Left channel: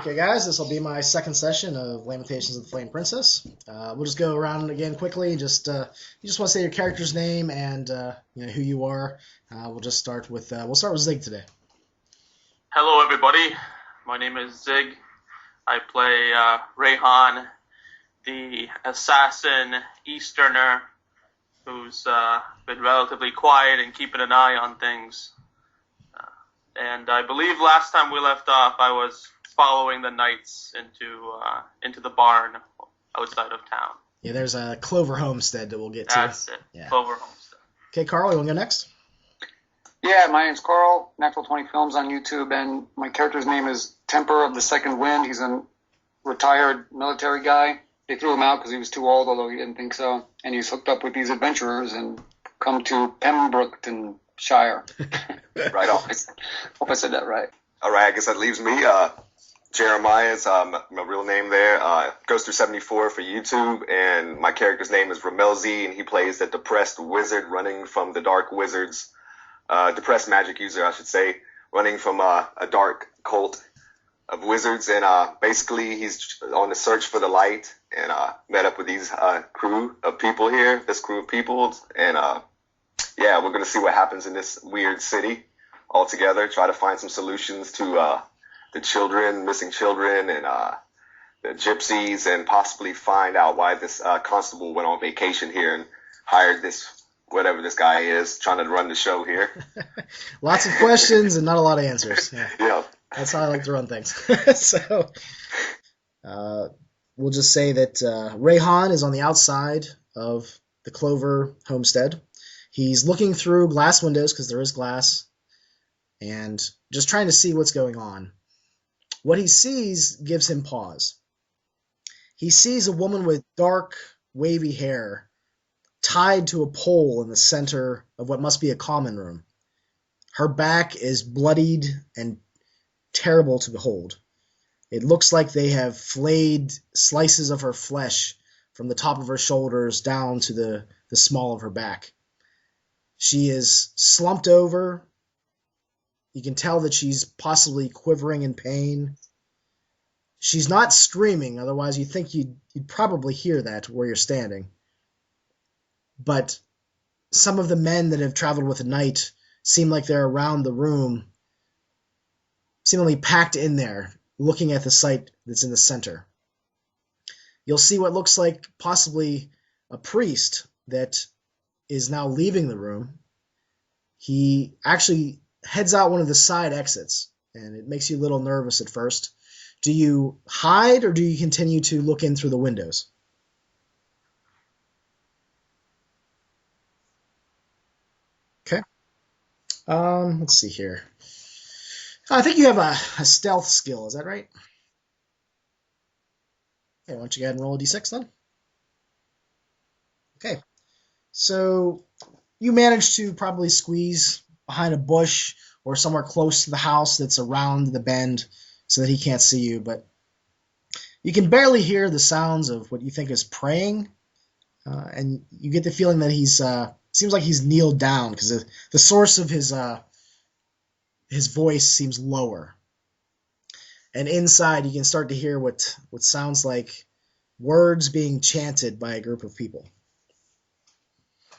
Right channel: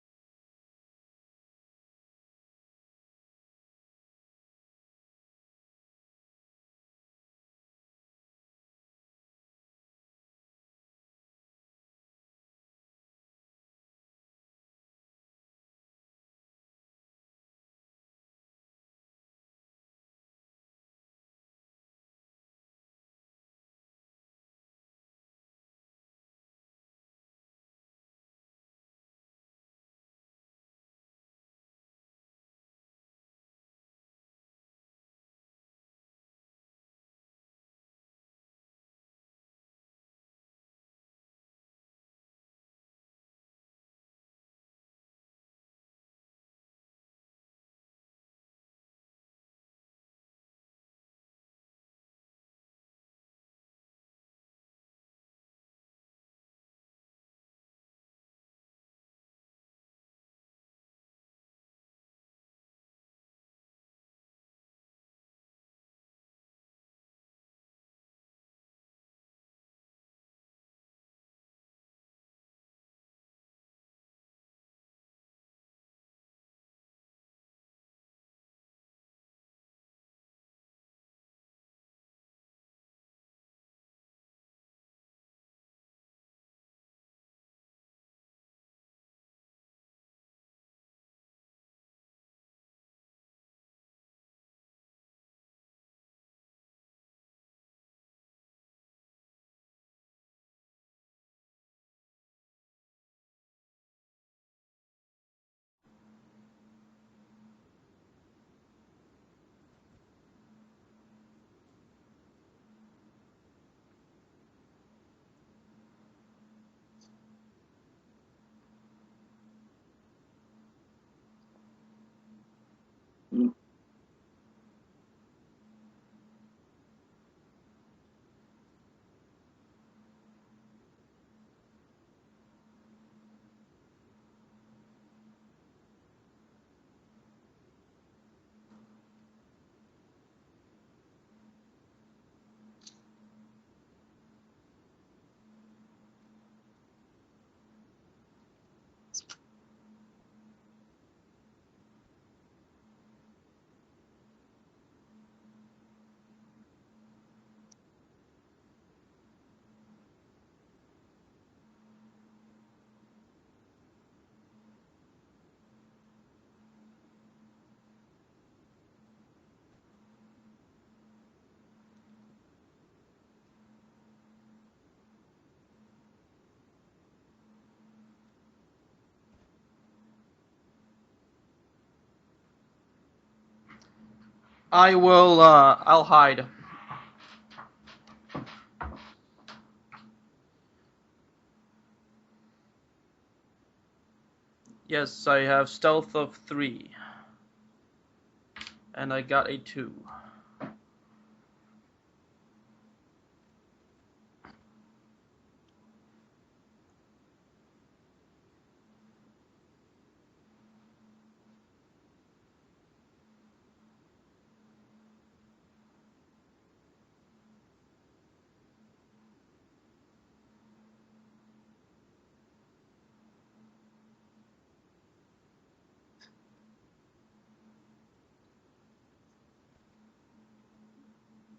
Okay, guys, this will be my second session of Lamentations of the Flame Princess. We'll just go around again quickly. You just want to say your character's name and who you are. We'll just start with Zig today. Hello, everybody. My name is Zig. I play Rayhan, the assassin Easterner, who's been relatively quiet and keeping an eye on things. And I believe last time we left off, I was following the knights into the barn outside of town. Yeah, there's a Clover homestead that we'll get to. That's it. Yeah. Clover homestead. Okay, Carl, you want to go next? Yeah, my name's Carl, Natural 20 Films on YouTube, and my character's name is Temper of the Second Wind. He's a retired military guy. They threw him out because he was too old, although he didn't think so. And he's hooked up with these adventurers and come to Pembrooktonshire. Right on. Hope I said that right. All right, I guess that leaves me. Jeremiah is my real name there. Goes through 74 for YouTube, and my character's name is Ramelzi, and he plays the depressed wizard running from the dark wizards. Depressed magic user, I should say, running from a dark cult of wizards, and basically he's on the search for the light, and met up with these crew of people here, this crew of people, and yeah, we're gonna see what happens in this weird city all together, try to find some solutions to the children, missing children, and the gypsies, and possibly find out why this constable went on vacation here and hired this whatever this guy is trying to run the show here. Lots of questions and not a lot of answers. Yeah. That's how I like to run things. So we'll just say that Rayhan is on the outside of the Clover homestead. He's looking through glass windows, because there is glass, and just trying to see what's going on. What he sees gives him pause. He sees a woman with dark, wavy hair tied to a pole in the center of what must be a common room. Her back is bloodied and terrible to behold. It looks like they have flayed slices of her flesh from the top of her shoulders down to the small of her back. She is slumped over. You can tell that she's possibly quivering in pain. She's not screaming, otherwise you'd think you'd probably hear that where you're standing. But some of the men that have traveled with the knight seem like they're around the room, seemingly packed in there, looking at the site that's in the center. You'll see what looks like possibly a priest that is now leaving the room. He actually heads out one of the side exits, and it makes you a little nervous at first. Do you hide, or do you continue to look in through the windows? I'll hide. Okay. Let's see here. I think you have a stealth skill, is that right? Yes, I have stealth of 3. Okay, why don't you go ahead and roll a d6 then? And I got a 2. Okay. So you manage to probably squeeze behind a bush or somewhere close to the house that's around the bend so that he can't see you, but you can barely hear the sounds of what you think is praying, and you get the feeling that seems like he's kneeled down, because the source of his voice seems lower. And inside you can start to hear what sounds like words being chanted by a group of people.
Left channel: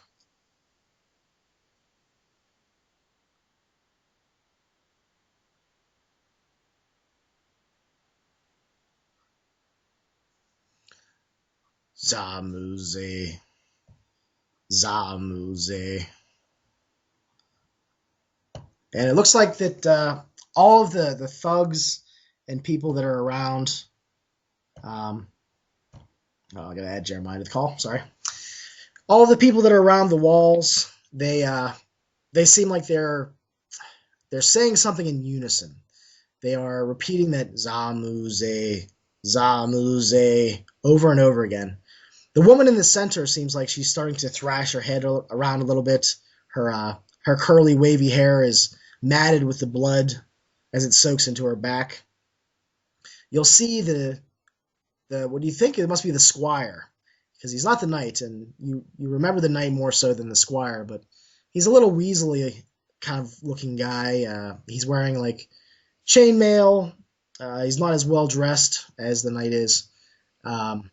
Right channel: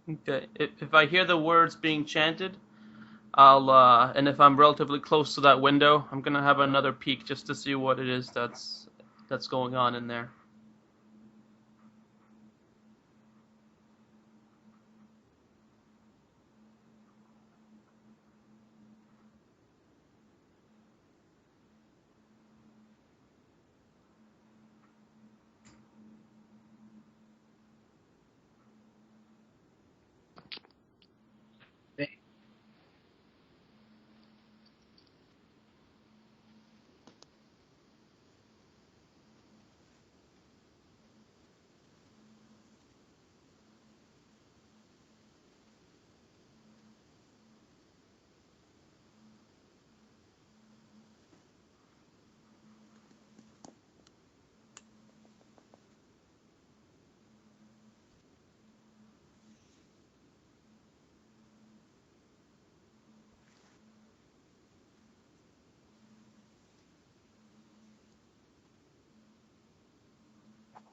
Okay, if I hear the words being chanted, and if I'm relatively close to that window, I'm gonna have another peek just to see what it is that's going on in there. Zamuze. Zamuze. And it looks like that all of the thugs and people that are around... I gotta add Jeremiah to the call, sorry. All of the people that are around the walls, they seem like they're saying something in unison. They are repeating that Zamuze, Zamuze over and over again. The woman in the center seems like she's starting to thrash her head around a little bit. Her curly, wavy hair is matted with the blood as it soaks into her back. You'll see the what do you think? It must be the squire, because he's not the knight, and you remember the knight more so than the squire, but he's a little weaselly kind of looking guy. He's wearing like chainmail, He's not as well dressed as the knight is. And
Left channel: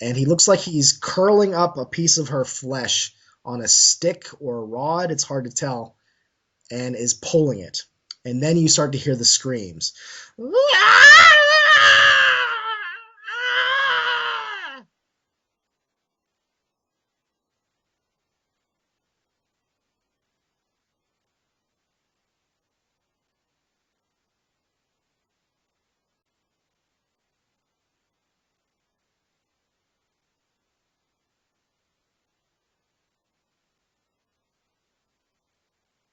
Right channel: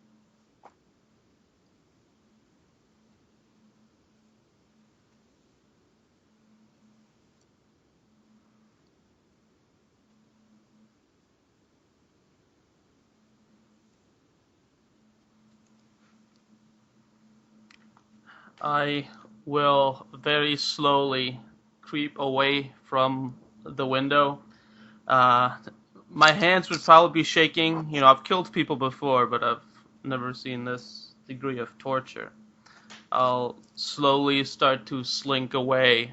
he looks like he's curling up a piece of her flesh on a stick or a rod, it's hard to tell, and is pulling it. And then you start to hear the screams. I will very slowly creep away from the window. My hands would probably be shaking. You know, I've killed people before, but I've never seen this degree of torture. I'll slowly start to slink away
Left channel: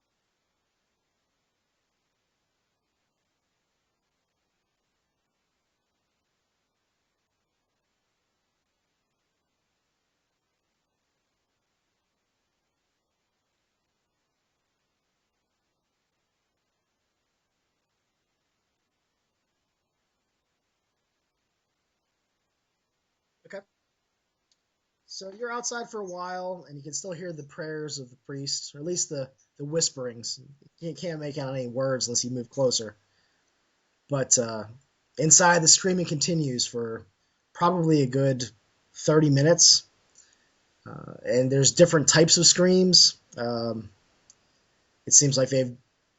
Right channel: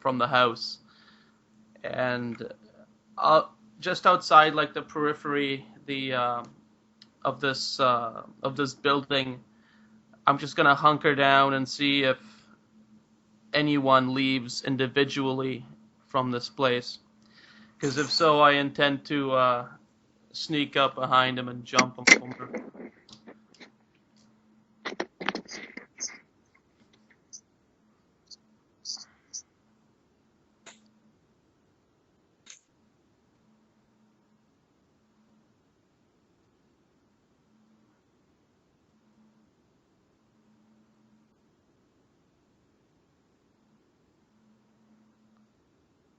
from the house, and just outside, like the periphery, of this building, I'm just gonna hunker down and see if anyone leaves individually from this place. Because if so, I intend to sneak up behind him and jump him over. Okay. So you're outside for a while, and you can still hear the prayers of the priest, or at least the whisperings. You can't make out any words unless you move closer. But inside, the screaming continues for probably a good 30 minutes. And there's different types of screams. It seems like they've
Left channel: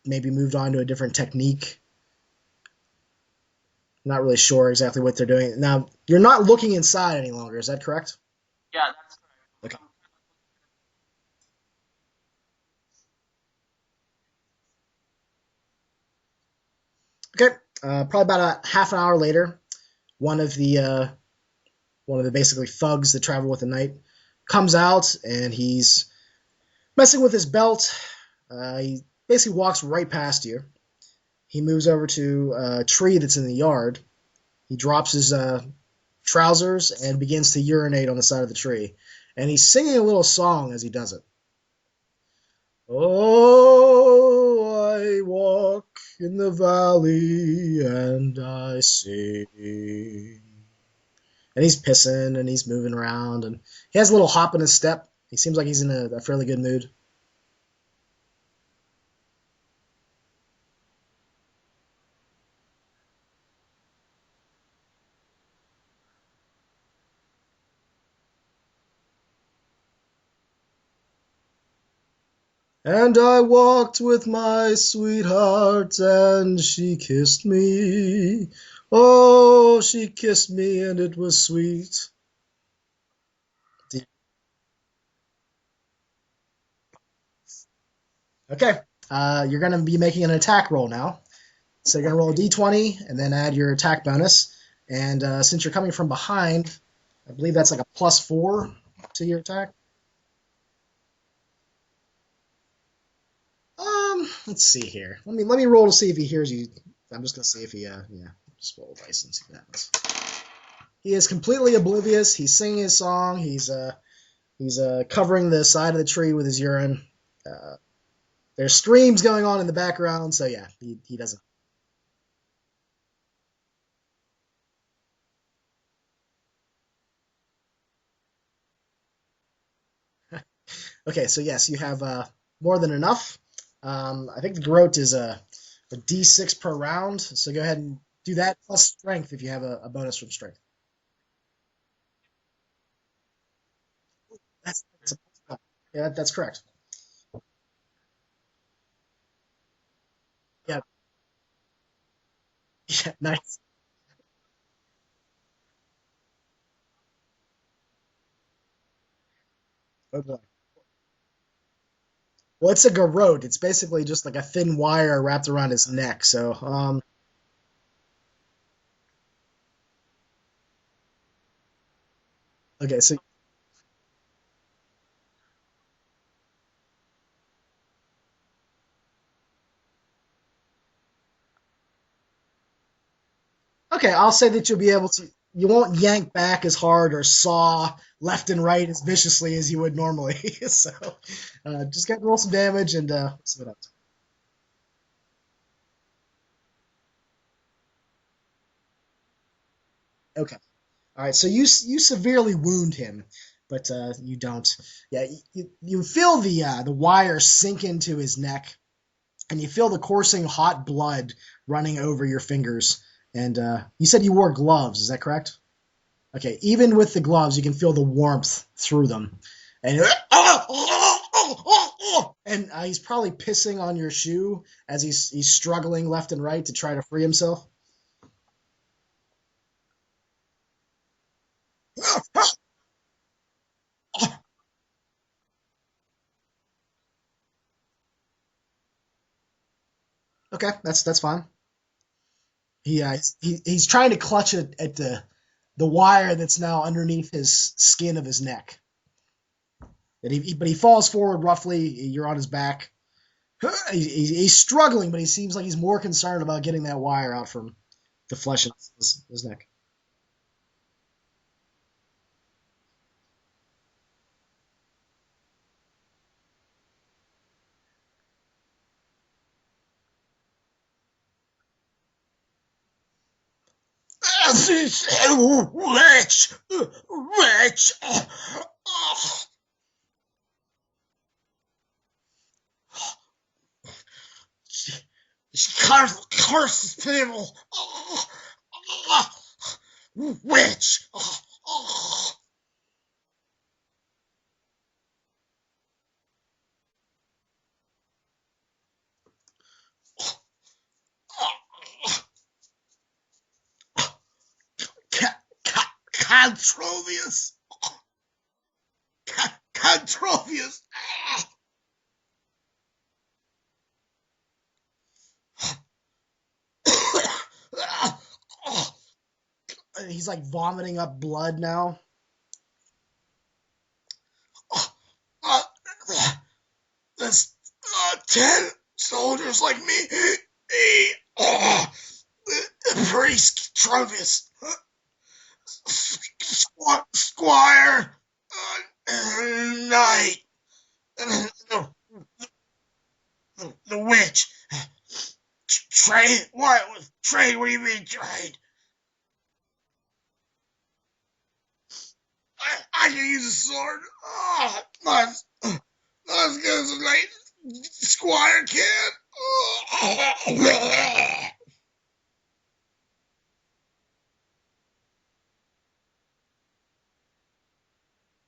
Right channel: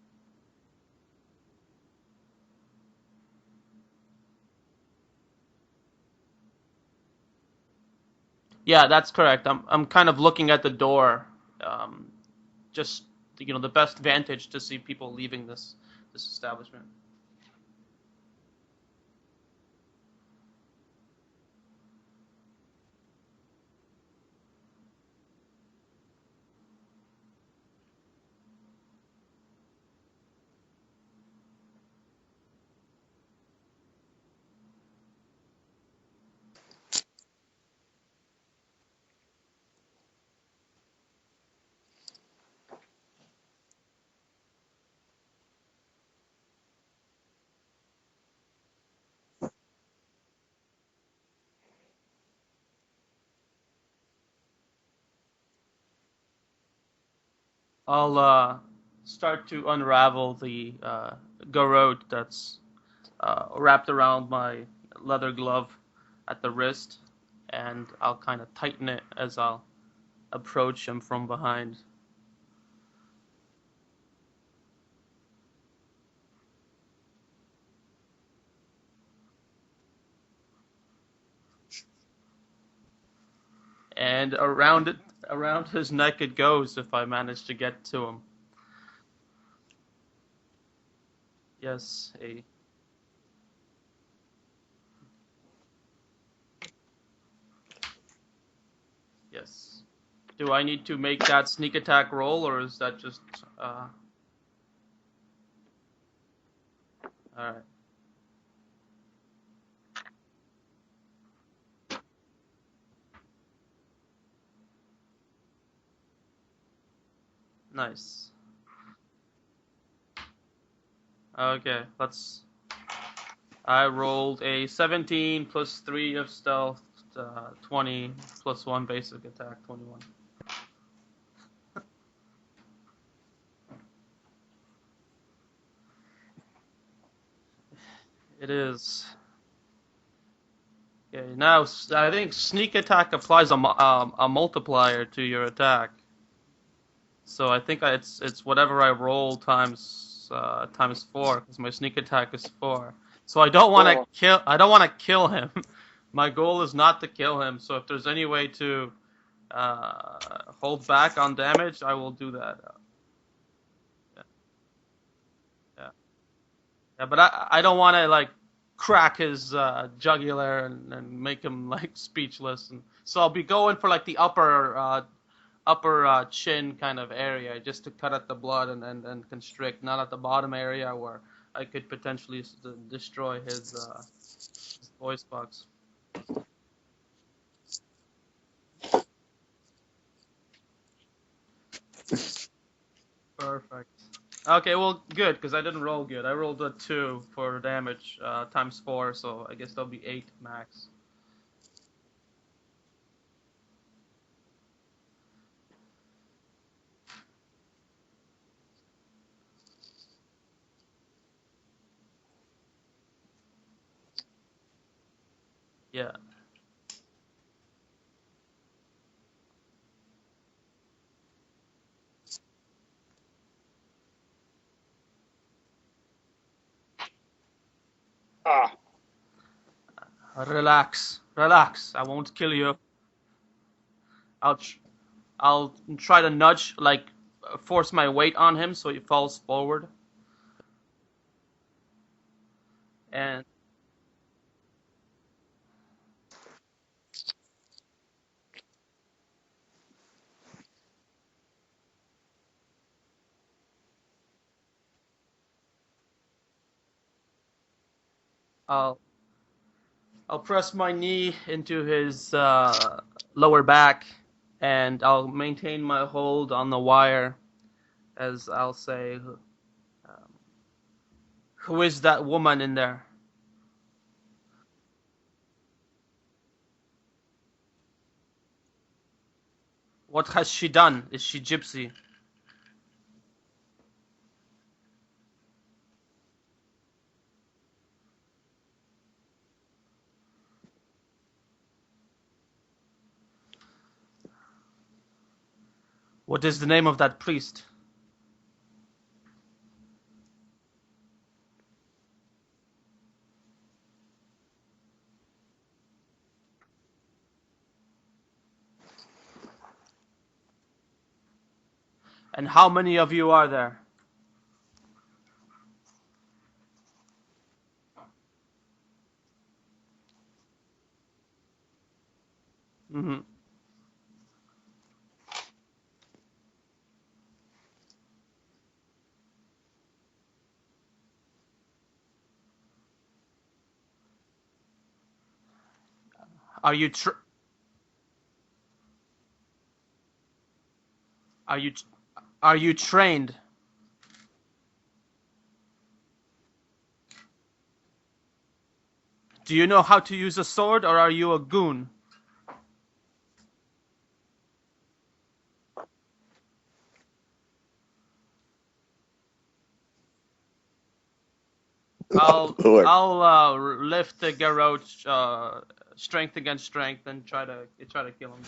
maybe moved on to a different technique. Not really sure exactly what they're doing. Now, you're not looking inside any longer, is that correct? Yeah, that's correct. I'm kind of looking at the door, just the best vantage to see people leaving this establishment. Okay. Probably about a half an hour later, one of the basically thugs that travel with the knight comes out, and he's messing with his belt. He basically walks right past you. He moves over to a tree that's in the yard. He drops his trousers and begins to urinate on the side of the tree. And he's singing a little song as he does it. Oh, I walk in the valley and I sing. And he's pissing and he's moving around, and he has a little hop in his step. He seems like he's in a fairly good mood. I'll start to unravel the garrote that's wrapped around my leather glove at the wrist, and I'll kind of tighten it as I'll approach him from behind. And I walked with my sweetheart, and she kissed me. Oh, she kissed me, and it was sweet. And around his neck it goes if I manage to get to him. Okay. You're going to be making an attack roll now. Yes. So you're going to roll a d20 and then add your attack bonus. And since you're coming from behind, I believe that's like a +4 to your attack. Do I need to make that sneak attack roll, or is that just... Let's see here. Let me roll to see if he hears you. I'm just going to see if he, just roll a dice and see what happens. He is completely oblivious. He's singing his song. He's covering the side of the tree with his urine. Nice. There's screams going on in the background, so yeah, he doesn't. Okay, I rolled a 17 plus 3 of stealth, 20 plus 1 basic attack, 21. Okay, so yes, you have more than enough. I think the garrote is a d6 per round, so go ahead and do that plus strength if you have a bonus from strength. Okay, now I think sneak attack applies a multiplier to your attack. Yeah, that's correct. So I think it's whatever I roll times 4, because my sneak attack is 4. Yeah, nice. So I don't want to kill him. My goal is not to kill him. So if there's any way to hold back on damage, I will do that. Well, it's a garrote. It's basically just like a thin wire wrapped around his neck. So yeah, but I don't want to like crack his jugular and make him like speechless. Okay, so I'll be going for like the upper chin kind of area, just to cut at the blood and constrict, not at the bottom area where I could potentially destroy his... okay, I'll say that you'll be able to... box. You won't yank back as hard or saw left and right as viciously as you would normally. So just get roll some damage and... Perfect. Okay, well, good, because I didn't roll good. I rolled a 2 for damage times 4, so I guess that'll be 8 max. All right, so you severely wound him, but you don't. Yeah, you feel the wire sink into his neck, and you feel the coursing hot blood running over your fingers. And you said you wore gloves, is that correct? Yeah. Okay, even with the gloves, you can feel the warmth through them. And he's probably pissing on your shoe as he's struggling left and right to try to free himself. Relax. I won't kill you. I'll try to nudge, like force my weight on him so he falls forward. Okay, that's fine. He's trying to clutch it at the wire that's now underneath his skin of his neck. But he falls forward roughly. You're on his back. He's struggling, but he seems like he's more concerned about getting that wire out from the flesh of his neck. I'll press my knee into his lower back, and I'll maintain my hold on the wire as I'll say, who is that woman in there? Witch! What has she done? Is she gypsy? She curses people. Witch! What is the name of that priest? Controvius. Controvius. And how many of you are there? He's like vomiting up blood now. Mm-hmm. There's 10 soldiers like me. The priest Trovius. Are you Squire? Knight. Are you trained? The witch. Trained? What? Trained? What do you mean trained? Do you know how to use a sword, or are you a goon? I can use a sword. Not as good as a knight. Squire can. I'll lift the garrote strength against strength and try to kill him.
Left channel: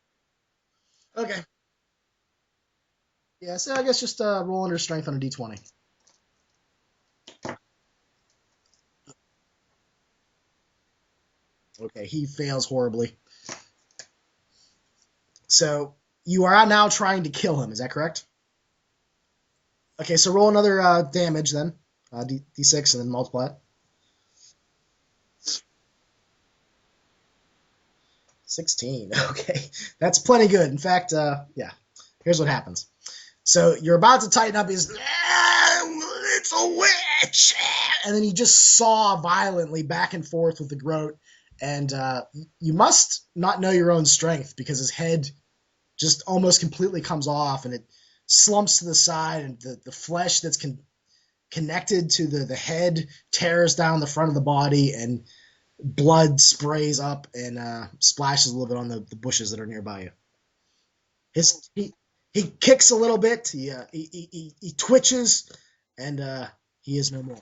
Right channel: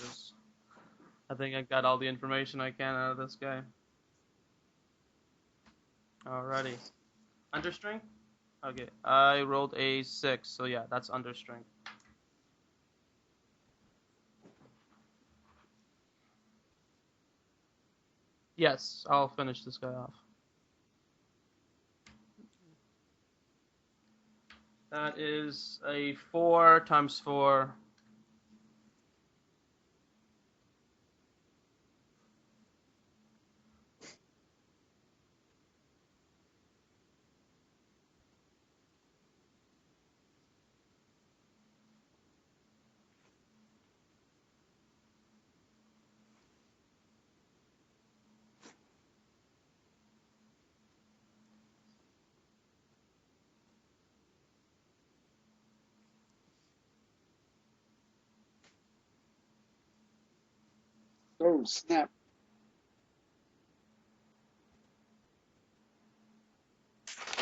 Okay. I think I got all the information I can out of this guy. Yeah, so I guess just roll under strength on a d20. Alrighty. Under strength? Okay. I rolled a 6, so yeah, that's under strength. Okay, he fails horribly. So you are now trying to kill him, is that correct? Yes, I'll finish this guy off. Okay, so roll another damage then. D6 and then multiply it. That is a 4 times 4. 16. Okay, that's plenty good. In fact, yeah, here's what happens. So you're about to tighten up his... It's a witch! And then he just saw violently back and forth with the groat. And you must not know your own strength because his head just almost completely comes off and it slumps to the side and the flesh that's connected to the head tears down the front of the body and blood sprays up and splashes a little bit on the bushes that are nearby you. He kicks a little bit. He twitches, and he is no more.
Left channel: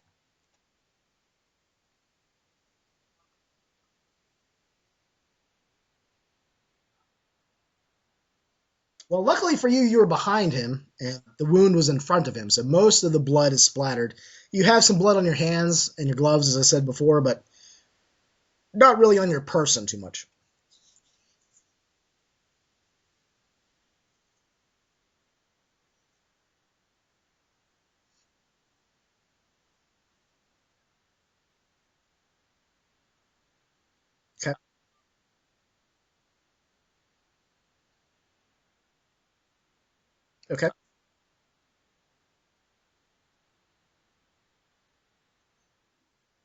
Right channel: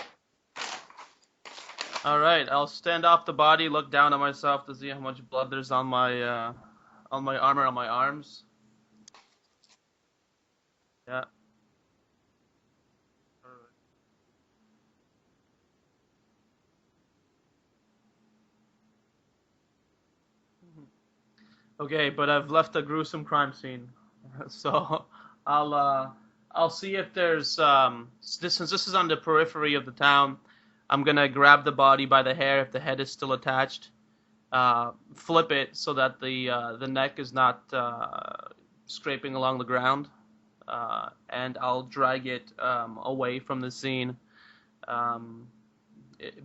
All right, I'll stand off the body, look down at myself to see how much blood there's on my armor, on my arms. Well, luckily for you, you were behind him, and the wound was in front of him, so most of the blood is splattered. You have some blood on your hands and your gloves, as I said before, but not really on your person too much. Okay, but I've left a gruesome crime scene, so I'll see if there's since this is on the periphery of the town, I'm gonna grab the body by the hair if the head is still attached, flip it so that the neck is not scraping along the ground. Okay. And I'll drag it away from the scene.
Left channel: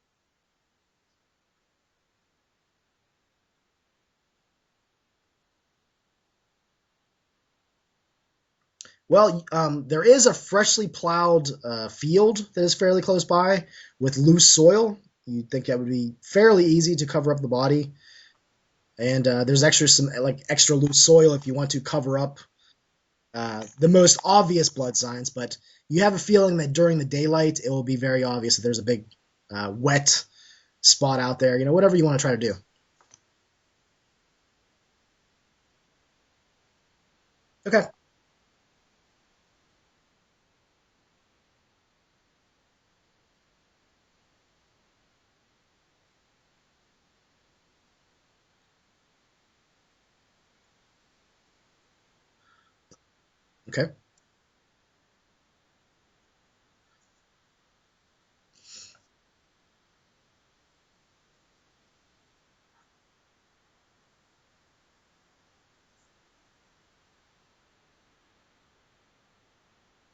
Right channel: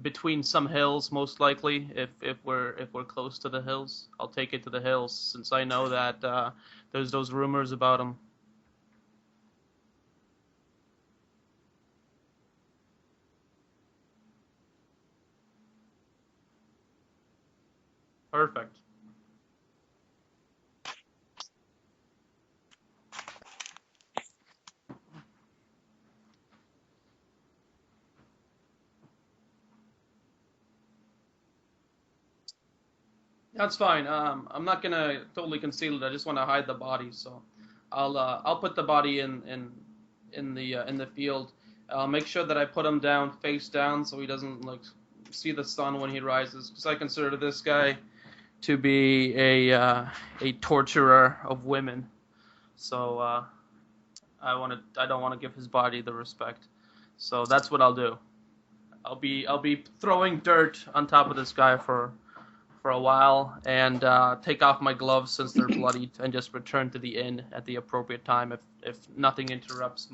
Between some hills, most likely. If we're close to the hills, I'll take it to the hills since I know that there's those rumors about them. Well, there is a freshly plowed field that is fairly close by with loose soil. You'd think that would be fairly easy to cover up the body. Perfect. And there's some extra loose soil if you want to cover up the most obvious blood signs, but you have a feeling that during the daylight it will be very obvious that there's a big wet spot out there. Whatever you want to try to do. That's fine. I'm not gonna totally conceal it. I just want to hide the body. So Okay. I'll put the body in the field. I'll make sure that I put him down face down so he doesn't see the sun when he rises. Because I consider this guy to be a torturer of women. So Okay. I don't want to give his body the respect. So that's what I'll do. I'll be throwing dirt on top of this guy for a while and take off my gloves since they're bloodied and just return to the inn at the appropriate time if nothing interrupts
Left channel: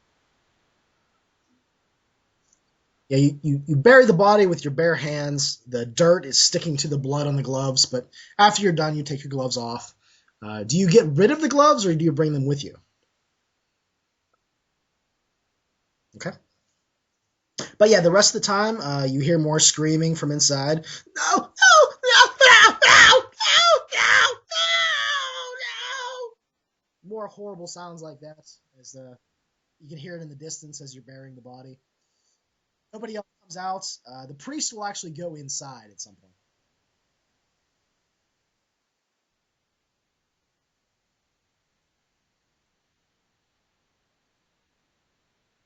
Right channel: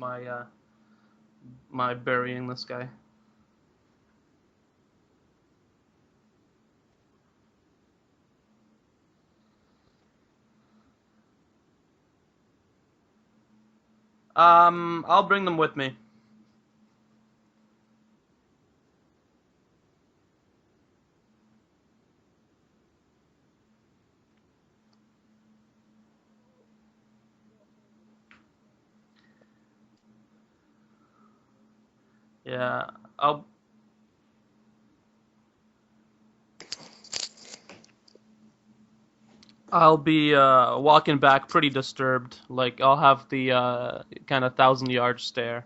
my burying this guy. Yeah, you bury the body with your bare hands. The dirt is sticking to the blood on the gloves, but after you're done, you take your gloves off. Do you get rid of the gloves or do you bring them with you? I'll bring them with me. Okay. But yeah, the rest of the time, you hear more screaming from inside. No, no, no, no, no, no, no, no. More horrible sounds like that. As you can hear it in the distance as you're burying the body. Yeah. Nobody else comes out. The priest will actually go inside at some point. I'll be walking back pretty disturbed. I'll have the kind of 1,000-yard stare.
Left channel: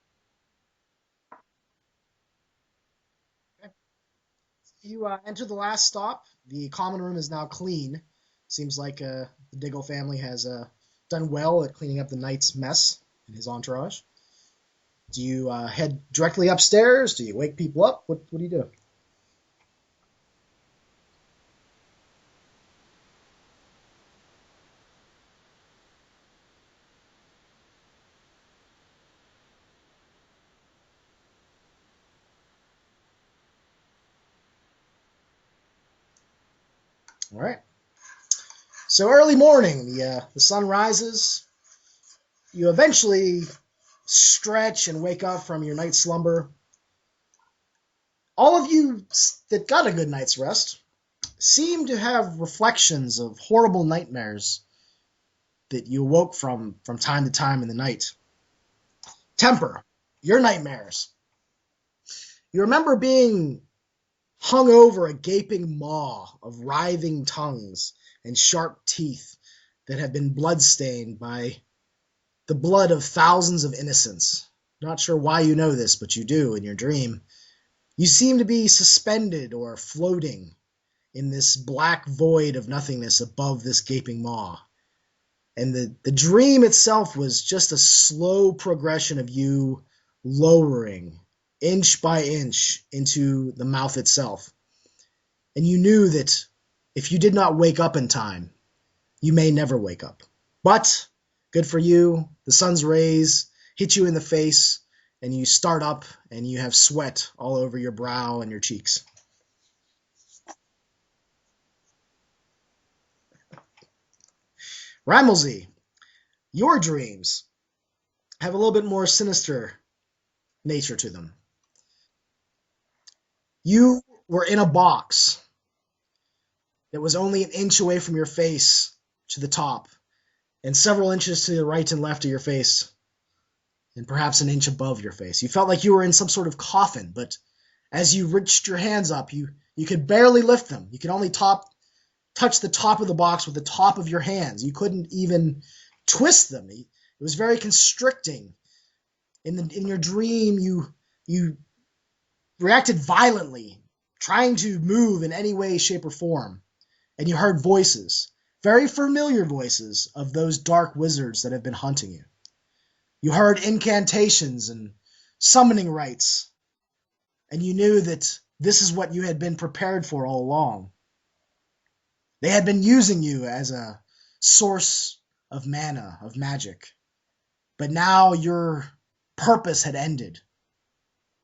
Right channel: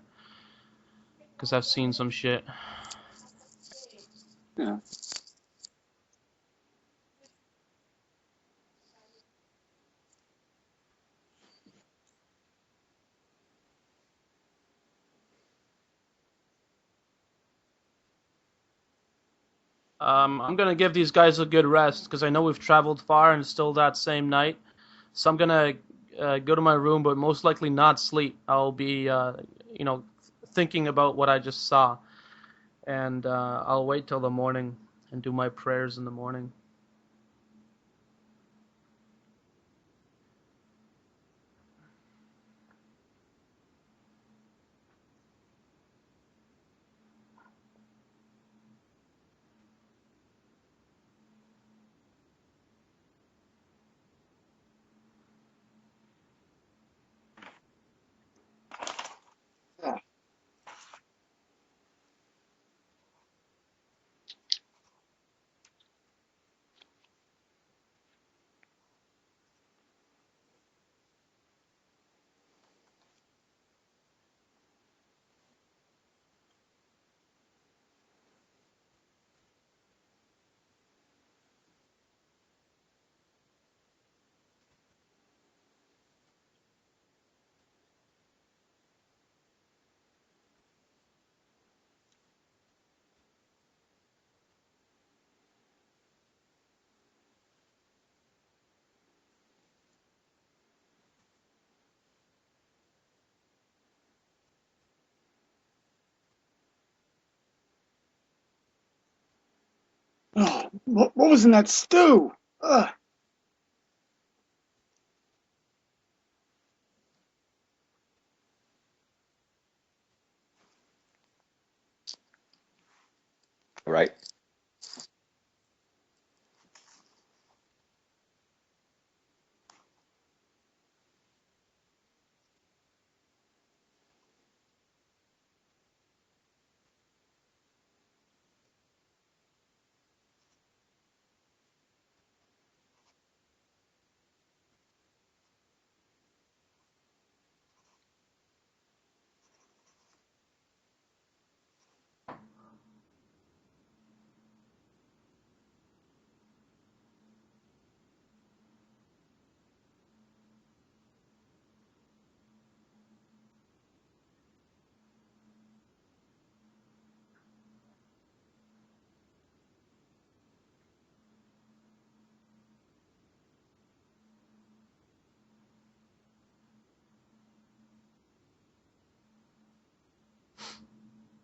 Because I've seen some shit. Yeah. You enter the last stop. The common room is now clean. Seems like the Diggle family has done well at cleaning up the night's mess and his entourage. Do you head directly upstairs? Do you wake people up? What do you do? I'm going to give these guys a good rest because I know we've traveled far and it's still that same night. So I'm going to go to my room, but most likely not sleep. I'll be, thinking about what I just saw. And I'll wait till the morning and do my prayers in the morning. All right. So early morning, the sun rises. You eventually stretch and wake up from your night slumber. All of you that got a good night's rest seem to have reflections of horrible nightmares that you awoke from time to time in the night. Temper, your nightmares. You remember being hung over a gaping maw of writhing tongues and sharp teeth that have been bloodstained by the blood of thousands of innocents. Not sure why you know this, but you do in your dream. You seem to be suspended or floating in this black void of nothingness above this gaping maw. And the dream itself was just a slow progression of you lowering inch by inch into the mouth itself. And you knew that if you did not wake up in time, you may never wake up. But good for you, the sun's rays hit you in the face, and you start up, and you have sweat all over your brow and your cheeks. Oh, what was in that stew? Ugh. Ramelzy, your dreams have a little bit more sinister nature to them. You were in a box that was only an inch away from your face to the top, and several inches to the right and left of your face, and perhaps an inch above your face. You felt like you were in some sort of coffin, but as you reached your hands up, you could barely lift them. You could only touch the top of the box with the top of your hands. You couldn't even twist them. It was very constricting. In your dream, you reacted violently, trying to move in any way, shape, or form. And you heard voices, very familiar voices of those dark wizards that have been hunting you. You heard incantations and summoning rites, and you knew that this is what you had been prepared for all along. They had been using you as a source of mana, of magic. But now your purpose had ended,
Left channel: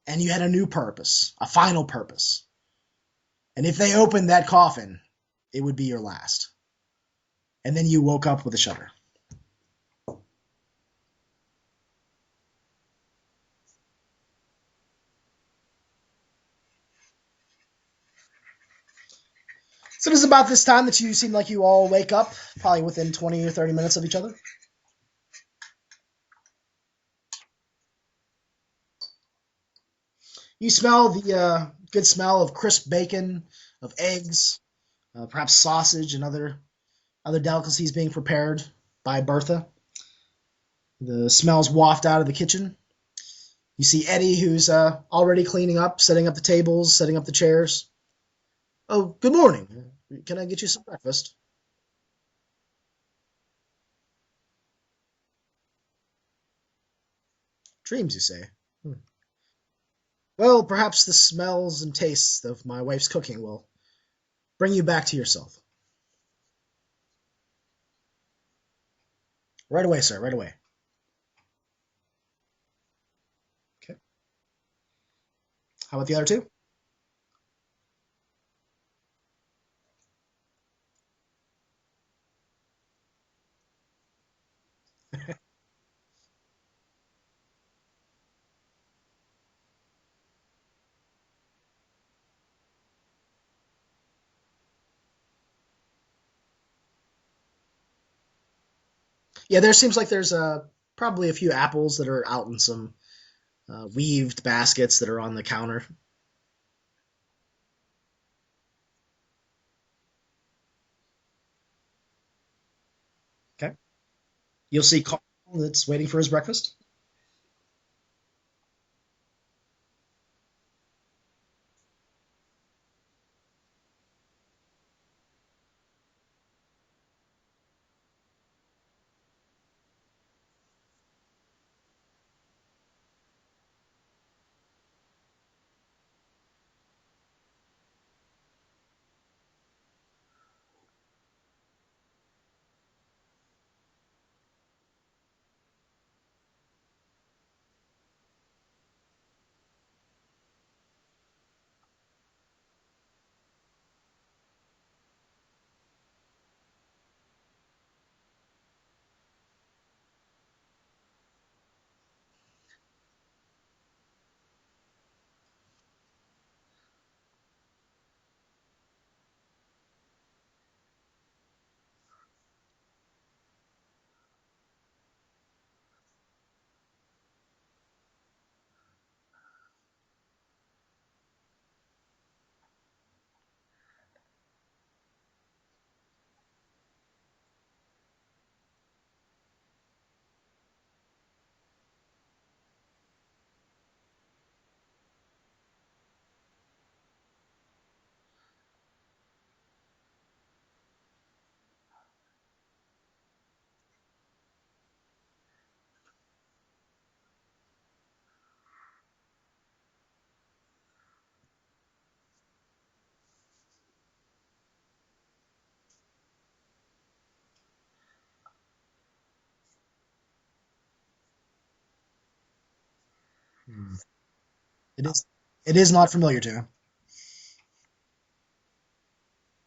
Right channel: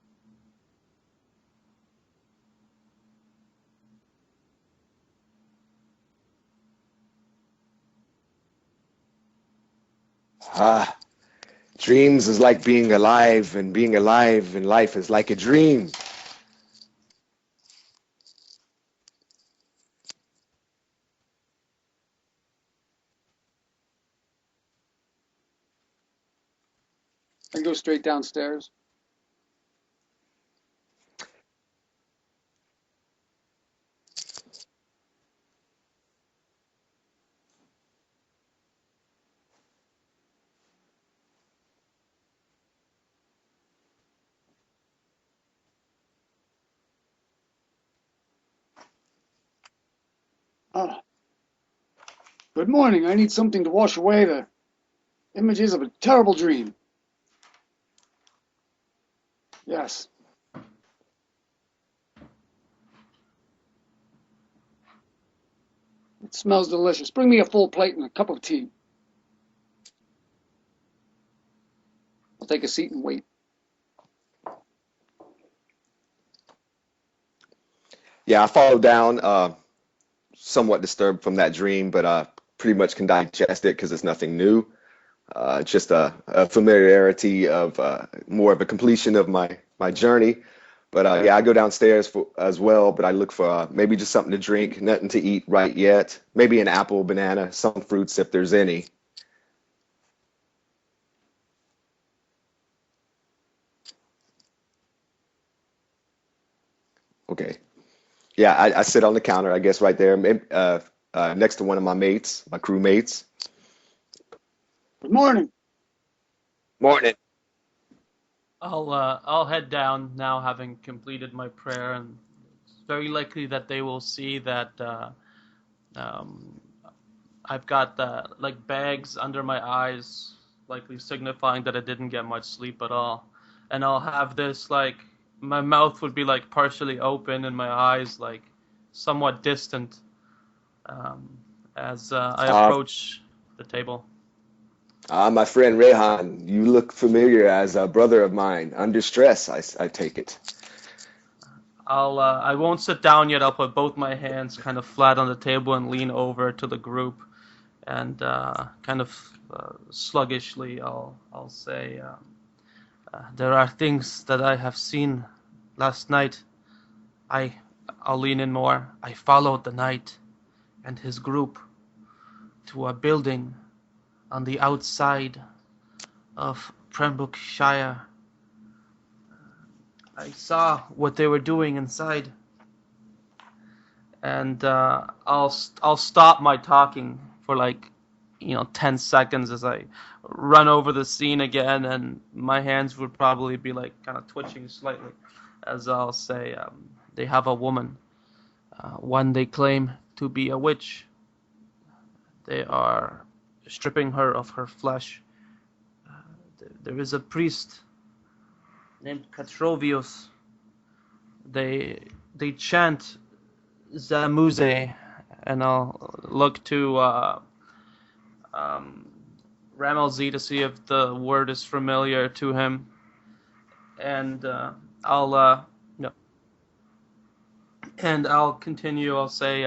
and you had a new purpose, a final purpose. And if they opened that coffin, it would be your last. And then you woke up with a shudder. Dreams is like being alive, and being alive in life is like a dream. So it is about this time that you seem like you all wake up, probably within 20 or 30 minutes of each other. I go straight downstairs. You smell the good smell of crisp bacon, of eggs, perhaps sausage and other delicacies being prepared by Bertha. The smells waft out of the kitchen. You see Eddie, who's already cleaning up, setting up the tables, setting up the chairs. Oh, good morning. Can I get you some breakfast? Good morning. I need something to wash away the images of a terrible dream. Dreams, you say? Yes. Well, perhaps the smells and tastes of my wife's cooking will bring you back to yourself. It smells delicious. Bring me a full plate and a cup of tea. Right away, sir, right away. I'll take a seat and wait. Okay. How about the other two? Yeah, I followed down, somewhat disturbed from that dream, but pretty much can digest it because it's nothing new. Just a familiarity of more of a completion of my journey. But yeah, I go downstairs as well, but I look for maybe just something to drink, nothing to eat right yet. Maybe an apple, banana, some fruits if there's any. Yeah, there seems like there's probably a few apples that are out in some weaved baskets that are on the counter. Okay. Yeah, I sit on the counter, I guess, right there, next to one of my mates, my crewmates. Okay. You'll see Good Carl morning. that's waiting for his breakfast. Morning. I'll head down now, having completed my prayer, and it's very likely that they will see that I've got like bags under my eyes, likely signifying that I didn't get much sleep at all, and I'll have this like my mouth would be like partially open and my eyes like somewhat distant as I approach the table. My friend Rehan, you look familiar as a brother of mine. Under stress, I take it. I won't sit down yet. I'll put both my hands kind of flat on the table and lean over to the group, and kind of sluggishly I'll say, there are things that I have seen last night. I'll lean in more. I followed the knight and his group to a building on the outside of Pembrooktonshire. I saw what they were doing inside, and I'll stop my talking for like 10 seconds as I run over the scene again, and my hands would probably be like kind of twitching slightly as I'll say, they have a woman, one they claim to be a witch. They are stripping her of her flesh. There is a priest named Katrovios. They chant Zamuse, and I'll look to Ramelzi to see if the word is familiar to him. And It is not familiar to him. And I'll continue. I'll say,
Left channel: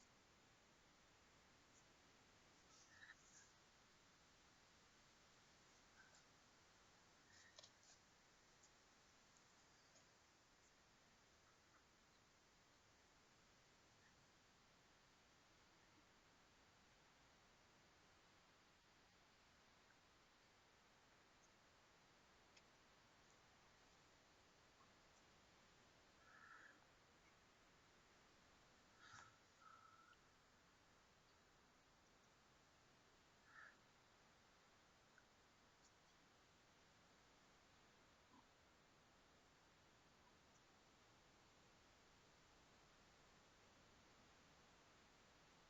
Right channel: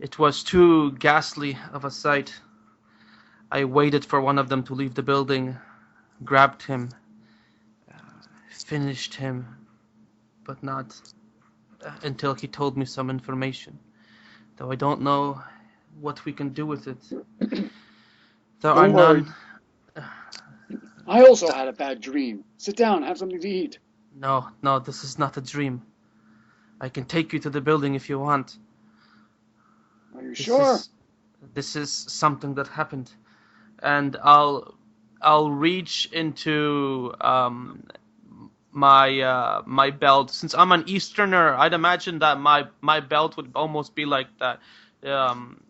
it was too ghastly of a sight. I waited for one of them to leave the building, grabbed him, finished him, but not until he told me some information, though I don't know what we can do with it. There are Don't worry. none. I also had a bad dream. Sit down, have something to eat. No, this is not a dream. I can take you to the building if you want. Are you sure? This is something that happened, and I'll reach into my belt. Since I'm an Easterner, I'd imagine that my belt would almost be like that,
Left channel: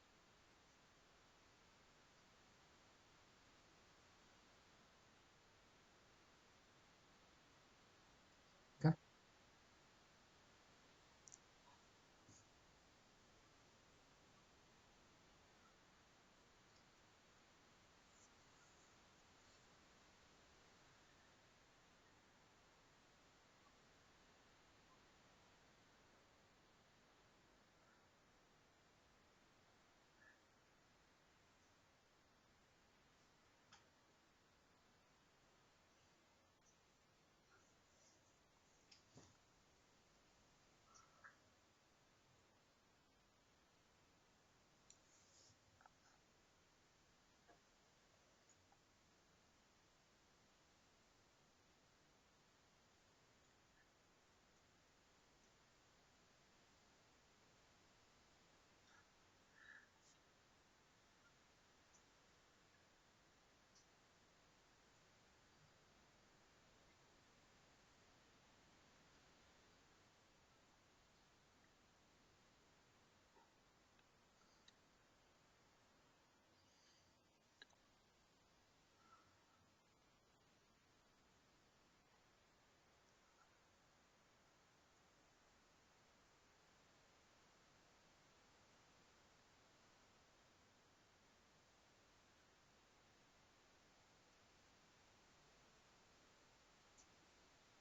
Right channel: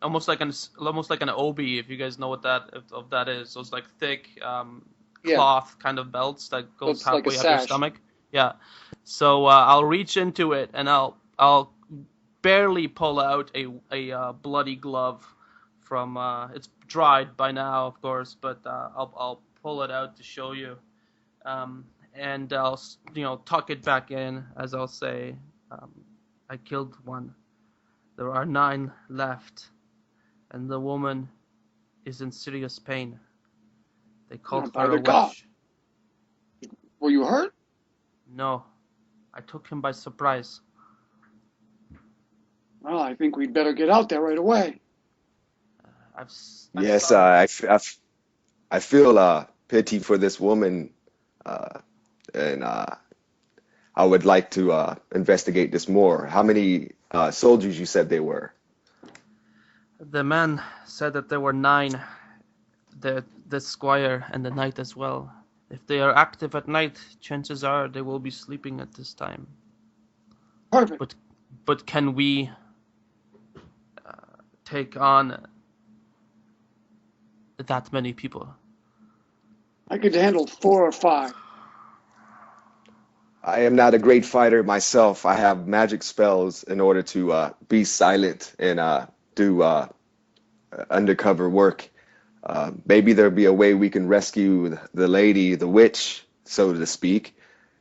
almost like an obi, if you guys know what that is. So it's like thick cloth kind of belts that go It's like a halfway up your sash. stomach. Yeah. So I'll reach into it and I'll barely pull out a bloody glove from it's dried by now, of course, but I'll pull it out to show you, and I'll tuck it back in as I'll say, I killed one. There are 9 left, and the woman is in serious pain. They called by her the a God. witch. Were you hurt? No, I took him by surprise. Well, I think we'd better get out there right away. Yes, I feel pity for this woman, and I would like to investigate this more. How many soldiers you said they were? The man said that there were 9. The squire and the knight as well. If they are active at night, chances are they will be sleeping at this time. Perfect. But can we take on that many people? I could handle 4 or 5. I am not a great fighter myself. I have magic spells in order to be silent and do undercover work. Maybe there'll be a way we can rescue the lady, the witch, so to speak,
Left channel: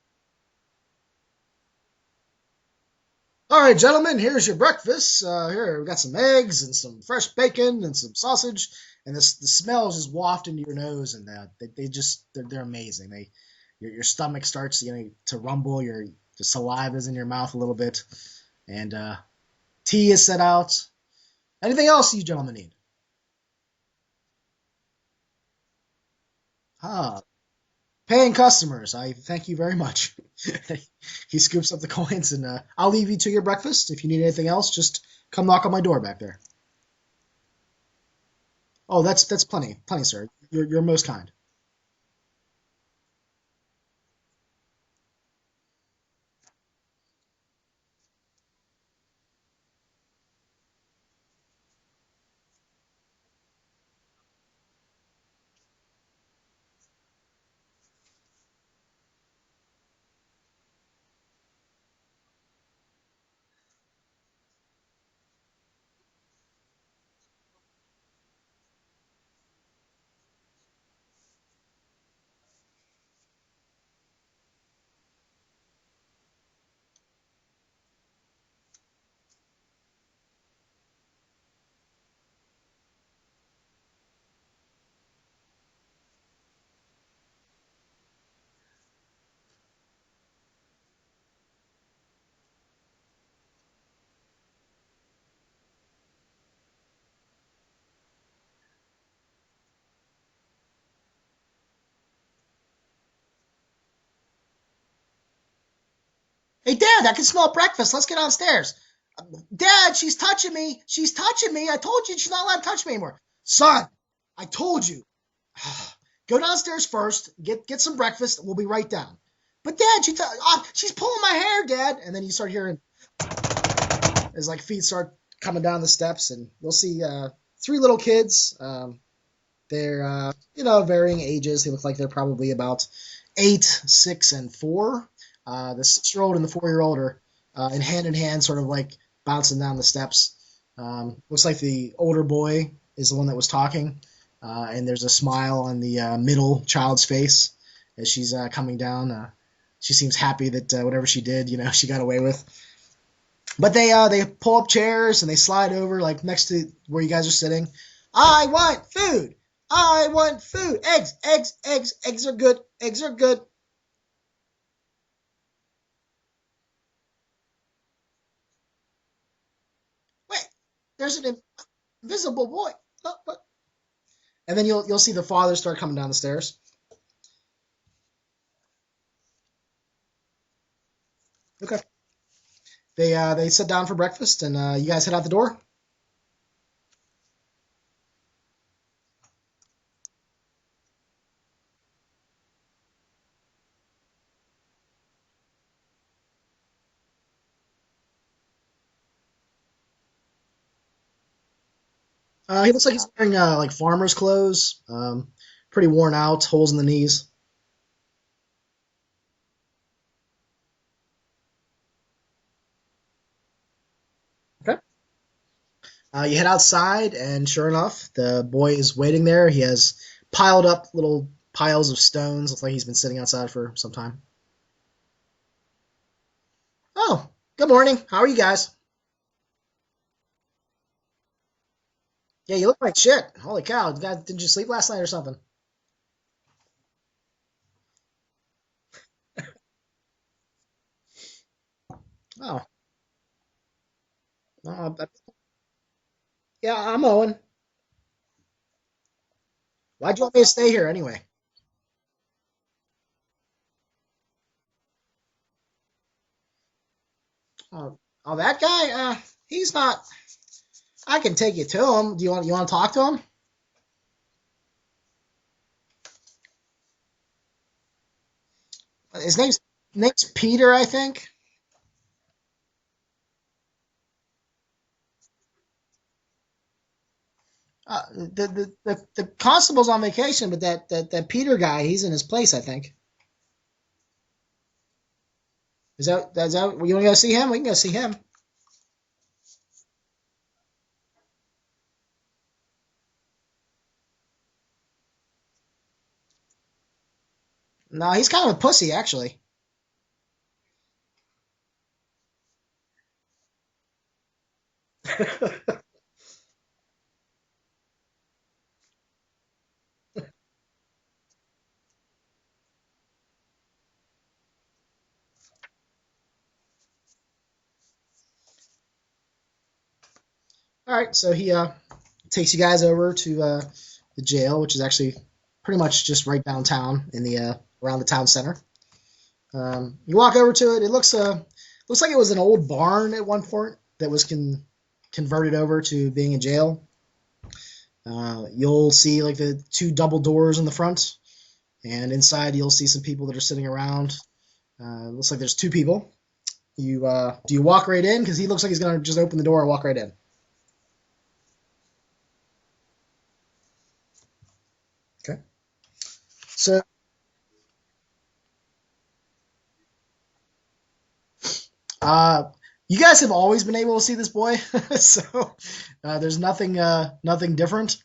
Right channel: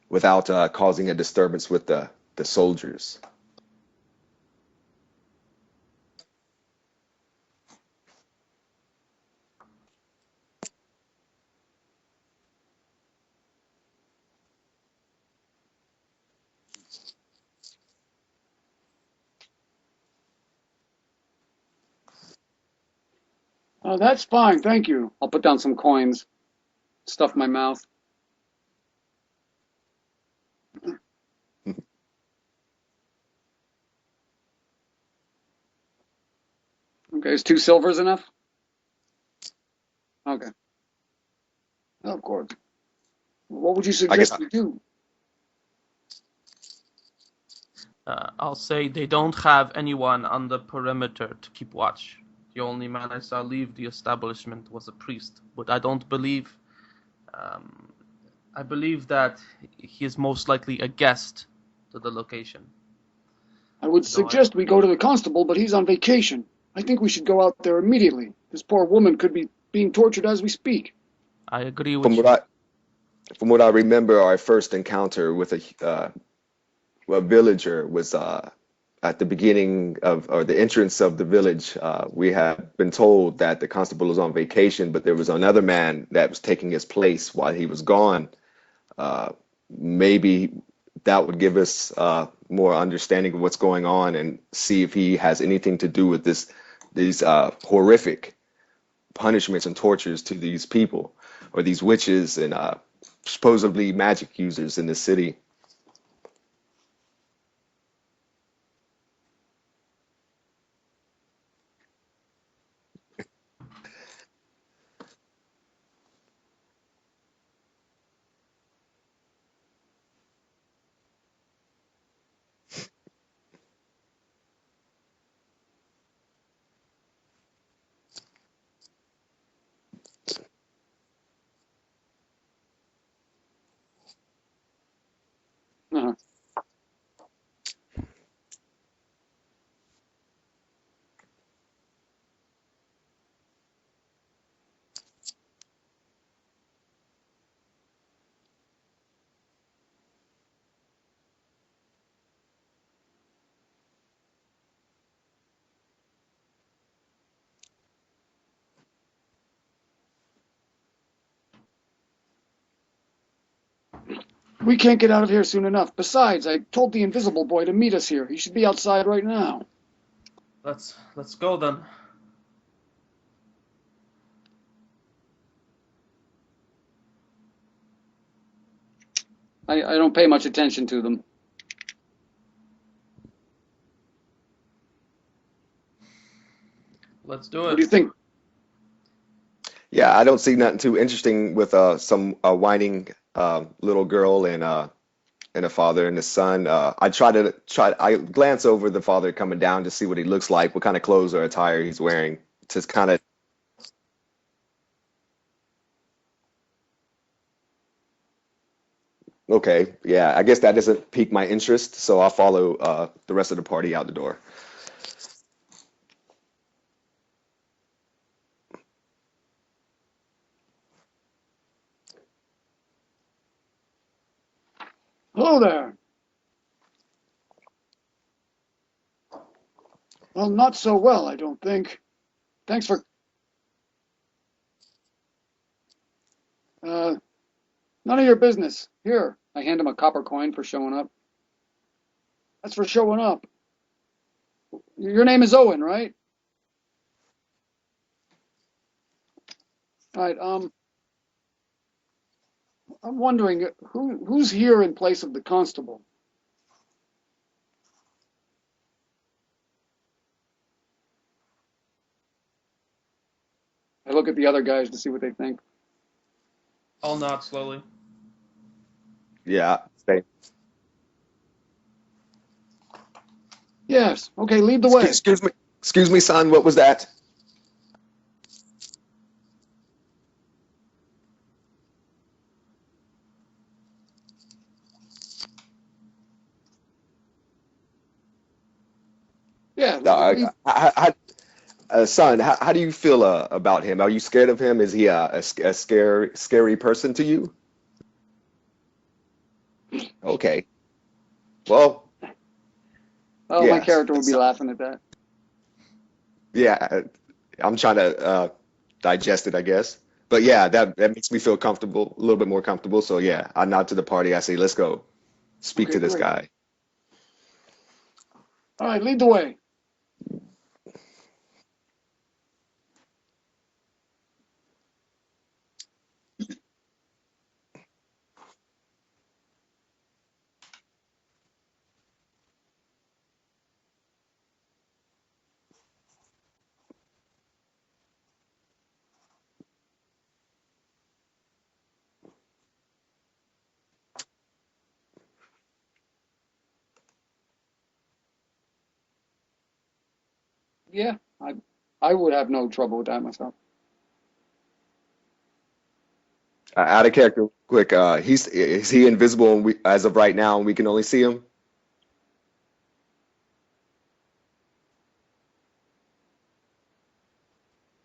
without causing a disturbance with the soldiers. All right, gentlemen, here's your breakfast. Here, we've got some eggs and some fresh bacon and some sausage. And the smell is just wafting into your nose, and they're amazing. Your stomach starts to rumble. The saliva's in your mouth a little bit, and tea is set out. Anything else you gentlemen need? Oh, that's fine, thank you. I'll put down some coins, stuff my mouth. Paying customers, I thank you very much. He scoops up the coins, and I'll leave you to your breakfast. If you need anything else, just come knock on my door back there. Okay, is 2 silvers enough? Oh, that's plenty, sir. Okay. You're most kind. Oh, of course. What would you suggest we do? I'll say they don't have anyone on the perimeter to keep watch. The only man I saw leave the establishment was a priest, but I don't believe. I believe that he is most likely a guest to the location. I would suggest we go to the constable, but he's on vacation. I think we should go out there immediately. This poor woman could be being tortured as we speak. I agree with you. From what I remember, our first encounter with a villager was at the beginning or the entrance of the village. We have been told that the constable was on vacation, but there was another man that was taking his place while he was gone. Maybe that would give us more understanding of what's going on and see if he has anything to do with these horrific punishments and tortures to these people or these witches and supposedly magic users in the city. Hey, Dad, I can smell breakfast. Let's get downstairs. Dad, she's touching me. She's touching me. I told you she's not allowed to touch me anymore. Son, I told you. Go downstairs first. Get some breakfast. We'll be right down. But Dad, she's pulling my hair, Dad. And then you start hearing as feet start coming down the steps, and you'll see 3 little kids. They're varying ages. They look like they're probably about 8, 6, and 4. The 6-year-old and the 4-year-old are in hand, sort of bouncing down the steps. Looks like the older boy is the one that was talking, and there's a smile on the middle child's face as she's coming down. She seems happy that whatever she did, she got away with. But they pull up chairs and they slide over next to where you guys are sitting. I want food. I want food. Eggs, eggs, eggs. Eggs are good. Eggs are good. We can't get out of here soon enough. Besides, I told the invisible boy to meet us here. He should be outside right now. Wait, Let's an go then. Invisible boy. What? And then you'll see the father start coming down the stairs. I don't pay much attention to them. Okay. They sit down for breakfast, and you guys head out the door. Let's do it. What do you think? Yeah, I don't see nothing too interesting with some whining little girl and a father and a son. I glance over the father coming down to see what he looks like, what kind of clothes or attire he's wearing. He looks like he's wearing farmer's clothes, pretty worn out, holes in the knees. Okay, yeah, I guess that doesn't pique my interest, so I'll follow the rest of the party out the door. Okay. You head outside, and sure enough, the boy is waiting there. He has piled up little piles of stones. Looks like he's been sitting outside for some time. Hello there. Oh, good morning. How are you guys? Well, not so well, I don't think. Yeah, you look like shit. Holy cow. Did you sleep last night or something? None of your business. Here, I hand him a copper coin for showing up. Oh. That's for showing up. Oh, Your name is Owen, right? Yeah, I'm Owen. Why'd you want me to stay here anyway? I'm wondering who's here in place of the constable. Oh, that guy? He's not. I can take you to him. Do you want to talk to him? I look at the other guys to see what they think. I'll nod slowly. His name's Yeah. name's Peter, I think. Yes. Okay, lead the way. Excuse me, son. What was that? The constable's on vacation, but that Peter guy, he's in his place, I think. Is that you want to go see him? We can go see him. Yeah. Son, how do you feel about him? Are you scared of him? Is he a scary person to you? No, he's kind of a pussy, actually. Okay. Well, Oh, yeah. my character would be laughing at that. Yeah, I'm trying to digest it, I guess. But yeah, that makes me feel comfortable, a little bit more comfortable. So yeah, I nod to the party. I say, let's go speak Okay, to this great. guy. All right, lead the way. All right, so he takes you guys over to the jail, which is actually pretty much just right downtown in the around the town center. You walk over to it. It looks like it was an old barn at one point that was converted over to being a jail. You'll see like the two double doors in the front, and inside you'll see some people that are sitting around. Looks like there's two people. Do you walk right in? Because he looks like he's gonna just open the door and walk right in. Yeah, I would have no trouble with that myself. Okay. So Out of character, quick. Is he invisible as of right now, and we can only see him? you guys have always been able to see this boy, so there's nothing different.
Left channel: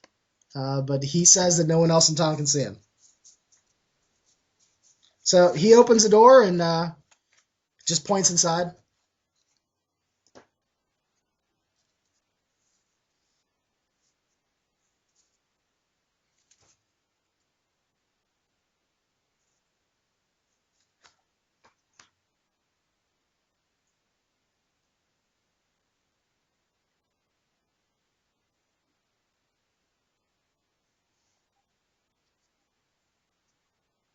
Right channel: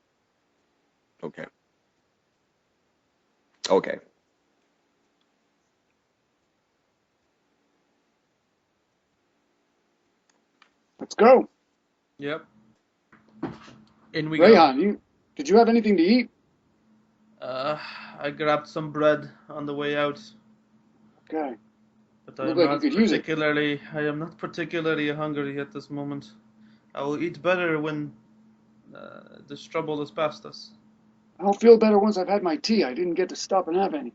But he says that no one else in town can see him. Okay. So he opens the door and just points inside. Let's go. Yep. In we go. Rayhan, did you have anything to eat? I grabbed some bread on the way out. Okay. But I Look am like not you could use it. particularly hungry at this moment. I will eat better when this trouble is past us. I'll feel better once I've had my tea. I didn't get to stop and have any.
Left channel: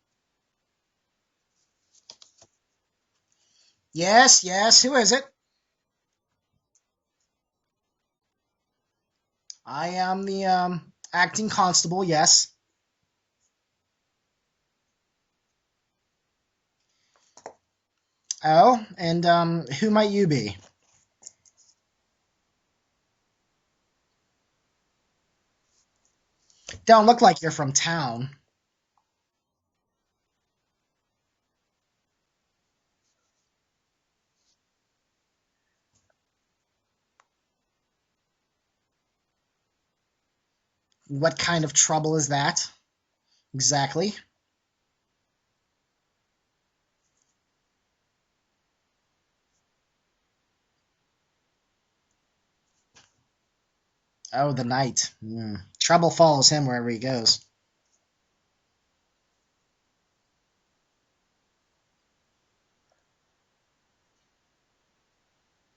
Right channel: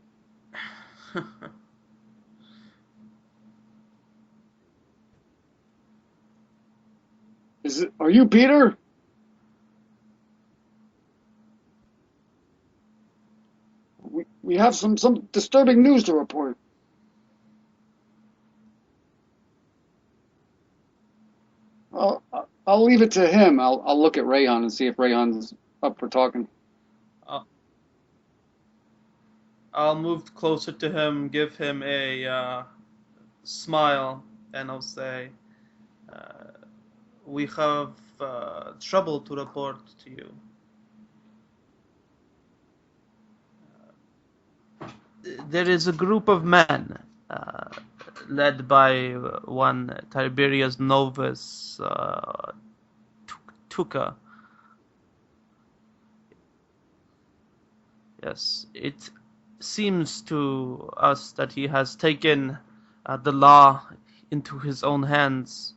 Yes. Who is it? Are you Peter? I am the acting constable. Yes. We have some disturbing news to report. Oh, and who might you be? I'll leave it to him. I'll look at Rayhan and see if Rayhan's up for talking. Don't look like you're from town. I'll move closer to him, give him a smile, and I'll say, we have trouble to report to you. What kind of trouble is that? Exactly. There is a group of men, led by one Tiberius Novus Tuca. Oh, the knight. Trouble follows him wherever he goes. Yes, it seems to us that he has taken the law into his own hands,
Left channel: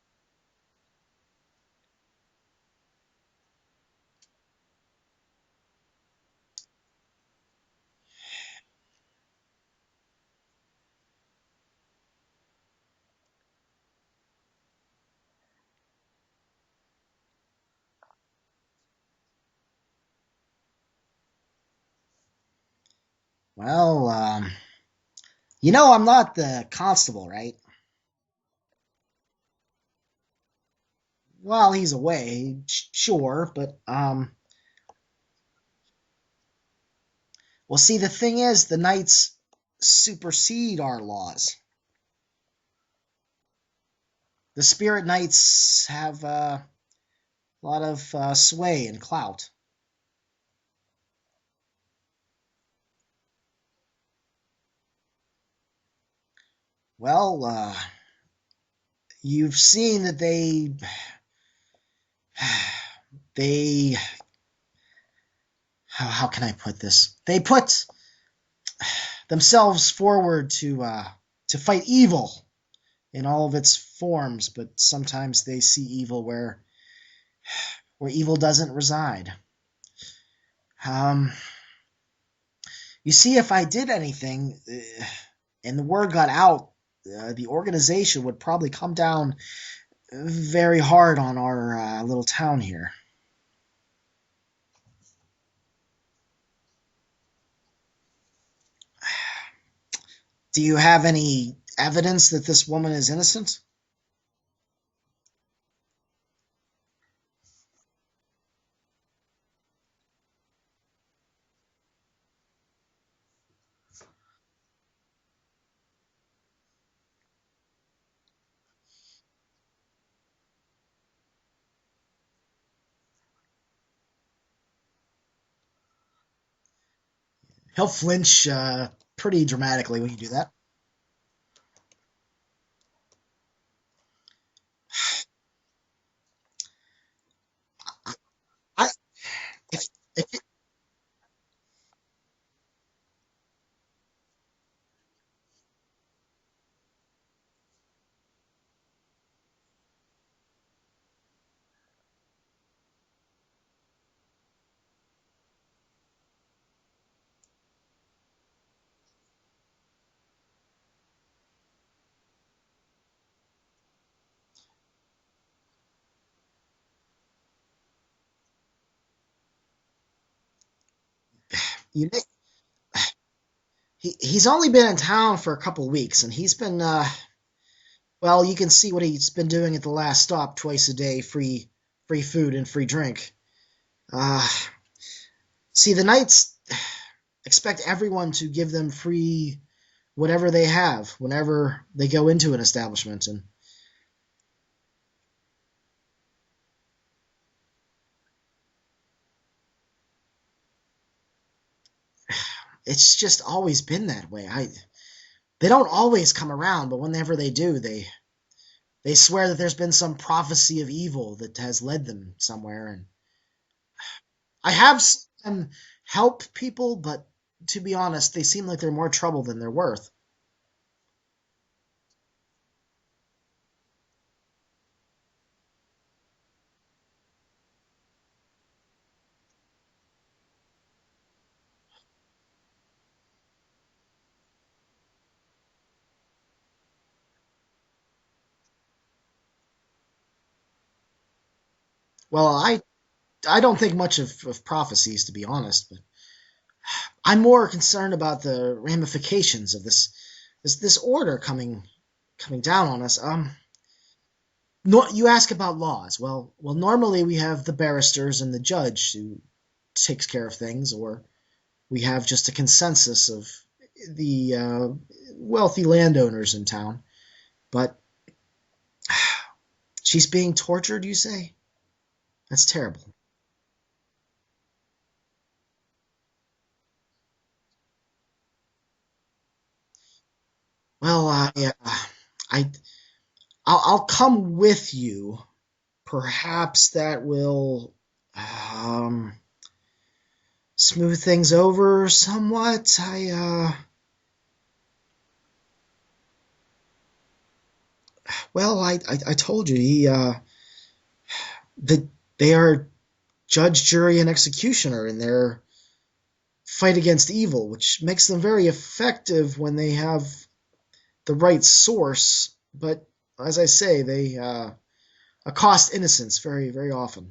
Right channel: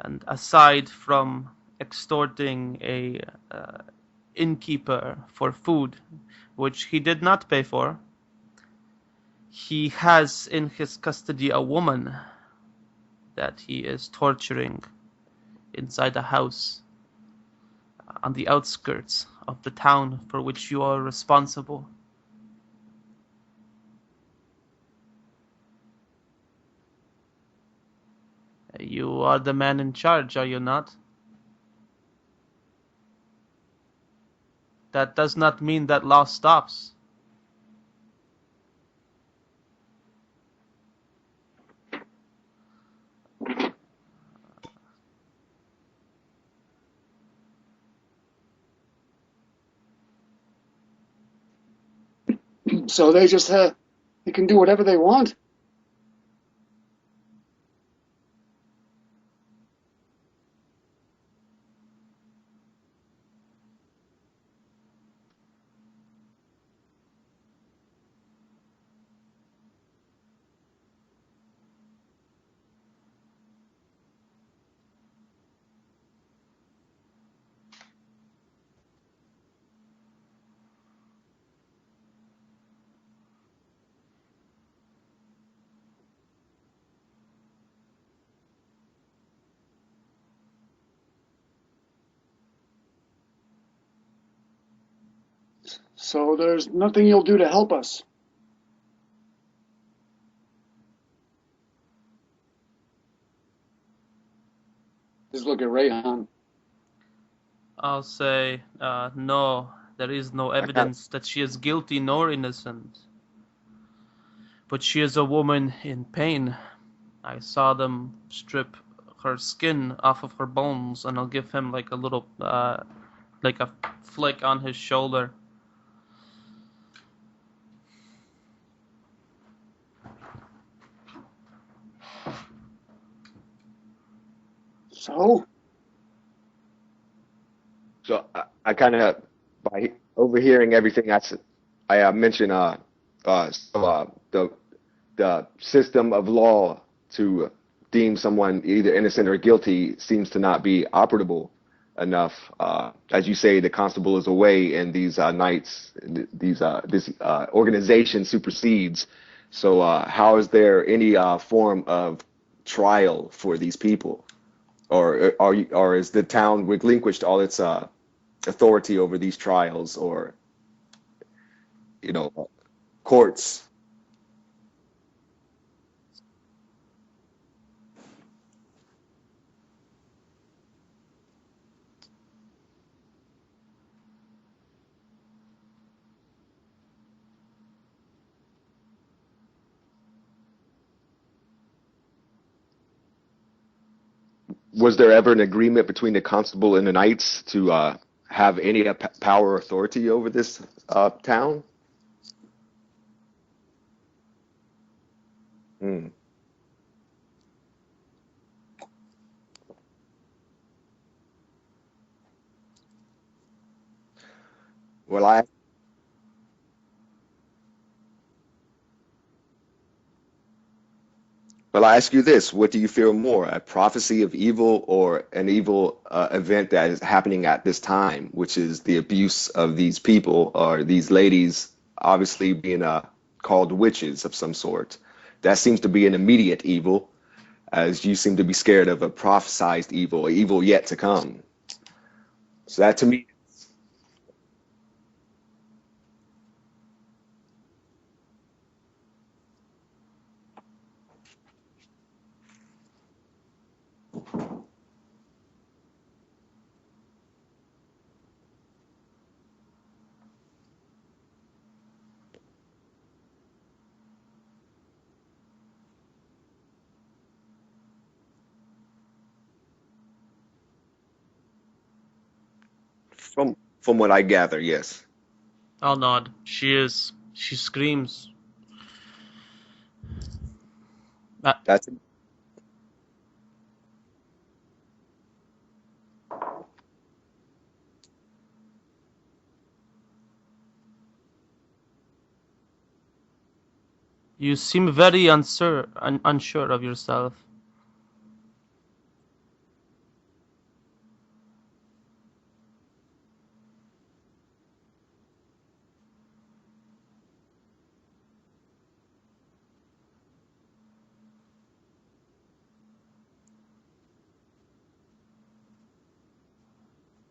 and aside from extorting a innkeeper for food, which he did not pay for, he has in his custody a woman that he is torturing inside a house on the outskirts of the town for which you are responsible. Well, I'm not the constable, right? You are the man in charge, are you not? Well, he's away, sure, but That does not mean that law stops. well, see, the thing is, the knights supersede our laws. The spirit knights have a lot of sway and clout. So they just they can do whatever they want. Well, you've seen that they how can I put this? They put themselves forward to fight evil in all of its forms, but sometimes they see evil where evil doesn't reside. You see, if I did anything and the word got out, the organization would probably come down very hard on our little town here. So there's nothing you'll do to help us. Do you have any evidence that this woman is innocent? Just look at Rayhan. I'll say no. There is no evidence that she is guilty nor innocent. But she is a woman in pain. I saw them strip her skin off of her bones, and I'll give him like a little, like a flick on his shoulder. He'll flinch pretty dramatically when you do that. Oh, So I kind of, by overhearing everything I mentioned, the system of law to deem someone either innocent or guilty seems to not be operable enough. As you say, the constable is away, and these this organization supersedes. So, how is there any form of trial for these people, or is the town relinquished all its authority over these trials, or courts? He's only been in town for a couple weeks, and he's been well, you can see what he's been doing at the last stop: twice a day, free food and free drink. See, the knights expect everyone to give them free whatever they have whenever they go into an establishment. And was there ever an agreement between the constable and the knights to have any power or authority over this town? It's just always been that way. They don't always come around, but whenever they do, they swear that there's been some prophecy of evil that has led them somewhere. And I have seen them help people, but to be honest, they seem like they're more trouble than they're worth. Well, I ask you this: what do you fear more, a prophecy of evil or an evil event that is happening at this time, which is the abuse of these people or these ladies, obviously being called witches of some sort? That seems to be an immediate evil, as you seem to be scared of a prophesized evil, evil yet to come. Well, that to me, I don't think much of prophecies, to be honest, but I'm more concerned about the ramifications of this order coming down on us. No, you ask about laws. Well, normally we have the barristers and the judge who takes care of things, or we have just a consensus of the wealthy landowners in town. But she's being tortured, you say? That's terrible. From what I gather, yes. I'll nod. She is. She screams. Well, I'll come with you. Perhaps that will smooth things over somewhat. You seem very unsure of yourself. Well, I told you they are judge, jury, and executioner in their fight against evil, which makes them very effective when they have the right source. But as I say, they accost innocence very, very often.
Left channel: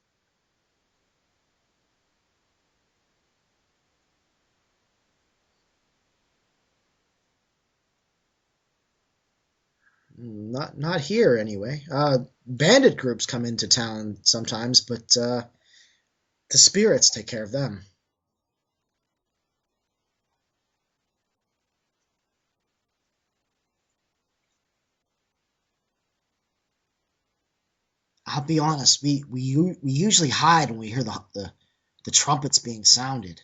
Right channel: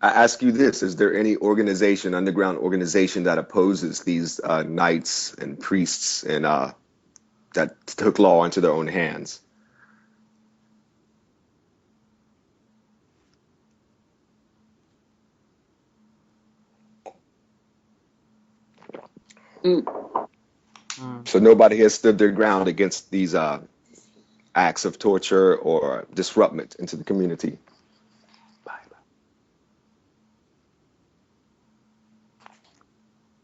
I ask you this: is there any underground organization that opposes these knights and priests and that took law into their own hands? Not here, anyway. Bandit groups come into town sometimes, but the spirits take care of them. So nobody has stood their ground against these acts of torture or disruption into the community. I'll be honest. We usually hide when we hear the trumpets being sounded.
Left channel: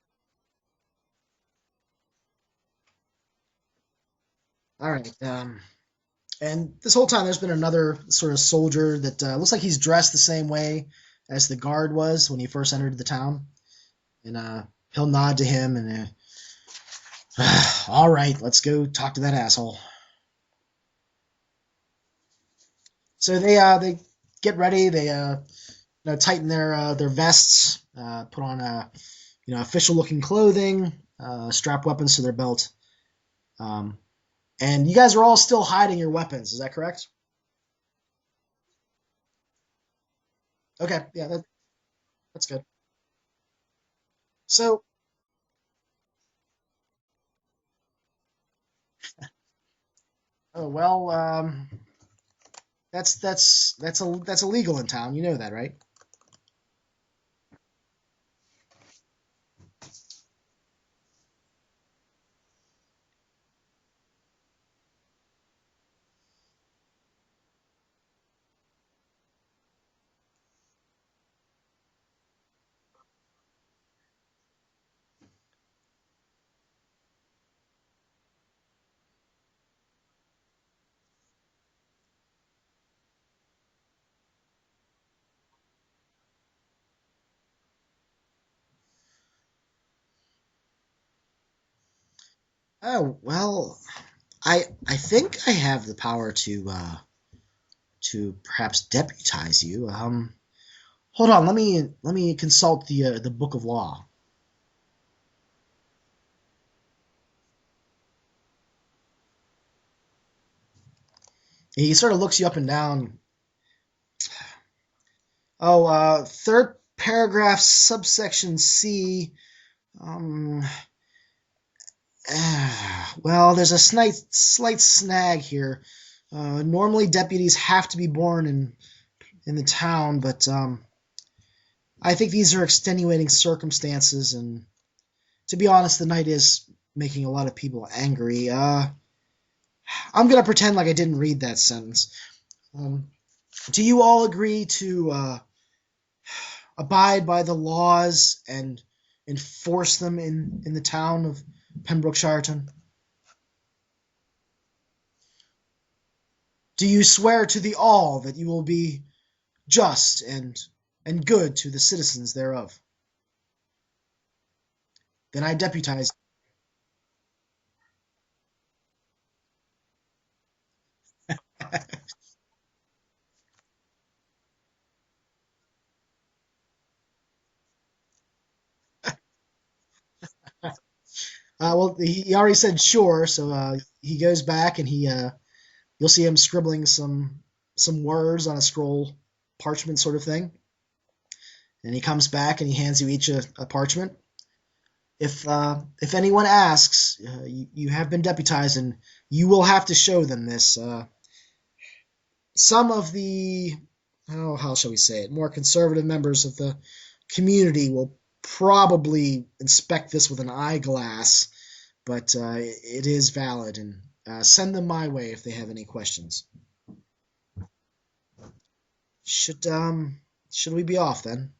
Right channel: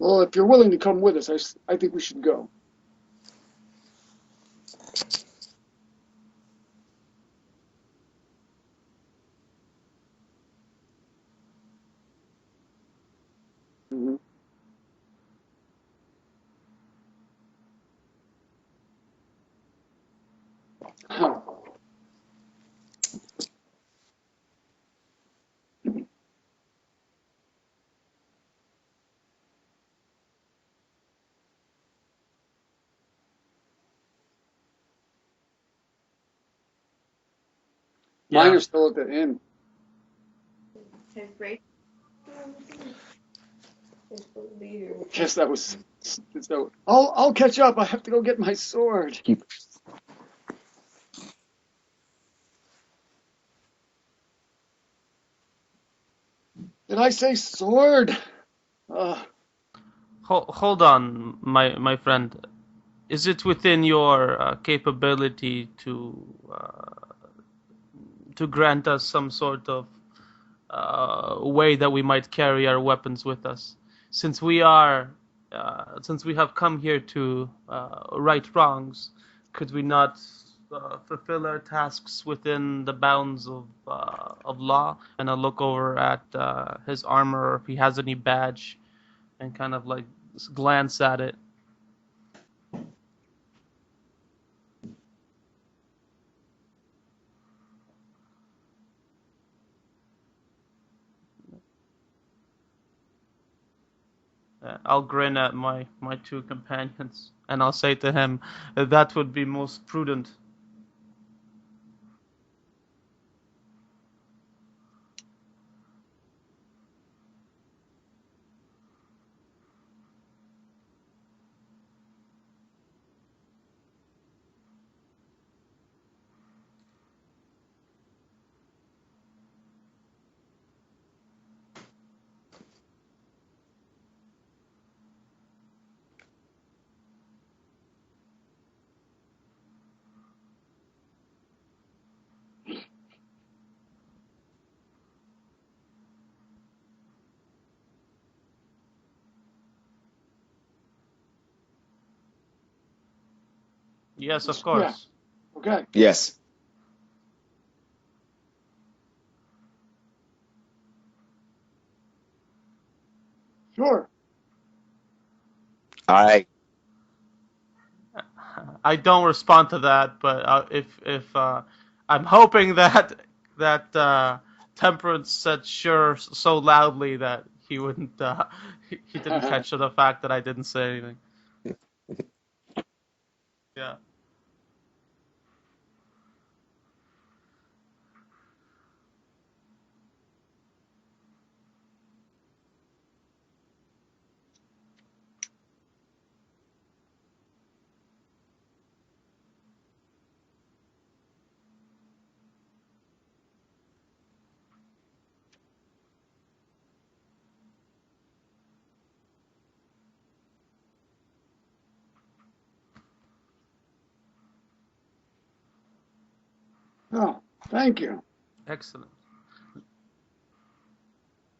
Well, if you're willing to come with us, I think we should go. All right. And this whole time, there's been another sort of soldier that looks like he's dressed the same way as the guard was when he first entered the town. Mm-hmm. And he'll nod to him and, all right, let's go talk to that asshole. So they get ready. They tighten their vests. put on official-looking clothing, strap weapons to their belt. And you guys are all still hiding your weapons. Is that correct? Mine are still at the inn. Okay, yeah, that's good. So, Guess that was. So I'll catch up. I have to go get my sword. that's illegal in town. You know that, right? Did I say sword? Hold on, my friend. Is it within your capability to grant us some sort of way that we might carry our weapons with us, since we have come here to right wrongs? Could we not fulfill our tasks within the bounds of law? And I'll look over at his armor, or if he has any badge, and kind of like glance at it. Oh well, I think I have the power to perhaps deputize you. Hold on, let me consult the book of law. I'll grin at my two companions, and I'll say to him, that would be most prudent. He sort of looks you up and down. Oh, third paragraph, subsection C. Well, there's a slight snag here. Normally, deputies have to be born in the town, but I think these are extenuating circumstances, and to be honest, the night is making a lot of people angry. I'm gonna pretend like I didn't read that sentence. Do you all agree to abide by the laws and enforce them in the town of Pembrookshire? Yes, of course. Yeah. Okay. Yes. Do you swear to the all that you will be just and good to the citizens thereof? Sure. Then I deputize. All right. I don't respond to that, but if I'm hoping that Temperance said sure so loudly that he wouldn't he didn't catch the fact that I didn't say anything. Well, he already said sure, so Yeah. he goes back and you'll see him scribbling some words on a scroll parchment sort of thing. And he comes back and he hands you each a parchment. If anyone asks, you have been deputized, and you will have to show them this. Some of the, how shall we say it, more conservative members of the community will probably inspect this with an eyeglass, but it is valid, and send them my way if they have any questions. Oh, thank you. Excellent. Should we be off then?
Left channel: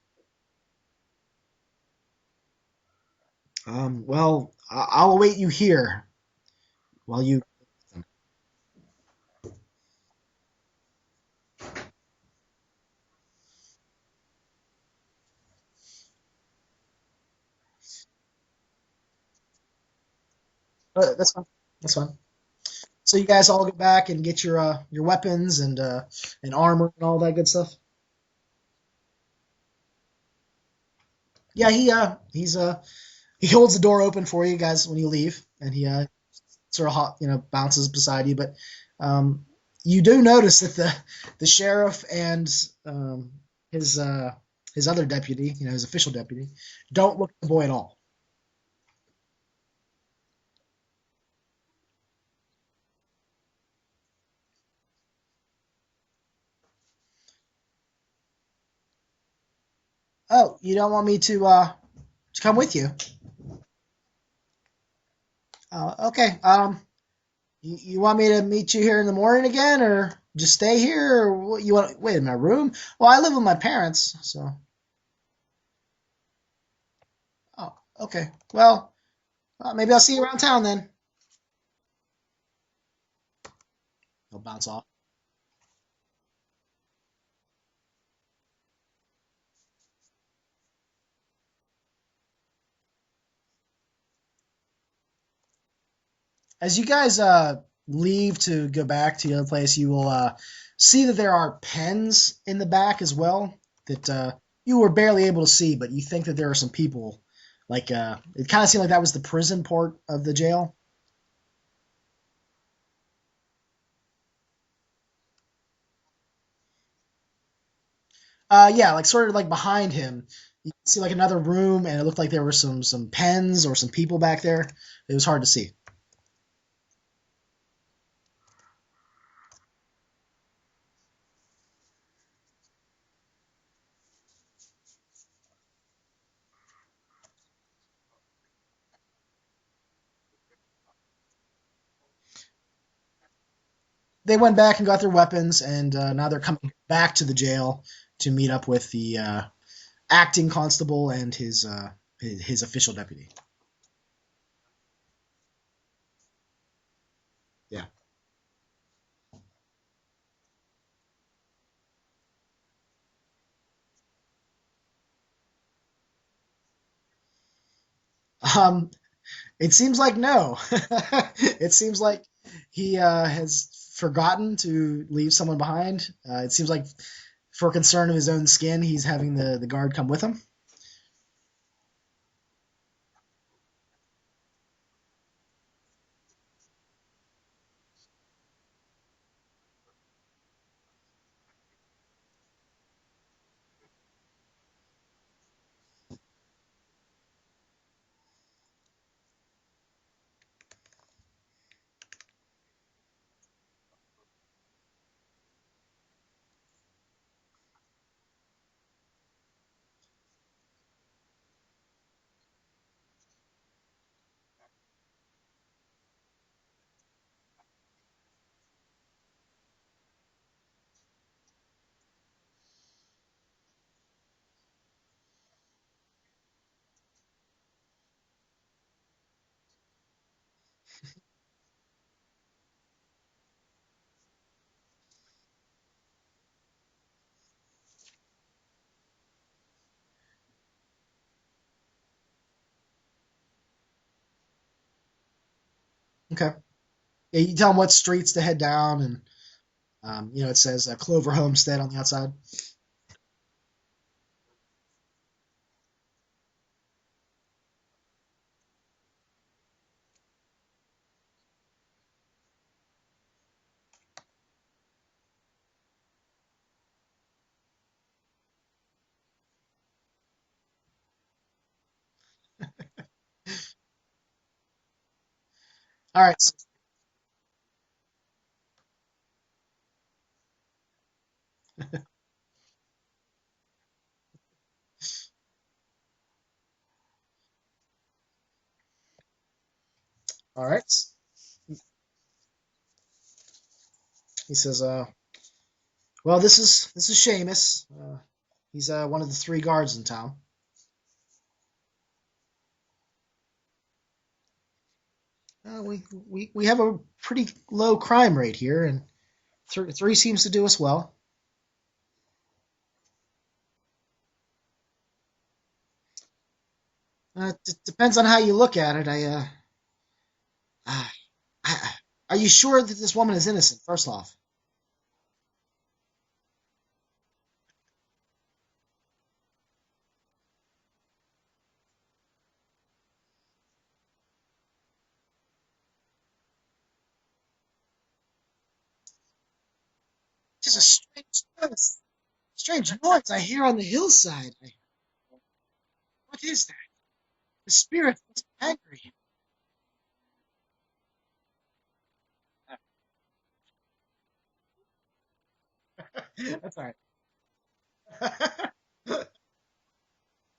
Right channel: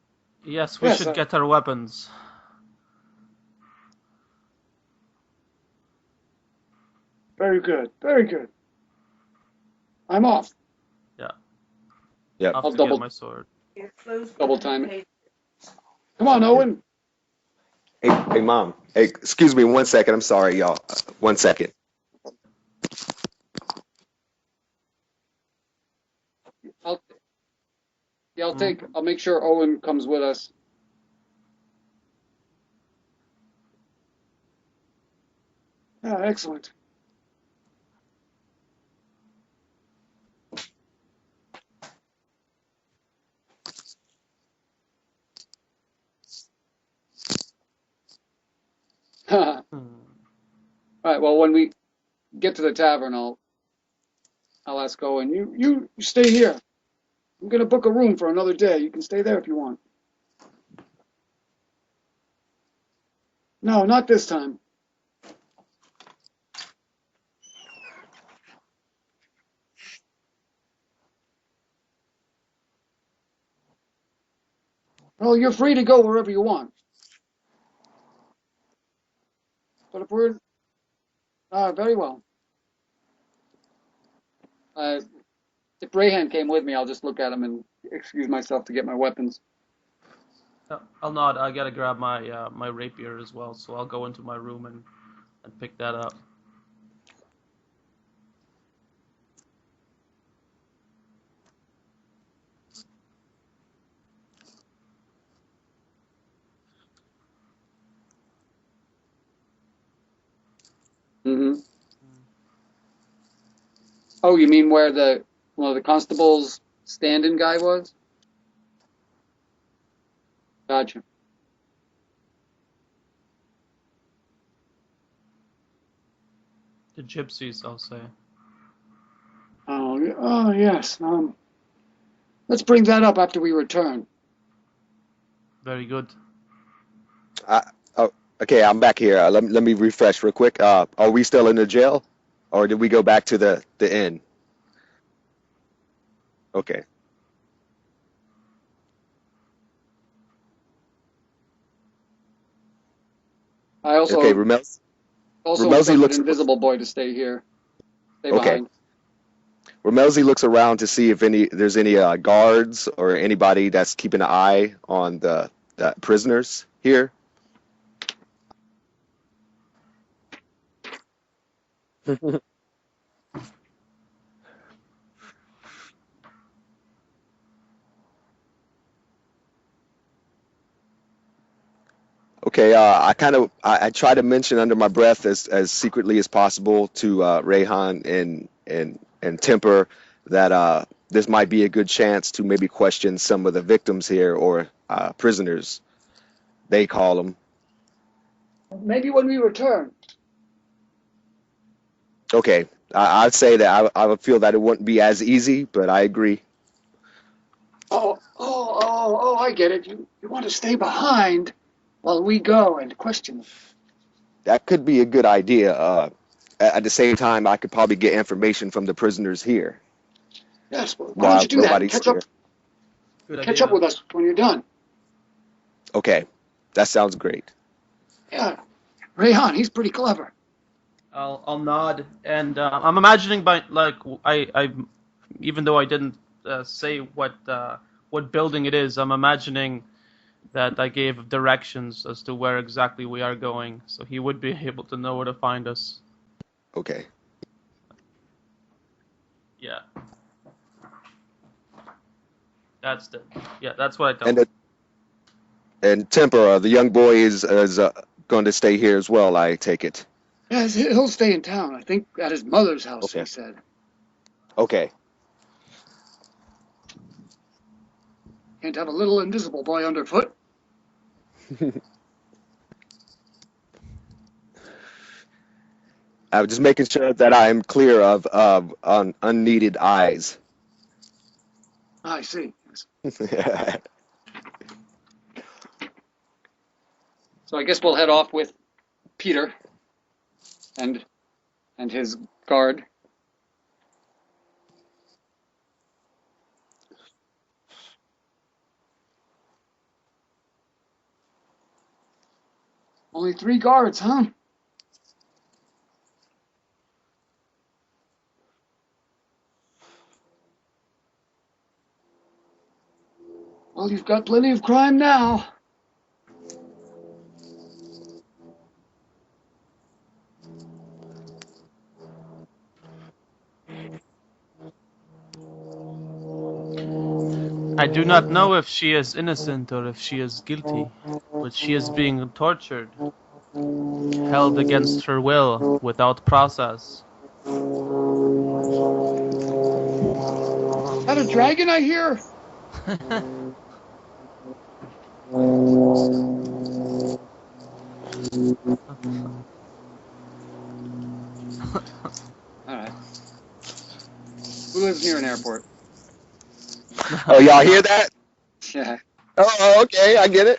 Yes, we should get our weapons. Well, I'll await you here while you... Very good. Very good. I'm off. Yeah. Yep. I'll double- get my sword. Double time it. Come on, Owen. Hey, Mom. Hey, excuse me 1 second. I'm sorry, y'all. That's One fine. second. That's fine. So you guys all get back and get your weapons and armor and all that good stuff? Yeah, I'll make sure Owen comes with us. Yeah, he holds the door open for you guys when you leave, and he Yeah, excellent. sort of bounces beside you. But you do notice that the sheriff and his other deputy, his official deputy, don't look at the boy at all. All right. Well, when we get to the tavern, I'll ask Owen. You stay here. I'm gonna book a room for another day. You can stay there if you want. Oh, you don't want me to come with you? No, not this time. Okay. You want me to meet you here in the morning again, or just stay here, or what, you want? Wait, in my room? Well, I live with my parents, so. Well, you're free to go wherever you want. Oh, okay. Well, maybe I'll see you around town then. Very well. I'll bounce off. If Rayhan came with me, I'll just look at him and excuse myself to get my weapons. I'll nod. I gotta grab my rapier as well, so I'll go into my room and pick that up. As you guys leave to go back to the other place, you will see that there are pens in the back as well that you were barely able to see, but you think that there are some people. Like it kind of seemed like that was the prison part of the jail. Mm-hmm. Oh, you mean where one of the constables stand-in guy was? Yeah, like sort of like behind him. You could Gotcha. see like another room, and it looked like there were some pens or some people back there. It was hard to see. The gypsies, I'll say. Oh yes. Let's bring that up after we return. Very good. Oh, okay, I'm back here. Let me refresh real quick. Are we still in the jail, or did we go back to the inn? They went back and got their weapons, and now they're coming Okay. back to the jail to meet up with the acting constable and his official deputy. I also Okay, Ramel. Ramelzi instructed looks- Invisible Boy to stay here. Yeah. Stay Okay. behind. Ramelzi looks around to see if there's any guards or anybody that's keeping an eye on the prisoners here. It seems like no. It seems like he has forgotten to leave someone behind. It seems like for concern of his own skin, he's having the guard come with him. Okay, I try to mention under my breath as secretly as possible to Rayhan and Temper that this might be a good chance to maybe question some of the victims here or prisoners, they call them. Maybe when we return. Okay, I'd say that I would feel that it wouldn't be as easy, but I agree. Oh, I get it. You want to stay behind while we go and question them. That could be a good idea. At the same time, I could probably get information from the prisoners here. Yes, well, why While don't you do that? nobody's Catch up, here. Good catch idea. up with us when you're done. Okay, that sounds great. Yeah, Rayhan, he's pretty clever. I'll nod, and I'm imagining I even though I didn't say what building it is, I'm imagining that I gave directions as to where exactly we are going, so he would be able to know where to find us. Okay. Okay. Yeah, you tell him what streets to head down, and Yeah, it says Clover Homestead on the outside. that's what I told him. And Temper, the young boy is going to stay here as well, I take it. Yes, he'll stay in town. I think at his mother's house, Okay. he said. Okay. Can't have a little invisible boy underfoot. All right. I'm just making sure that I am clear of unneeded eyes. I see. So I guess we'll head off with Peter All right. and his guard. He says, "Well, this is Seamus. He's one of the 3 guards in town." Only 3 guards, huh? We have a pretty low crime rate here, and 3 seems to do us well. Well, you've got plenty of crime now. Depends on how you look at it. Are you sure that this woman is innocent? First off, I do not know if she is innocent or if she is guilty, but she is being tortured, held against her will, without process. Is that a dragon I hear? strange noise I hear on the hillside. What is that? A spirit that's angry. All right. Who lives near an airport? That's all right. Oh, y'all hear that? Yeah. Oh, okay, I get it.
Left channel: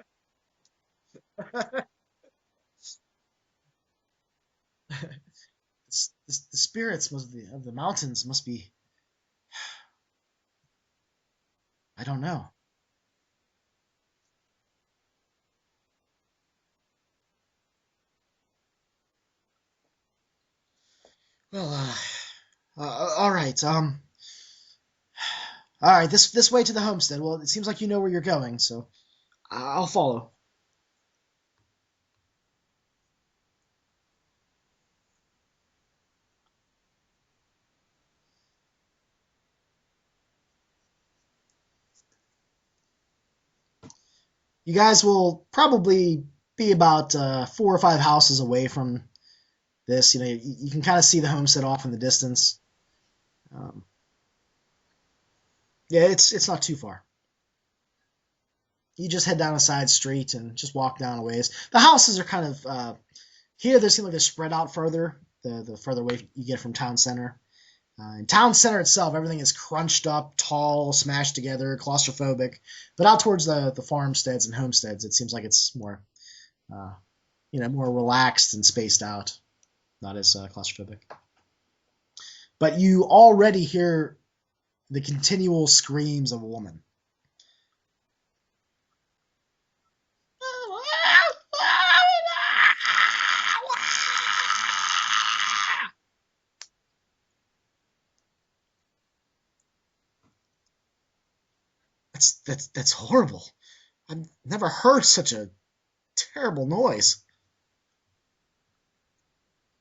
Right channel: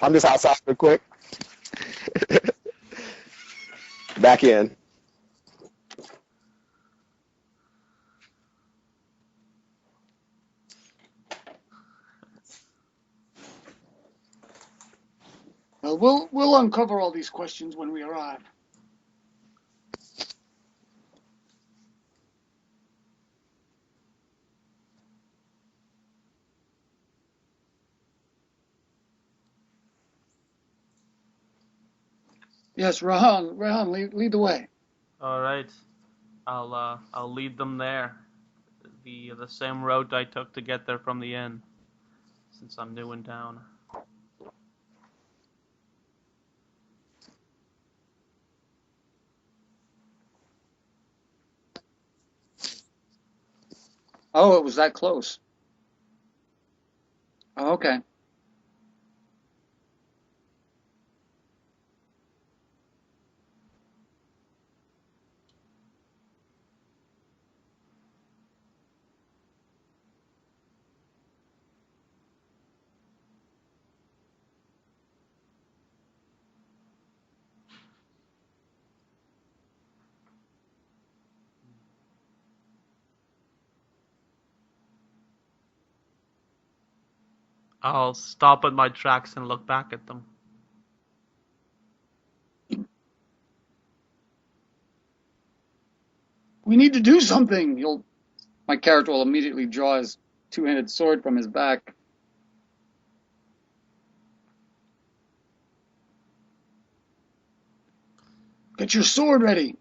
I'm just outside real quick. Back in. The spirits of the mountains must be. I don't know. Well, we'll uncover all these questions when we arrive. Well, all right. All right. This way to the homestead. Well, it seems like you know where you're going, so I'll follow. Yes, Rahan, lead the way. All right, I'll lead them there. The same road I took to get there from the inn. since I'm new in town. You guys will probably be about 4 or 5 houses away from this. You can kind of see the homestead off in the distance. Oh, it was that close. Yeah, it's not too far. Oh, okay. You just head down a side street and just walk down a ways. The houses are kind of here. They seem like they're spread out further. The further away you get from town center. In town center itself, everything is crunched up, tall, smashed together, claustrophobic. But out towards the farmsteads and homesteads, it seems like it's more, more relaxed and spaced out, not as claustrophobic. But you already hear the continual screams of a woman. I'll stop at my tracks and look back at them. We need to do something. My character will immediately draw his two-handed sword from his back. That's horrible. I've never heard such a terrible noise. Get your sword ready.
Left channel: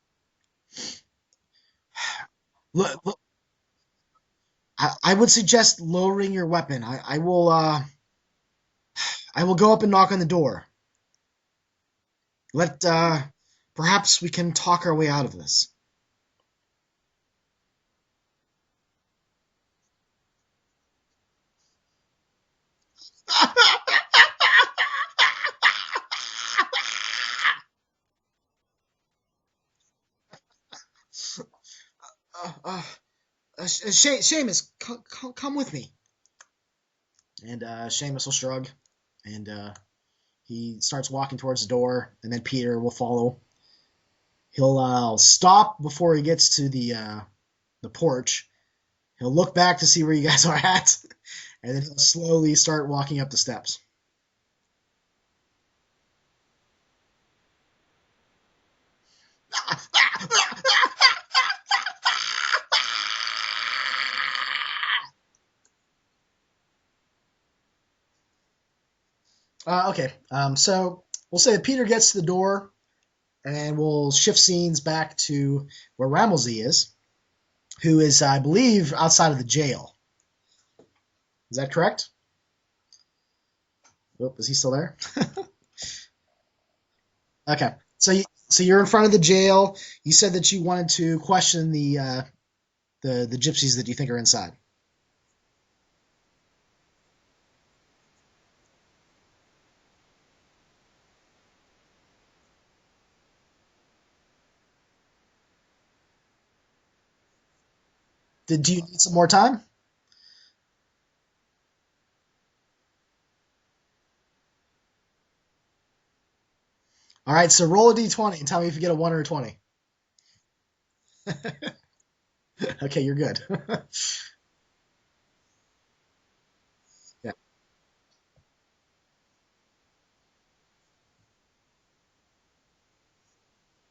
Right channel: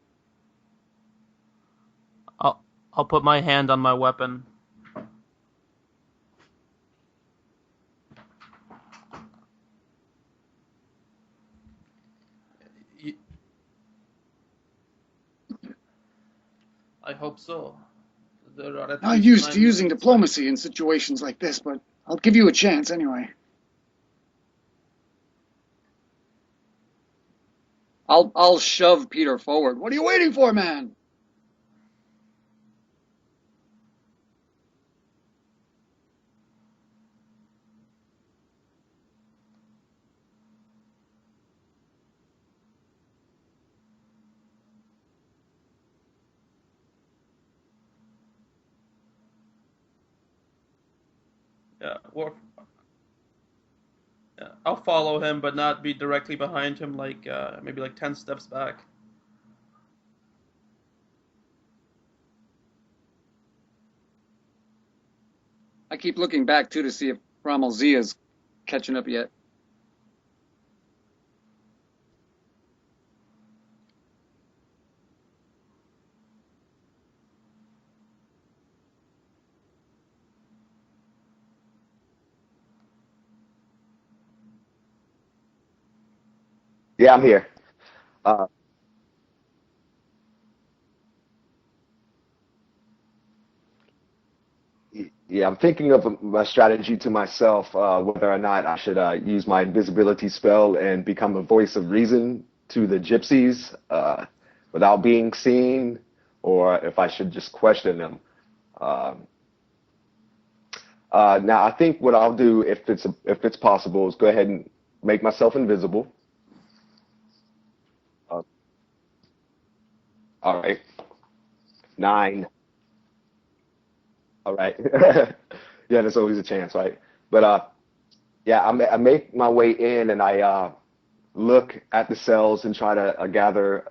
I'll put my hand on my weapon. I would suggest lowering your weapon. I will go up and knock on the door. Perhaps we can talk our way out of this. I hope so. Not used to using diplomacy in situations like this, but I'll give you a chance anyway. I'll shove Peter forward. What are you waiting for, man? Seamus, come with me. And Seamus will shrug, and he starts walking towards the door, and then Peter will follow. He'll stop before he gets to the porch. He'll look back to see where you guys are at, and then slowly start walking up the steps. Yeah, I'll follow him, but not be directly behind him, maybe 10 steps back. I keep looking back, too, to see if Rommel Z is catching up yet. Okay, so we'll say that Peter gets to the door, and we'll shift scenes back to where Ramelzy is, who is, I believe, outside of the jail. Is that correct? Oh, is he still there? Yeah, I'm here. Okay, so you're in front of the jail. You said that you wanted to question the gypsies that you think are inside. Yeah, I'm thinking of a strategy to myself, whether or not I should use my invisibility spell and become a voice of reason to the gypsies without being seen, or if I should just question them. Did you need some more time? Now, I think what I'll do, if it's possible, is go ahead and make myself invisible. All right, so roll a d20 and tell me if you get a 1 or a 20. All right. 9. Okay, you're good. All right. Yeah, there's always a chance, right? Yeah. But I make my way in, and I look at the cells and try to gather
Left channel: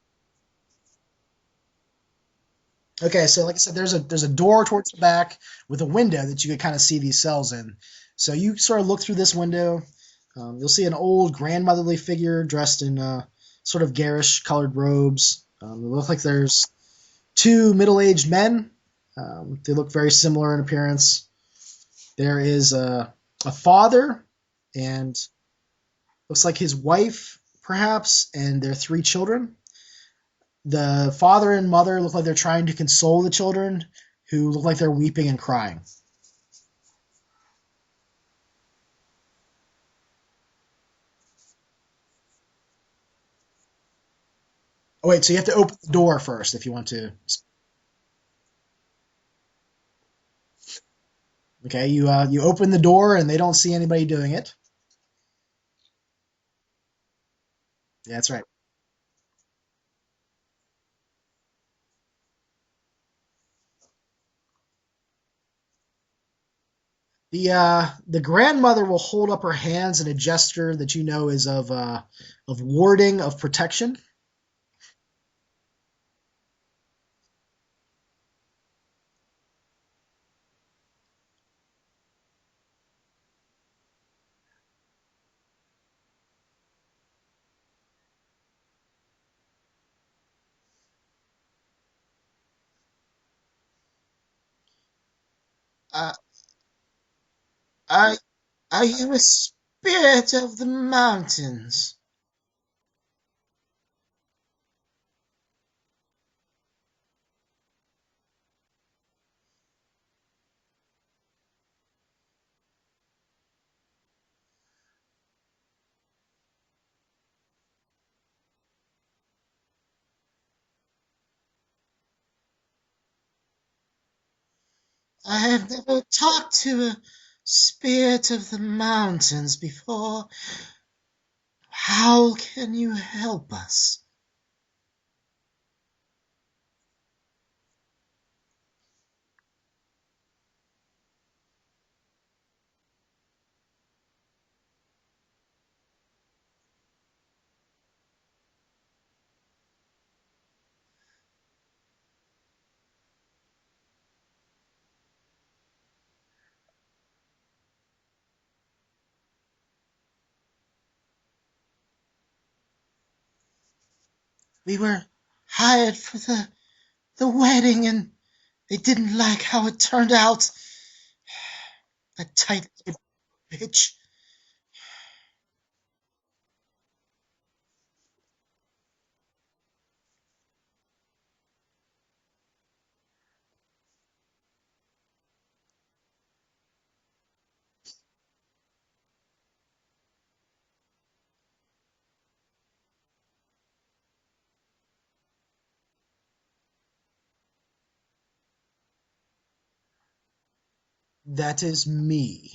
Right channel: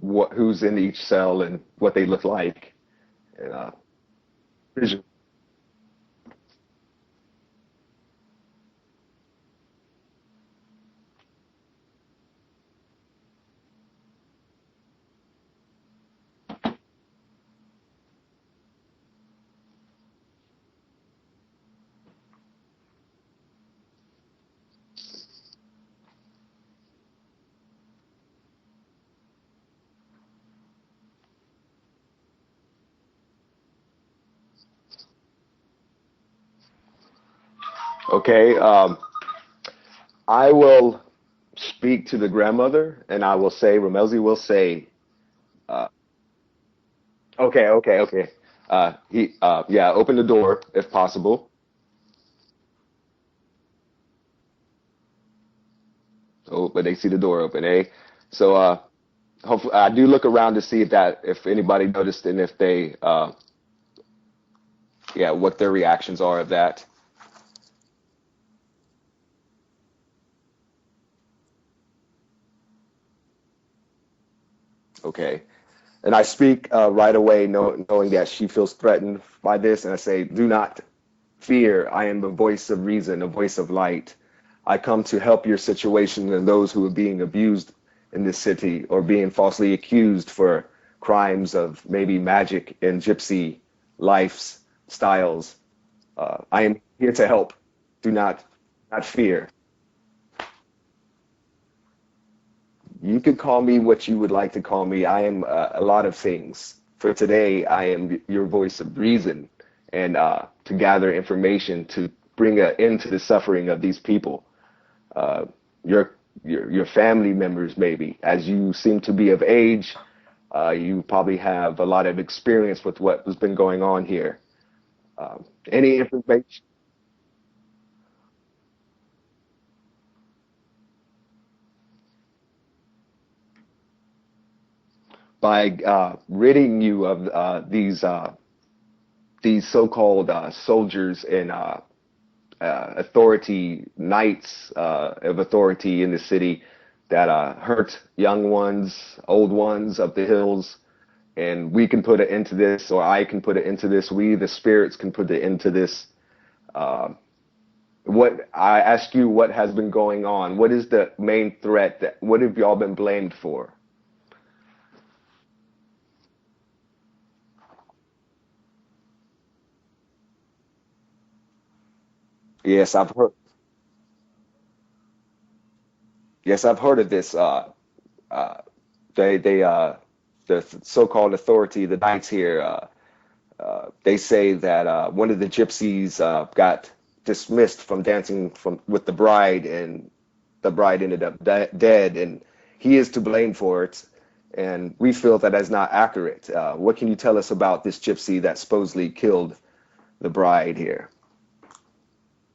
who's in each cell and what they look like. Okay, so like I said, there's a door towards the back with a window that you could kind of see these cells in. So you sort of look through this window. You'll see an old grandmotherly figure dressed in sort of garish colored robes. It looks like there's 2 middle-aged men. They look very similar in appearance. There is a father and looks like his wife, perhaps, and their 3 children. The father and mother look like they're trying to console the children, who look like they're weeping and crying. Okay. I will speak to the grandmother, and I will say, Ramelzy will say. Oh wait, so you have to open the door first if you want to. Okay. Open the door if possible. Okay, you open the door and they don't see anybody doing it. Oh, but they see the door open, eh? Yeah, that's right. So hopefully I do look around to see if anybody noticed and if they what their reactions are of that. The grandmother will hold up her hands in a gesture that you know is of warding, of protection. Okay. And I speak right away, knowing that she feels threatened by this, and I say, "Do not fear. I am the voice of reason, a voice of light. I come to help your situation and those who are being abused in this city or being falsely accused for crimes of maybe magic and gypsy lifestyles. Uh, I am here to help. Do are, not, are not you a fear. spirit of the mountains? You could call me what you would like to call me. I am a lot of things. For today, I am your voice of reason and to gather information to bring an end to the suffering of these people. Uh, your, your family members, maybe, as you seem to be of age, you probably have a lot of experience with what has been going on here. I have Any never information talked to a spirit of the mountains before. How can you help us? by ridding you of these so-called soldiers and authority knights of authority in the city that hurt young ones, old ones of the hills, and we can put it into this, or I can put it into this. We, the spirits, can put it into this. Uh, what I ask you, what has been going on? What is the main threat? What have y'all been blamed for? We were hired for the wedding, and they didn't like how it turned out. That Yes, tight-lipped I've heard. bitch. Yes, I've heard of this. Uh, they the so-called authority, the knights here, they say that one of the gypsies got dismissed from dancing from with the bride, and the bride ended up dead, and he is to blame for it. And we feel that is not accurate. What can you tell us about this gypsy that supposedly killed the bride here? That is me.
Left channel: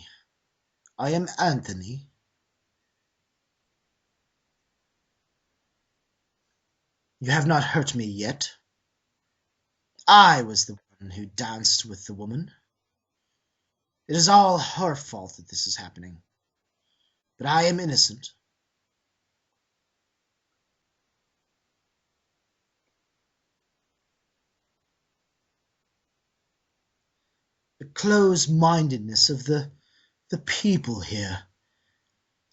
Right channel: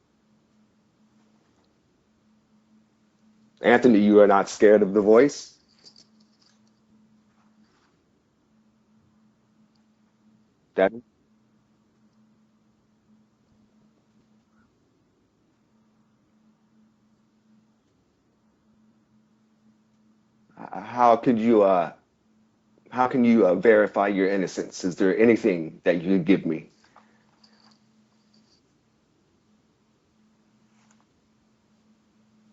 I am Anthony. Anthony, you are not scared of the voice? You have not hurt me yet. I was the That one who danced with the woman. It is all her fault that this is happening. But I am innocent. how could you how can you verify your innocence? Is there anything that you could give me? The close-mindedness of the people here.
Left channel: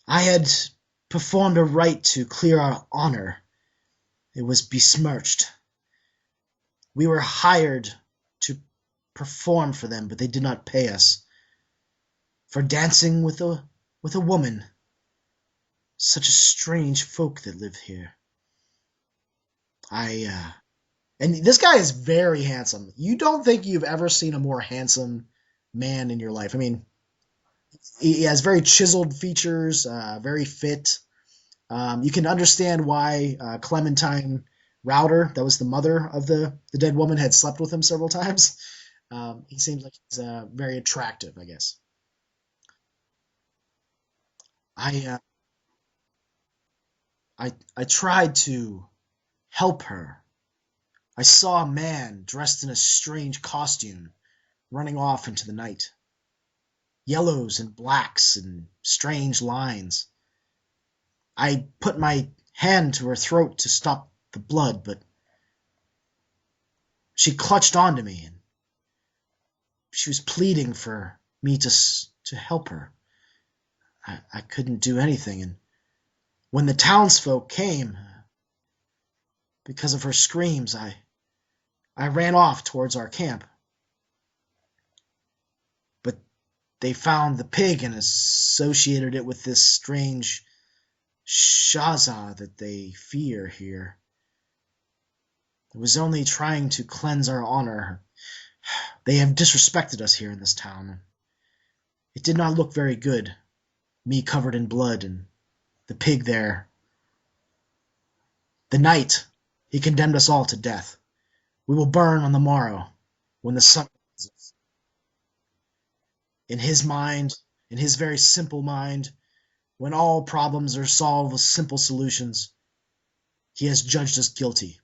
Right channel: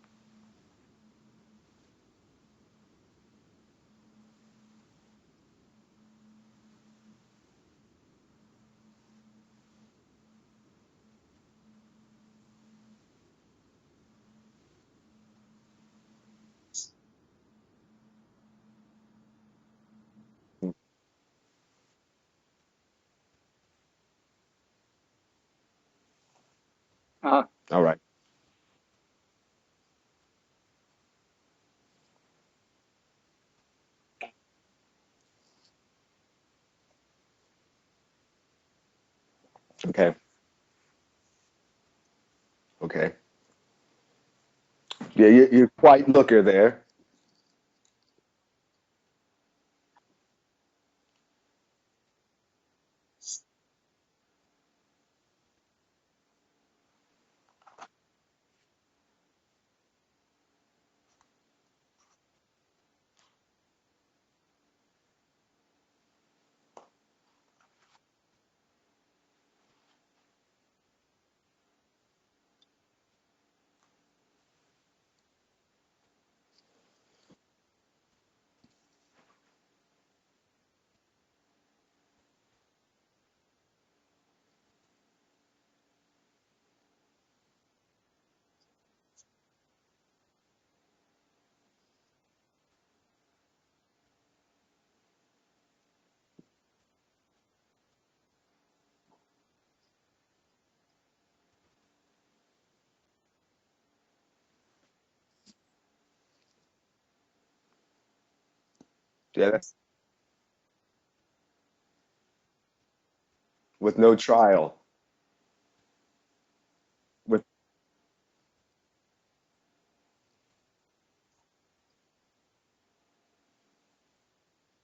I had performed a rite to clear our honor. It was besmirched. We were hired to perform for them, but they did not pay us. For dancing with a woman. Such a strange folk that live here. And this guy is very handsome. You don't think you've ever seen a more handsome man in your life. I mean, Uh, All right. he has very chiseled features, very fit. You can understand why Clementine Router, that was the mother of the dead woman, had slept with him several times. He seems like Okay. he's very attractive, I guess. Okay. I Yeah, you're quite looker there. I tried to help her. I saw a man dressed in a strange costume running off into the night. Yellows and blacks and strange lines. I put my hand to her throat to stop the blood, but she clutched onto me, and she was pleading for me to help her. I couldn't do anything, and when the townsfolk came, because of her screams, I ran off towards our camp. But they found the pig and associated it with this strange Shaza that they fear here. It was only trying to cleanse our honor. They have disrespected us here in this town. It did not look very good, me covered in blood and the pig there. The night, Yeah, that's he condemned us all to death. We will burn on the morrow, when the sun... with no trial. In his mind, With in his very simple mind, when all problems are solved with simple solutions, he has judged us guilty.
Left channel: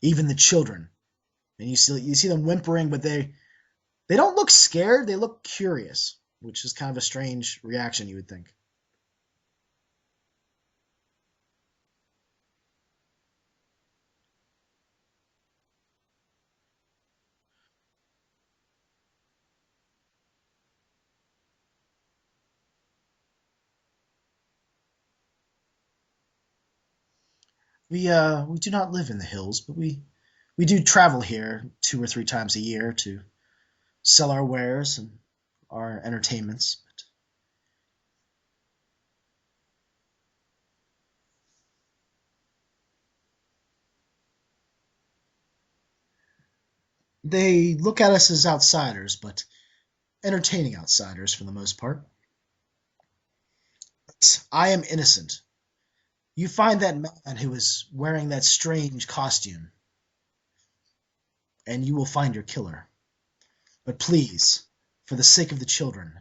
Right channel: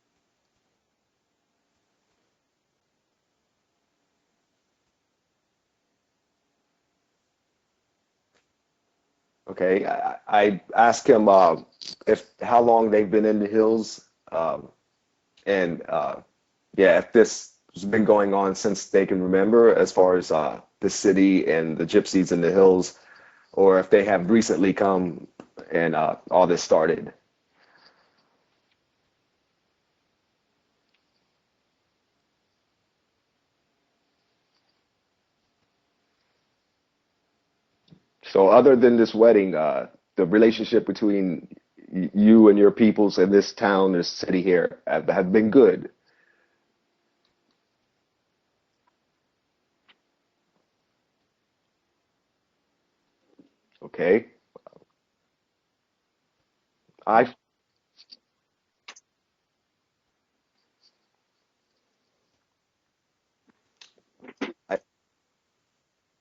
Even the children. And you see them whimpering, but they don't look scared, they look curious, which is kind of a strange reaction, you would think. Okay, I asked him if how long they've been in the hills, and yeah, if this has been going on since they can remember, as far as the city and the gypsies in the hills, or if they have recently come and all this started. We do not live in the hills, but we do travel here 2 or 3 times a year to sell our wares and our entertainments. So other than this wedding, the relationship between you and your peoples in this town, this city here, have been good. They look at us as outsiders, but entertaining outsiders for the most part. Okay. I am innocent. You find that I man who is wearing that strange costume, and you will find your killer. But please, I for the sake of the children,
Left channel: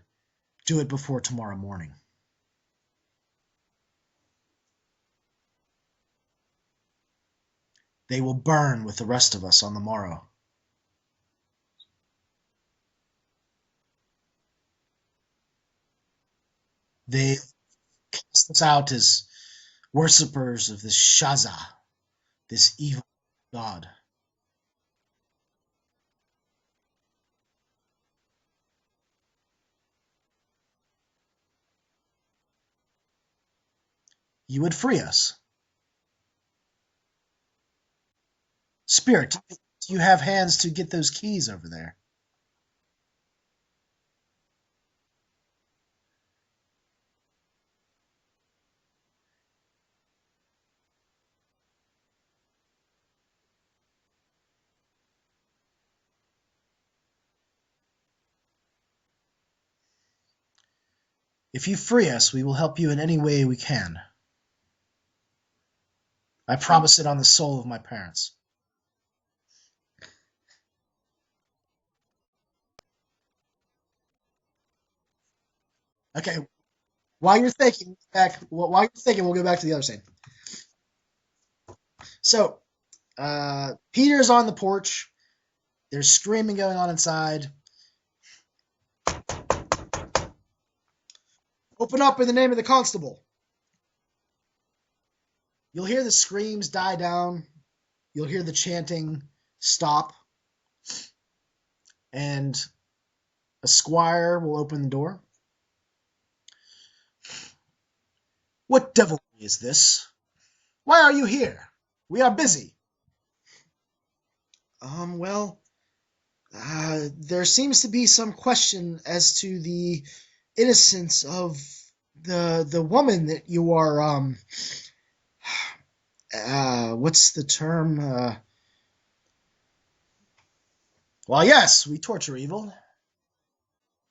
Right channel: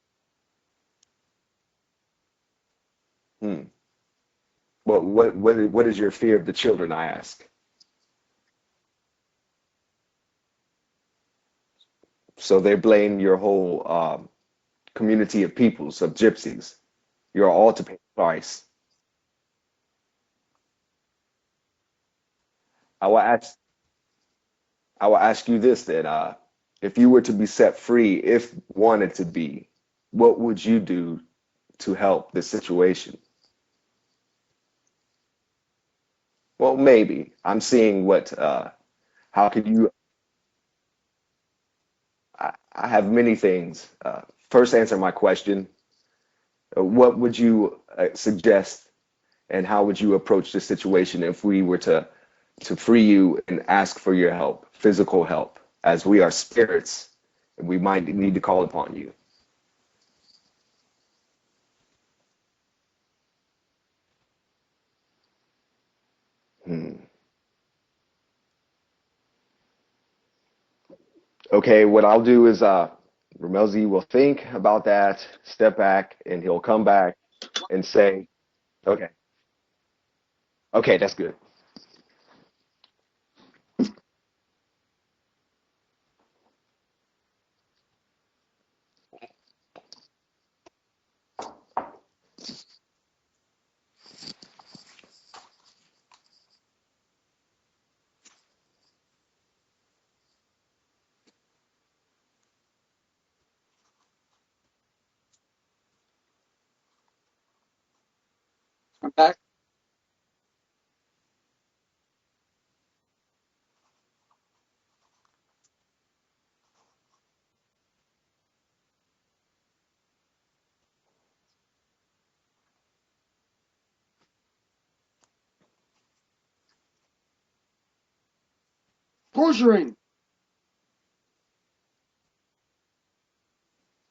do it before tomorrow morning. hmm. Well, what is your fear of the children, I ask? They will burn with the rest of us on the morrow. So they blame your whole community of peoples, of gypsies. They You're all to pay the cast us price. out as worshippers of this Shaza, this evil I will ask god. I will ask you this then. If you were to be set free, if wanted to be, what would you do to help this situation? You would free us. Well, maybe. I'm seeing what Spirit, how could you do you have hands to get those keys over there? I have many things. First, answer my question. What would you suggest, and how would you approach the situation if we were to free you and ask for your help, physical help, as we are spirits, and we might need to call upon you? If you free us, we will help you in any way we can. I Hmm. promise it on the soul of my parents. Okay, what I'll do is Ramelzi will think about that, step back, Okay, and he'll come back while you're and thinking, say, okay, we'll go back to the other scene. okay, that's good. So, Peter's on the porch. There's screaming going on inside. Open up in the name of the constable. You'll hear the screams die down. You'll hear the chanting stop. And a squire will open the door. What I'm devilry back. is this? Why are you here? We are busy. Well, there seems to be some question as to the innocence of the woman that you are, what's the term? Torturing. Well, yes, we torture evil.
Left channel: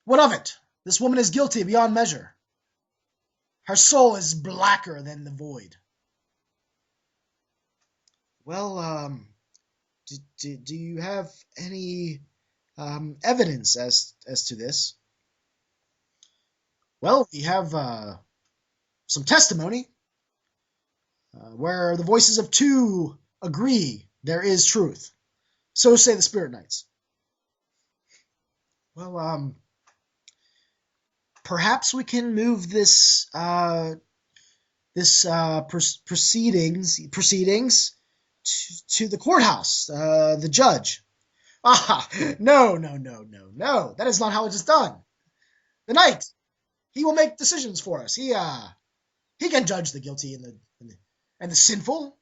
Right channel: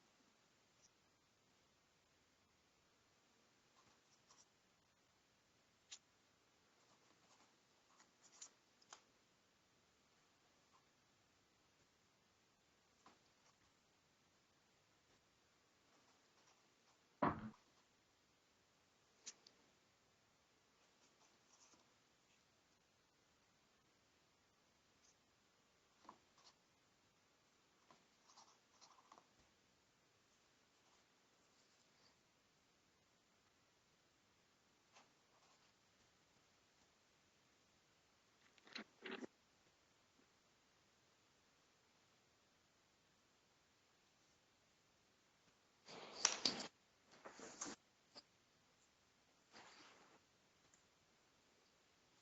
What of it? This woman is guilty beyond measure. Her soul is blacker than the void. Well, do you have any evidence as to this? Well, we have some testimony where the voices of two agree there is truth. So say the Spirit Knights. Well, perhaps we can move this proceedings to the courthouse, the judge. Ah, no. That is not how it is done. The knight, he will make decisions for us. He can judge the guilty and the sinful.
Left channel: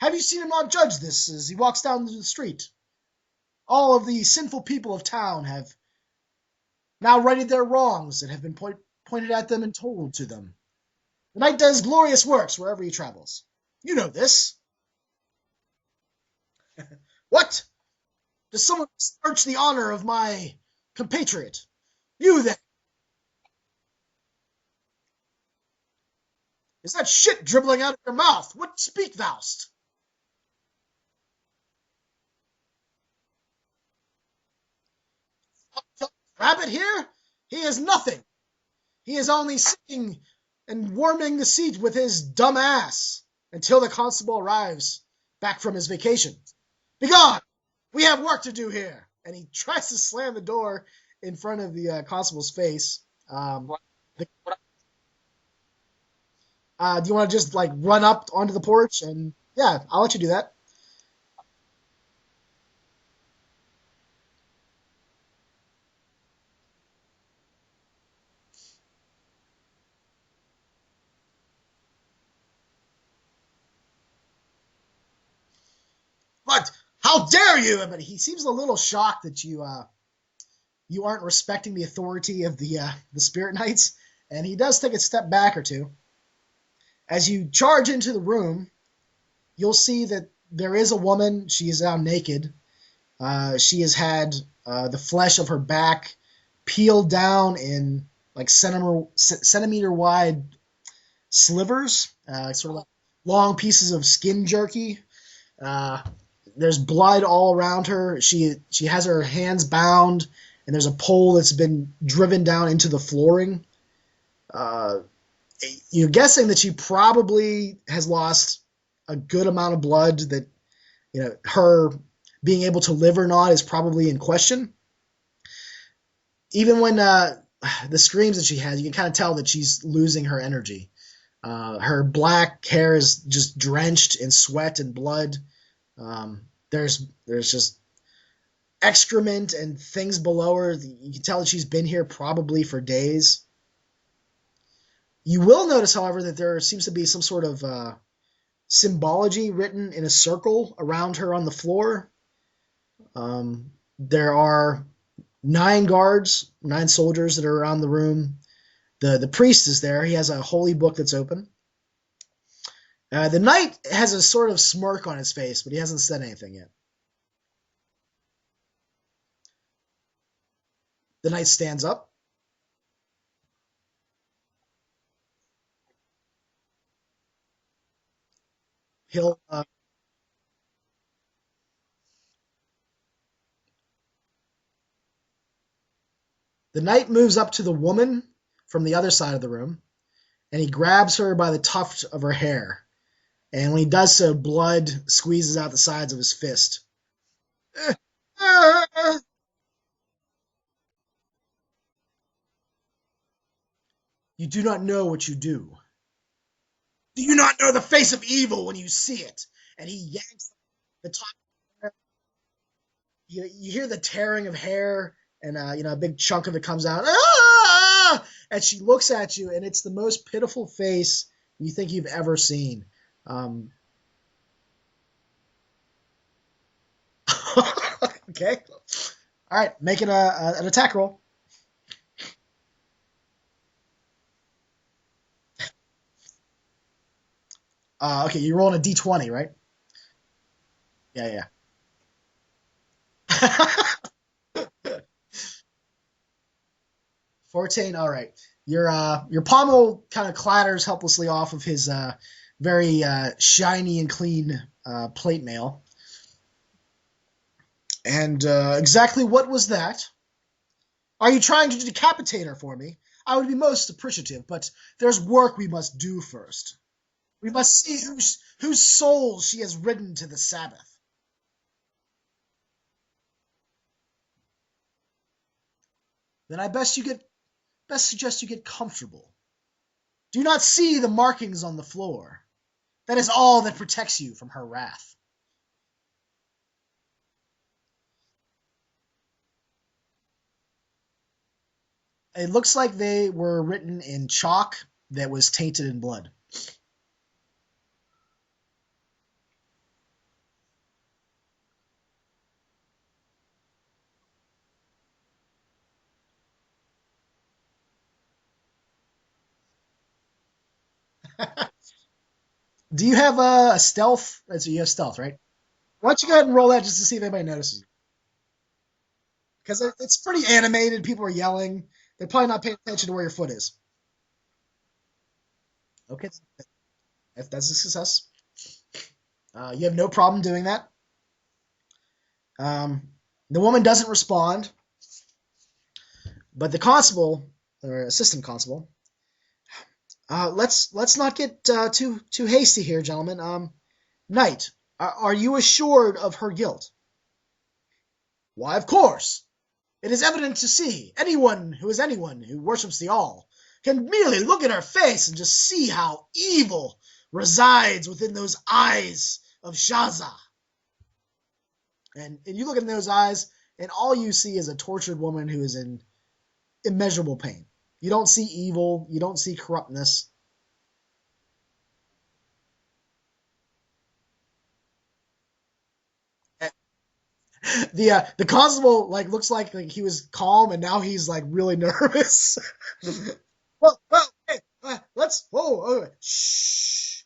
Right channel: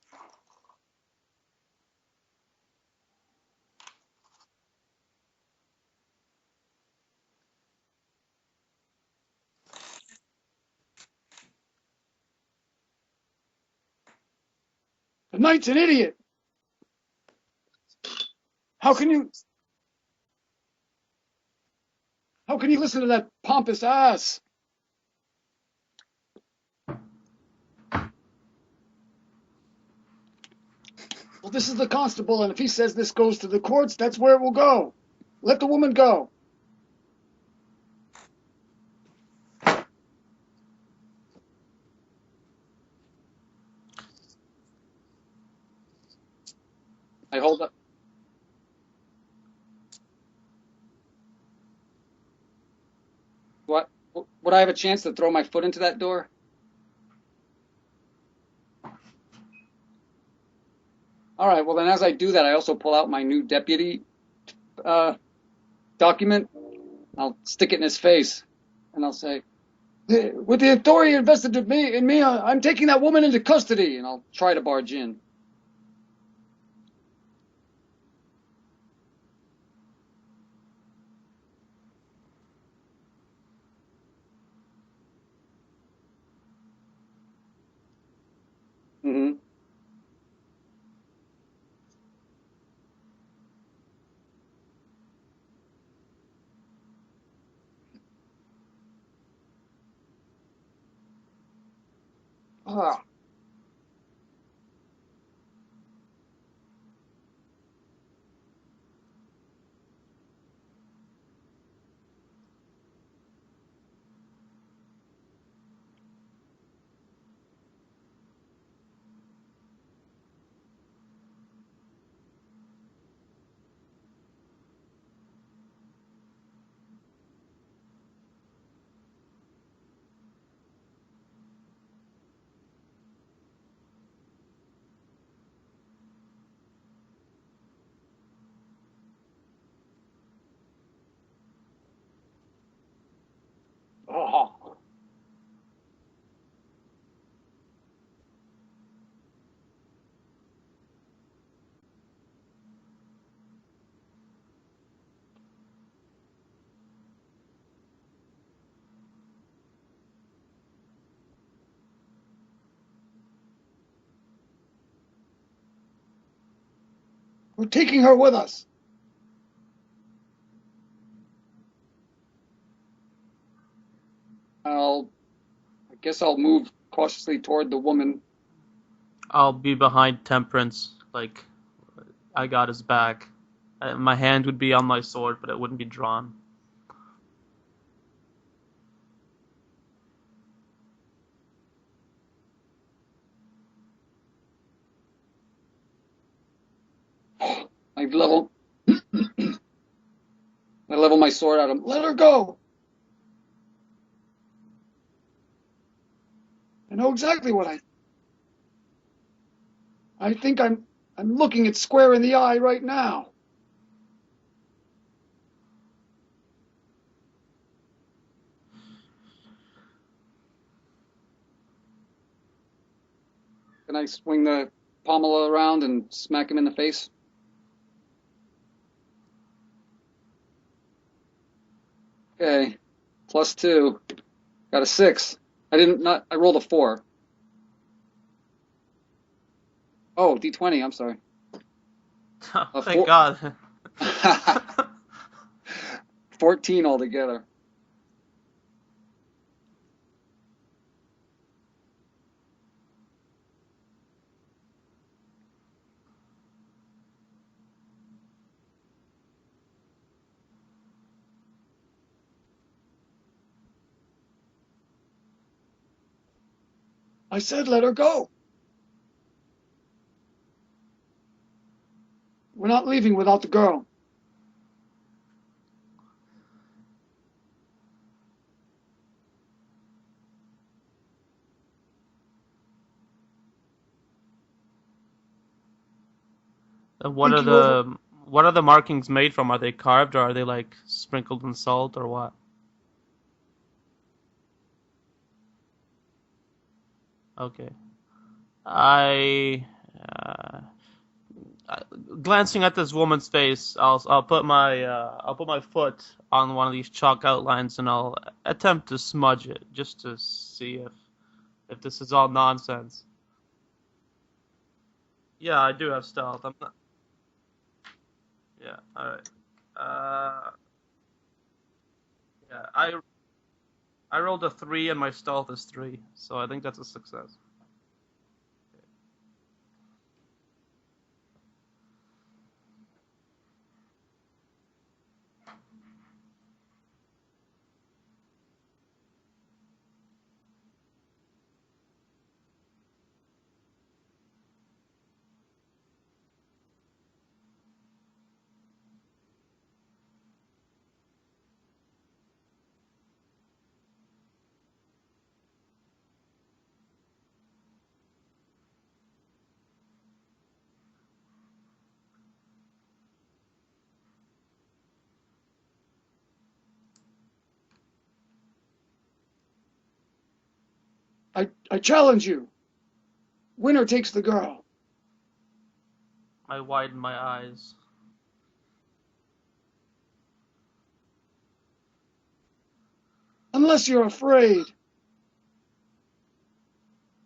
Have you seen him not judge this as he walks down the street? All of the sinful people of town have now righted their wrongs that have been pointed at them and told to them. The knight does glorious works wherever he travels. You know this. The knight's an idiot. What? Does someone How can you? besmirch the honor of my compatriot? You then. How can you listen to that pompous ass? Is that shit dribbling out of your mouth? What speak thou'st? Well, this is the constable, and if he says this goes to the courts, that's where it will go. Let the woman go. Rabbit here? He is nothing. He is only sitting and warming the seat with his dumb ass until the constable arrives back from his vacation. Begone! Hey, hold up. We have work to do here. And he tries to slam the door in front of the constable's face. What? Would I have a chance to throw my foot into that door? Do you want to just run up onto the porch? And yeah, I'll let you do that. All right. Well, then as I do that, I also pull out my new deputy document. I'll stick it in his face, and I'll say, with the authority invested in me, I'm taking that woman into custody, and I'll try to barge in. But how dare you? But he seems a little shocked that you you aren't respecting the authority of the Spirit Knights, and he does take a step back or two. As you charge into the room, you'll see that there is a woman. She is now naked. She has had the flesh of her back peeled down in like centimeter wide slivers, sort of long pieces of skin jerky. There's blood all around her. She has her hands bound, and there's a pole that's been driven down into the flooring. You're guessing that she probably has lost a good amount of blood, that her being able to live or not is probably in question. Even when the screams that she has, you can kind of tell that she's losing her energy. Her black hair is just drenched in sweat and blood. There's just excrement and things below her. You can tell that she's been here probably for days. You will notice, however, that there seems to be some sort of symbology written in a circle around her on the floor. There are 9 guards, 9 soldiers that are around the room. The priest is there. He has a holy book that's open. The knight has a sort of smirk on his face, but he hasn't said anything yet. We're taking her with us. The knight stands up. I guess I'll move cautiously toward the woman. I'll be behind Temperance, like I got his back. My hand would be on my sword, but it wouldn't be drawn. The knight moves up to the woman from the other side of the room, and he grabs her by the tuft of her hair. And when he does so, blood squeezes out the sides of his fist. I level my sword at him. Let her go. You do not know what you do. I know Do exactly you not know what the face of evil when you see it? And he yanks. I think I'm looking it square in the eye right now. You hear the tearing of hair, and a big chunk of it comes out. Ah! And she looks at you, and it's the most pitiful face you think you've ever seen. Can I swing the pommel around and smack him in the face? Okay. All right, make it an attack roll. Okay, +2. Got a 6. I rolled a 4. Okay, you're rolling a d20, right? Oh, d20. I'm sorry. Yeah. Thank God. 14 altogether. 14. All right. Your pommel kind of clatters helplessly off of his very shiny and clean plate mail. And exactly what was that? Are you trying to decapitate her for me? I would be most appreciative, but there's work we must do first. I said let her go. Whose soul she has ridden to the Sabbath. We're not leaving without the girl. Then I best suggest you get comfortable. Do you not see the markings on the floor? That is all that protects you from her wrath. What are the markings made from? Are they carved, or are they like sprinkled in salt, or what? It looks like they were written in chalk that was tainted in blood. Okay. Glancing at this woman's face, I'll put my foot on one of these chalk outlines, and I'll attempt to smudge it just to see if this is all nonsense. Do you have a stealth? So you have stealth, right? Yeah, I do have. Why don't you go ahead and roll that just to see if anybody notices you? Yeah, all right. Because it's pretty animated. People are yelling. They're probably not paying attention to where your foot is. I rolled a 3 and my stealth is 3. Okay. So I think that's a success. If that's a success. You have no problem doing that. The woman doesn't respond. But the constable, or assistant constable, let's not get too hasty here, gentlemen. Knight, are you assured of her guilt? Why, of course. It is evident to see. Anyone who worships the All can merely look at her face and just see how evil resides within those eyes of Shaza. And you look in those eyes, and all you see is a tortured woman who is in immeasurable pain. You don't see evil. You don't see corruptness. I challenge you. Winner takes the girl. I widen my eyes. The constable looks like he was calm, and now he's really nervous. Unless you're afraid. Let's. Shh.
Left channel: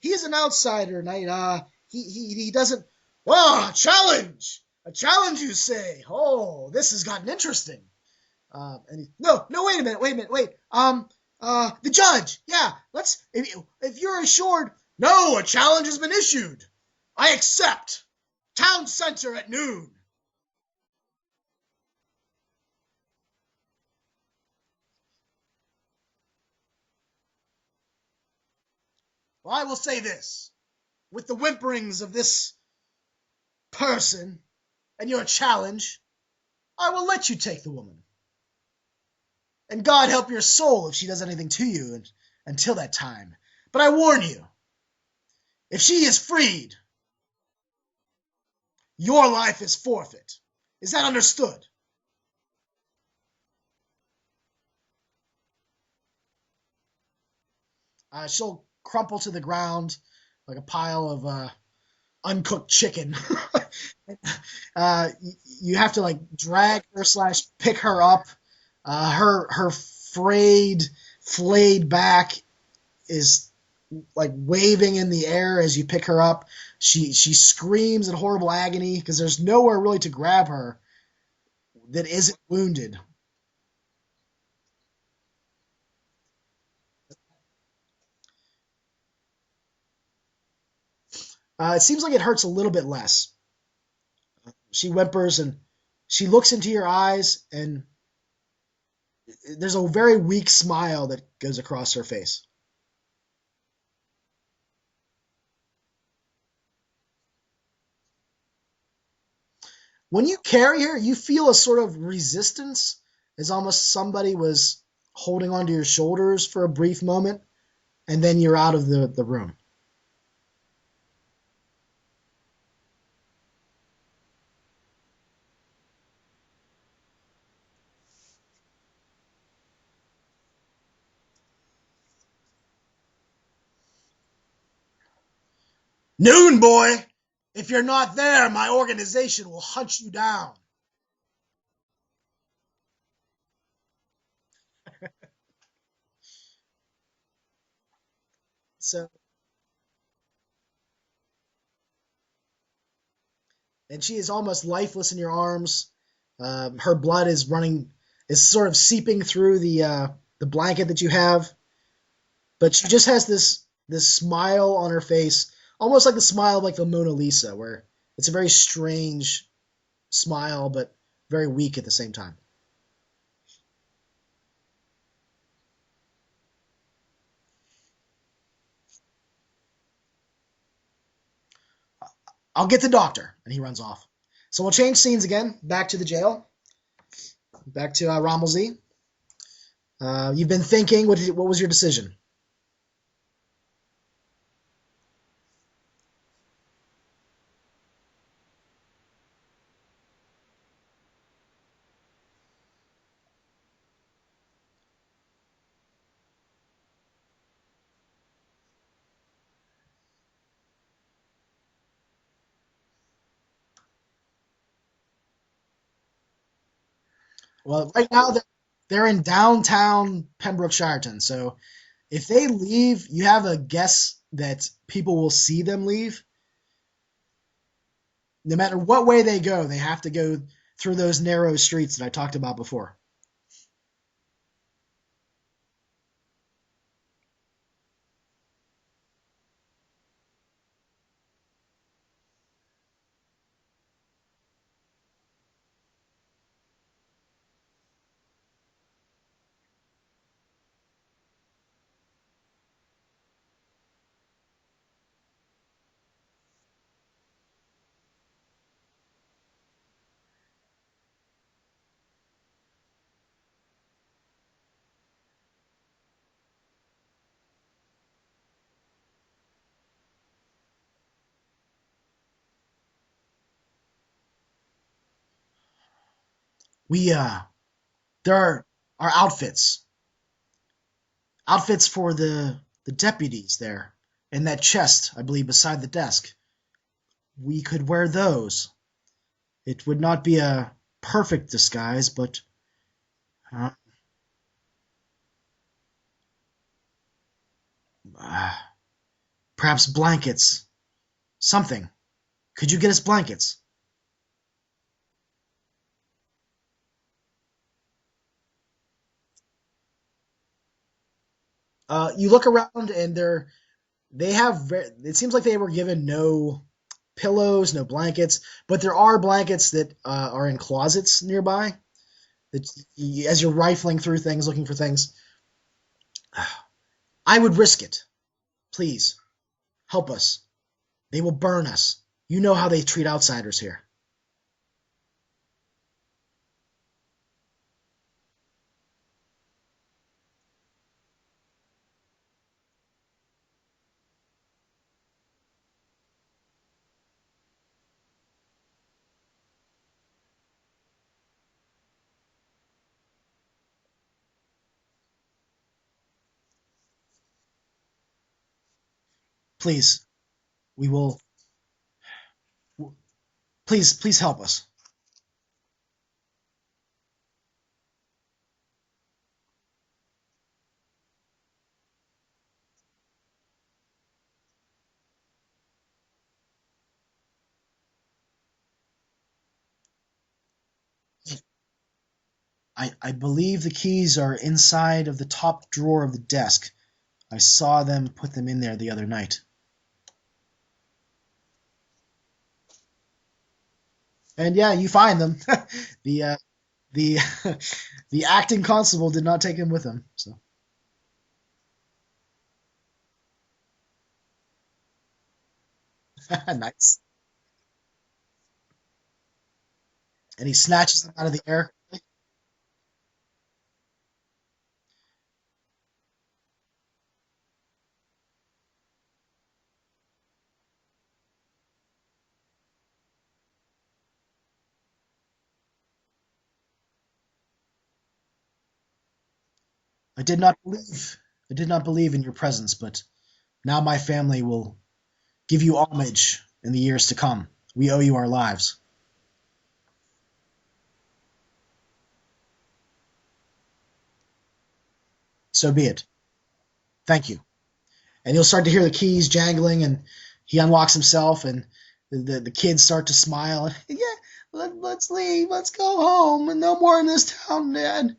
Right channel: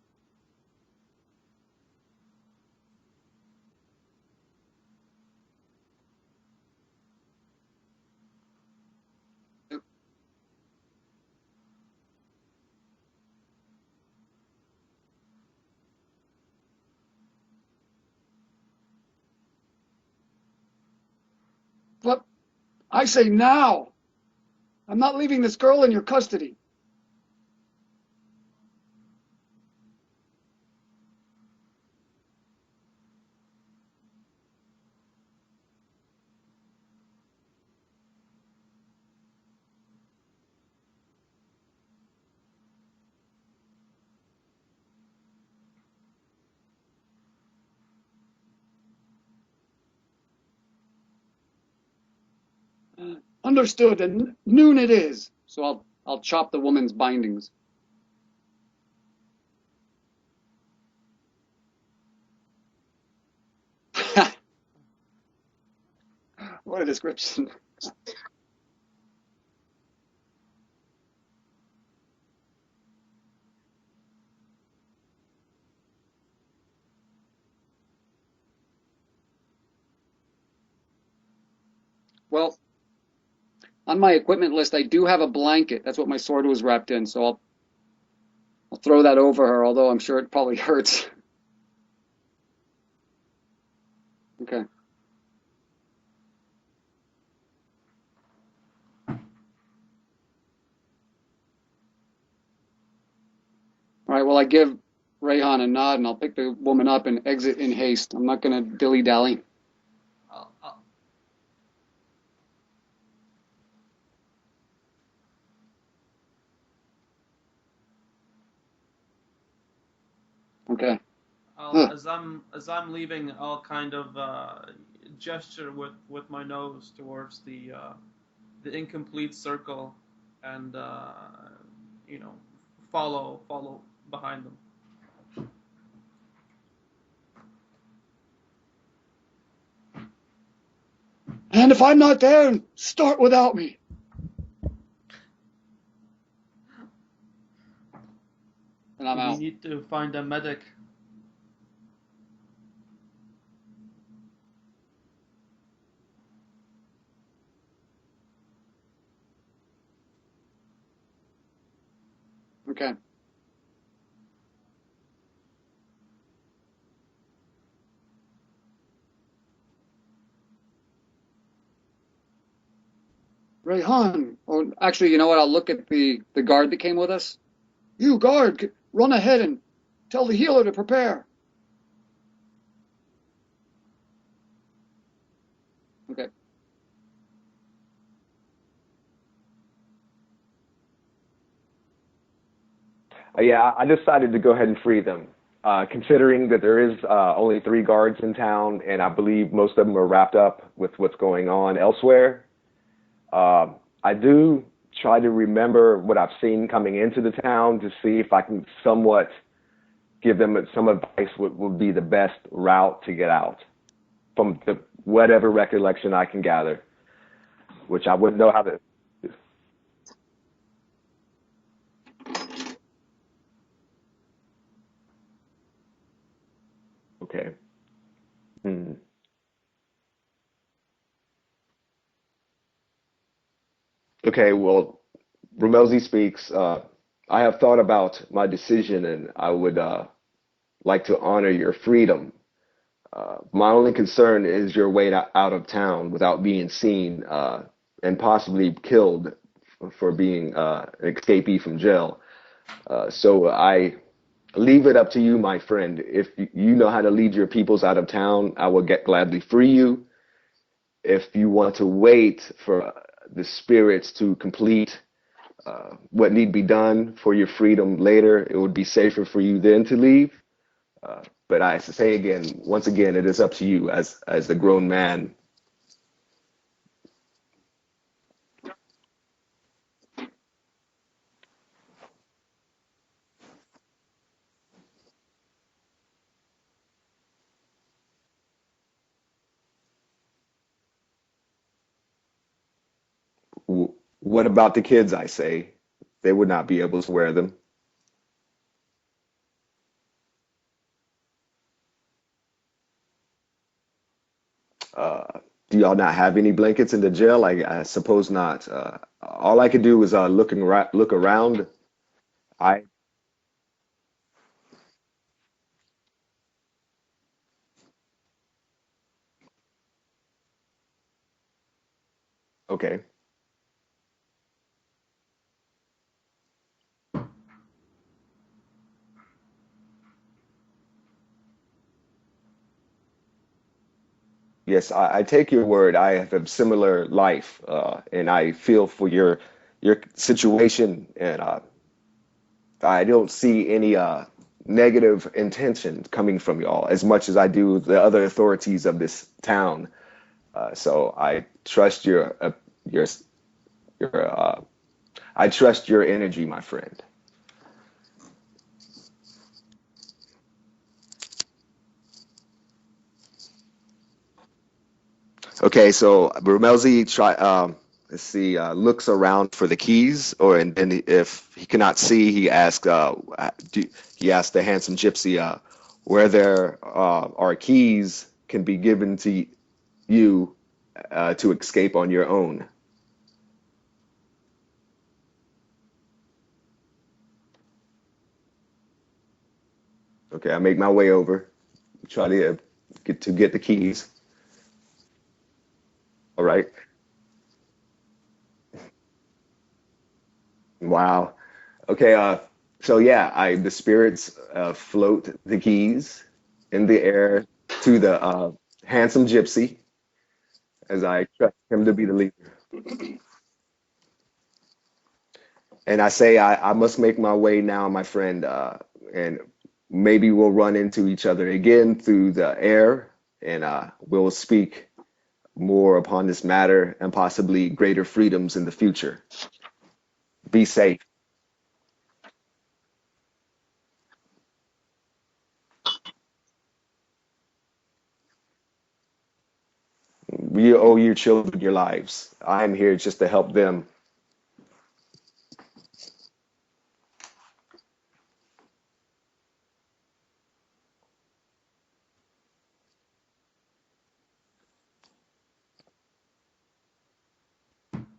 He's an outsider, knight. He doesn't. Oh, challenge! A challenge, you say? Oh, this has gotten interesting. And no, wait a minute. The judge. Yeah, let's. If you're assured, no, a challenge has been issued. I accept. Town center at noon. But I say now. I'm not leaving this girl in your custody. Well, I will say this. With the whimperings of this person and your challenge, I will let you take the woman. And God help your soul if she does anything to you until that time. But I warn you, if she is freed, your life is forfeit. Is that understood? Understood, and noon it is. So I'll chop the woman's bindings. She'll crumple to the ground like a pile of uncooked chicken. You have to drag her / pick her up. Her flayed back is waving in the air as you pick her up. She screams in horrible agony because there's nowhere really to grab her that isn't wounded. On my equipment list, I do have a blanket. That's what my sword was wrapped in, so I'll throw that over her, although I'm sure it probably hurts. It seems like it hurts a little bit less. Okay. She whimpers and she looks into your eyes, and there's a very weak smile that goes across her face. All right, well, I give Rayhan a nod, and I'll pick the woman up and exit in haste. I'm not going to dilly-dally. When you carry her, you feel a sort of resistance, as almost somebody was holding onto your shoulders for a brief moment, and then you're out of the room. Okay. As I'm leaving, I'll kind of gesture with my nose towards the incomplete circle, and follow behind them. Noon, boy! If you're not there, my organization will hunt you down. And if I'm not there, start without me. So we need to find a medic. And she is almost lifeless in your arms. Her blood is sort of seeping through the blanket that you have. But she just has this smile on her face, almost like the smile of the Mona Lisa, where it's a very strange smile, but very weak at the same time. Rayhan. Oh, actually, you know what? I'll look at the guard that came with us. You, guard, run ahead and tell the healer to prepare. I'll get the doctor. And he runs off. So we'll change scenes again, back to the jail. Back to Rommelzy. You've been thinking. What was your decision? Yeah, I decided to go ahead and free them. Considering that there is only 3 guards in town, and I believe most of them are wrapped up with what's going on elsewhere, I do try to remember what I've seen coming into the town to see if I can somewhat give them some advice what would be the best route to get out from whatever recollection I can gather. Well, right now they're in downtown Pembrookshire, so if they leave, you have a guess that people will see them leave. Okay. No matter what way they go, they have to go through those narrow streets that I talked about before. Okay, well, Romelzi speaks. I have thought about my decision, and I would like to honor your freedom. My only concern is your way out of town without being seen and possibly killed for being an escapee from jail. So I leave it up to you, my friend. If you know how to lead your peoples out of town, I will gladly free you. If you want to wait for the spirits to complete what need be done for your freedom later, it would be safer for you then to leave. But I say again, once again, it is up to you as a grown man. There are outfits for the deputies there in that chest, I believe, beside the desk. we could wear those. It would not be a perfect disguise, but What about the kids, I say? They would not be able to wear them. uh, perhaps blankets. Something. Could you get us blankets? Uh, do y'all not have any blankets in the jail? I suppose not. All I could do was look around. You look I around and they have. It seems like they were given no pillows, no blankets, but there are blankets that are in closets nearby. okay. As you're rifling through things, looking for things, I would risk it. Please, help us. They will burn us. You know how they treat outsiders here. Yes, I take your word. I have a similar life, and I feel for your situation, and I don't see any negative intention coming from y'all as much as I do the other authorities of this town. So I trust your I trust your energy, my friend. Please, we will. Please help us. Okay, so Brumelzi let's see, looks around for the keys, and then if he cannot see, he asks the handsome gypsy where there are keys can be given to you to escape on your own. I believe the keys are inside of the top drawer of the desk. I saw them put them in there the other night. Okay, I make my way over, try to get the keys. And yeah, you find them. All right. The the acting constable did not take him with him. So Wow. Okay. So yeah, the spirits float the keys in nice. the air to the handsome gypsy And he snatches as them I out of the trust air. him to be the leader. And I say I must make my way now, my friend, and maybe we'll run into each other again through the air, and we'll speak more upon this matter and possibly greater freedoms in the future. I did not Be believe. safe. I did not believe in your presence, but now my family will give you homage in the years to come. We owe you our lives. We owe your children your lives. I am here just to help them. So be it. Thank you. And you'll start to hear the keys jangling, and he unlocks himself, and the kids start to smile. Yeah, let's leave. Let's go home. And no more in this town, Dad.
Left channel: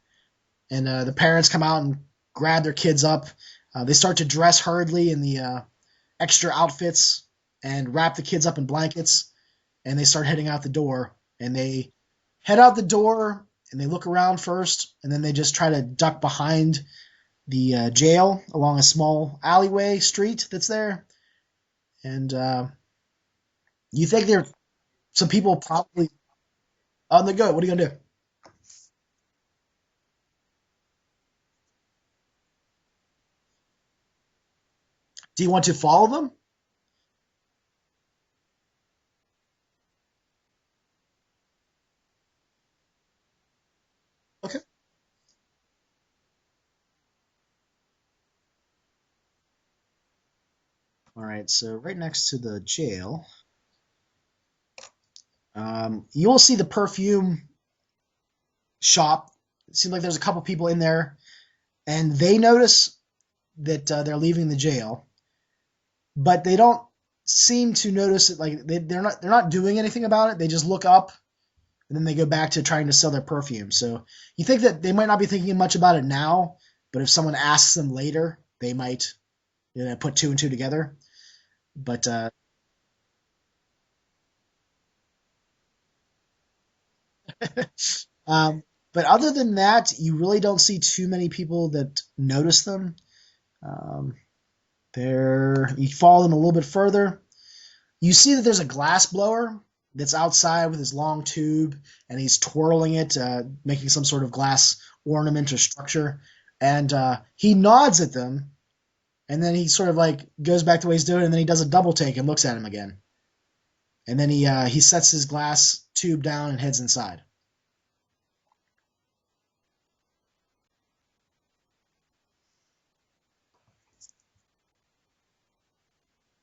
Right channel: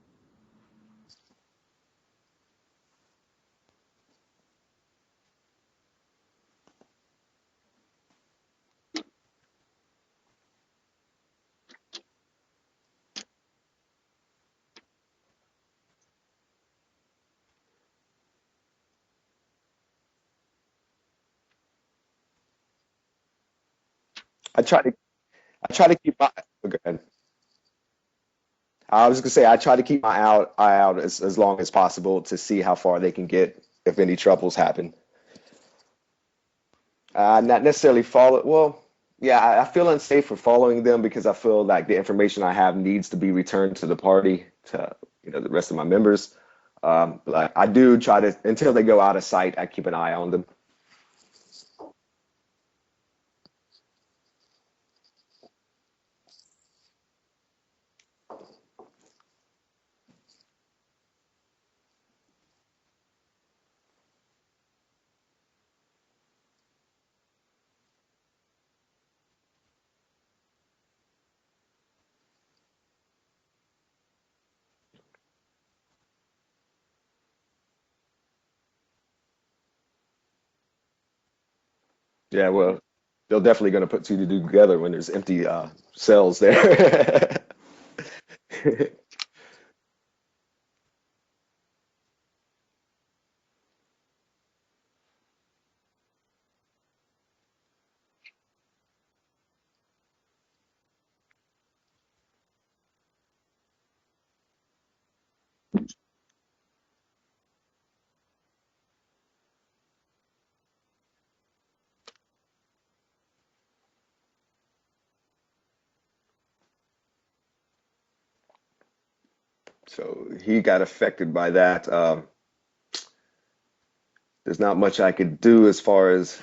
And the parents come out and grab their kids up. They start to dress hurriedly in the extra outfits and wrap the kids up in blankets. And they start heading out the door. And they head out the door, and they look around first, and then they just try to duck behind the jail along a small alleyway street that's there. And you think there I try to some people I try to probably keep my go ahead. on the go. What are you gonna do? I was gonna say I try to keep my eye out as long as possible to see how far they can get if any troubles happen. Do you want to follow them? Not necessarily follow. Well, yeah, I feel unsafe for following them because I feel like the information I have needs to be returned to the party, Okay. to the rest of my members. But I do try to until they go out of sight. I keep an eye on them. All right. So right next to the jail, you will see the perfume shop. It seems like there's a couple people in there, and they notice that they're leaving the jail, but they don't seem to notice it. Like they're not doing anything about it. They just look up, and then they go back to trying to sell their perfume. So you think that they might not be thinking much about it now, but if someone asks them later, they might put two and two together. But Yeah, well, they're definitely going to put two to two together when there's empty cells there. but other than that, you really don't see too many people that notice them. You follow them a little bit further. You see that there's a glass blower that's outside with his long tube, and he's twirling it, making some sort of glass ornament or structure. And he nods at them, and then he sort of like goes back the way he's doing, and then he does a double take and looks at him again. And then he sets his glass tube down and heads inside. So he got affected by that. There's not much I could do as far as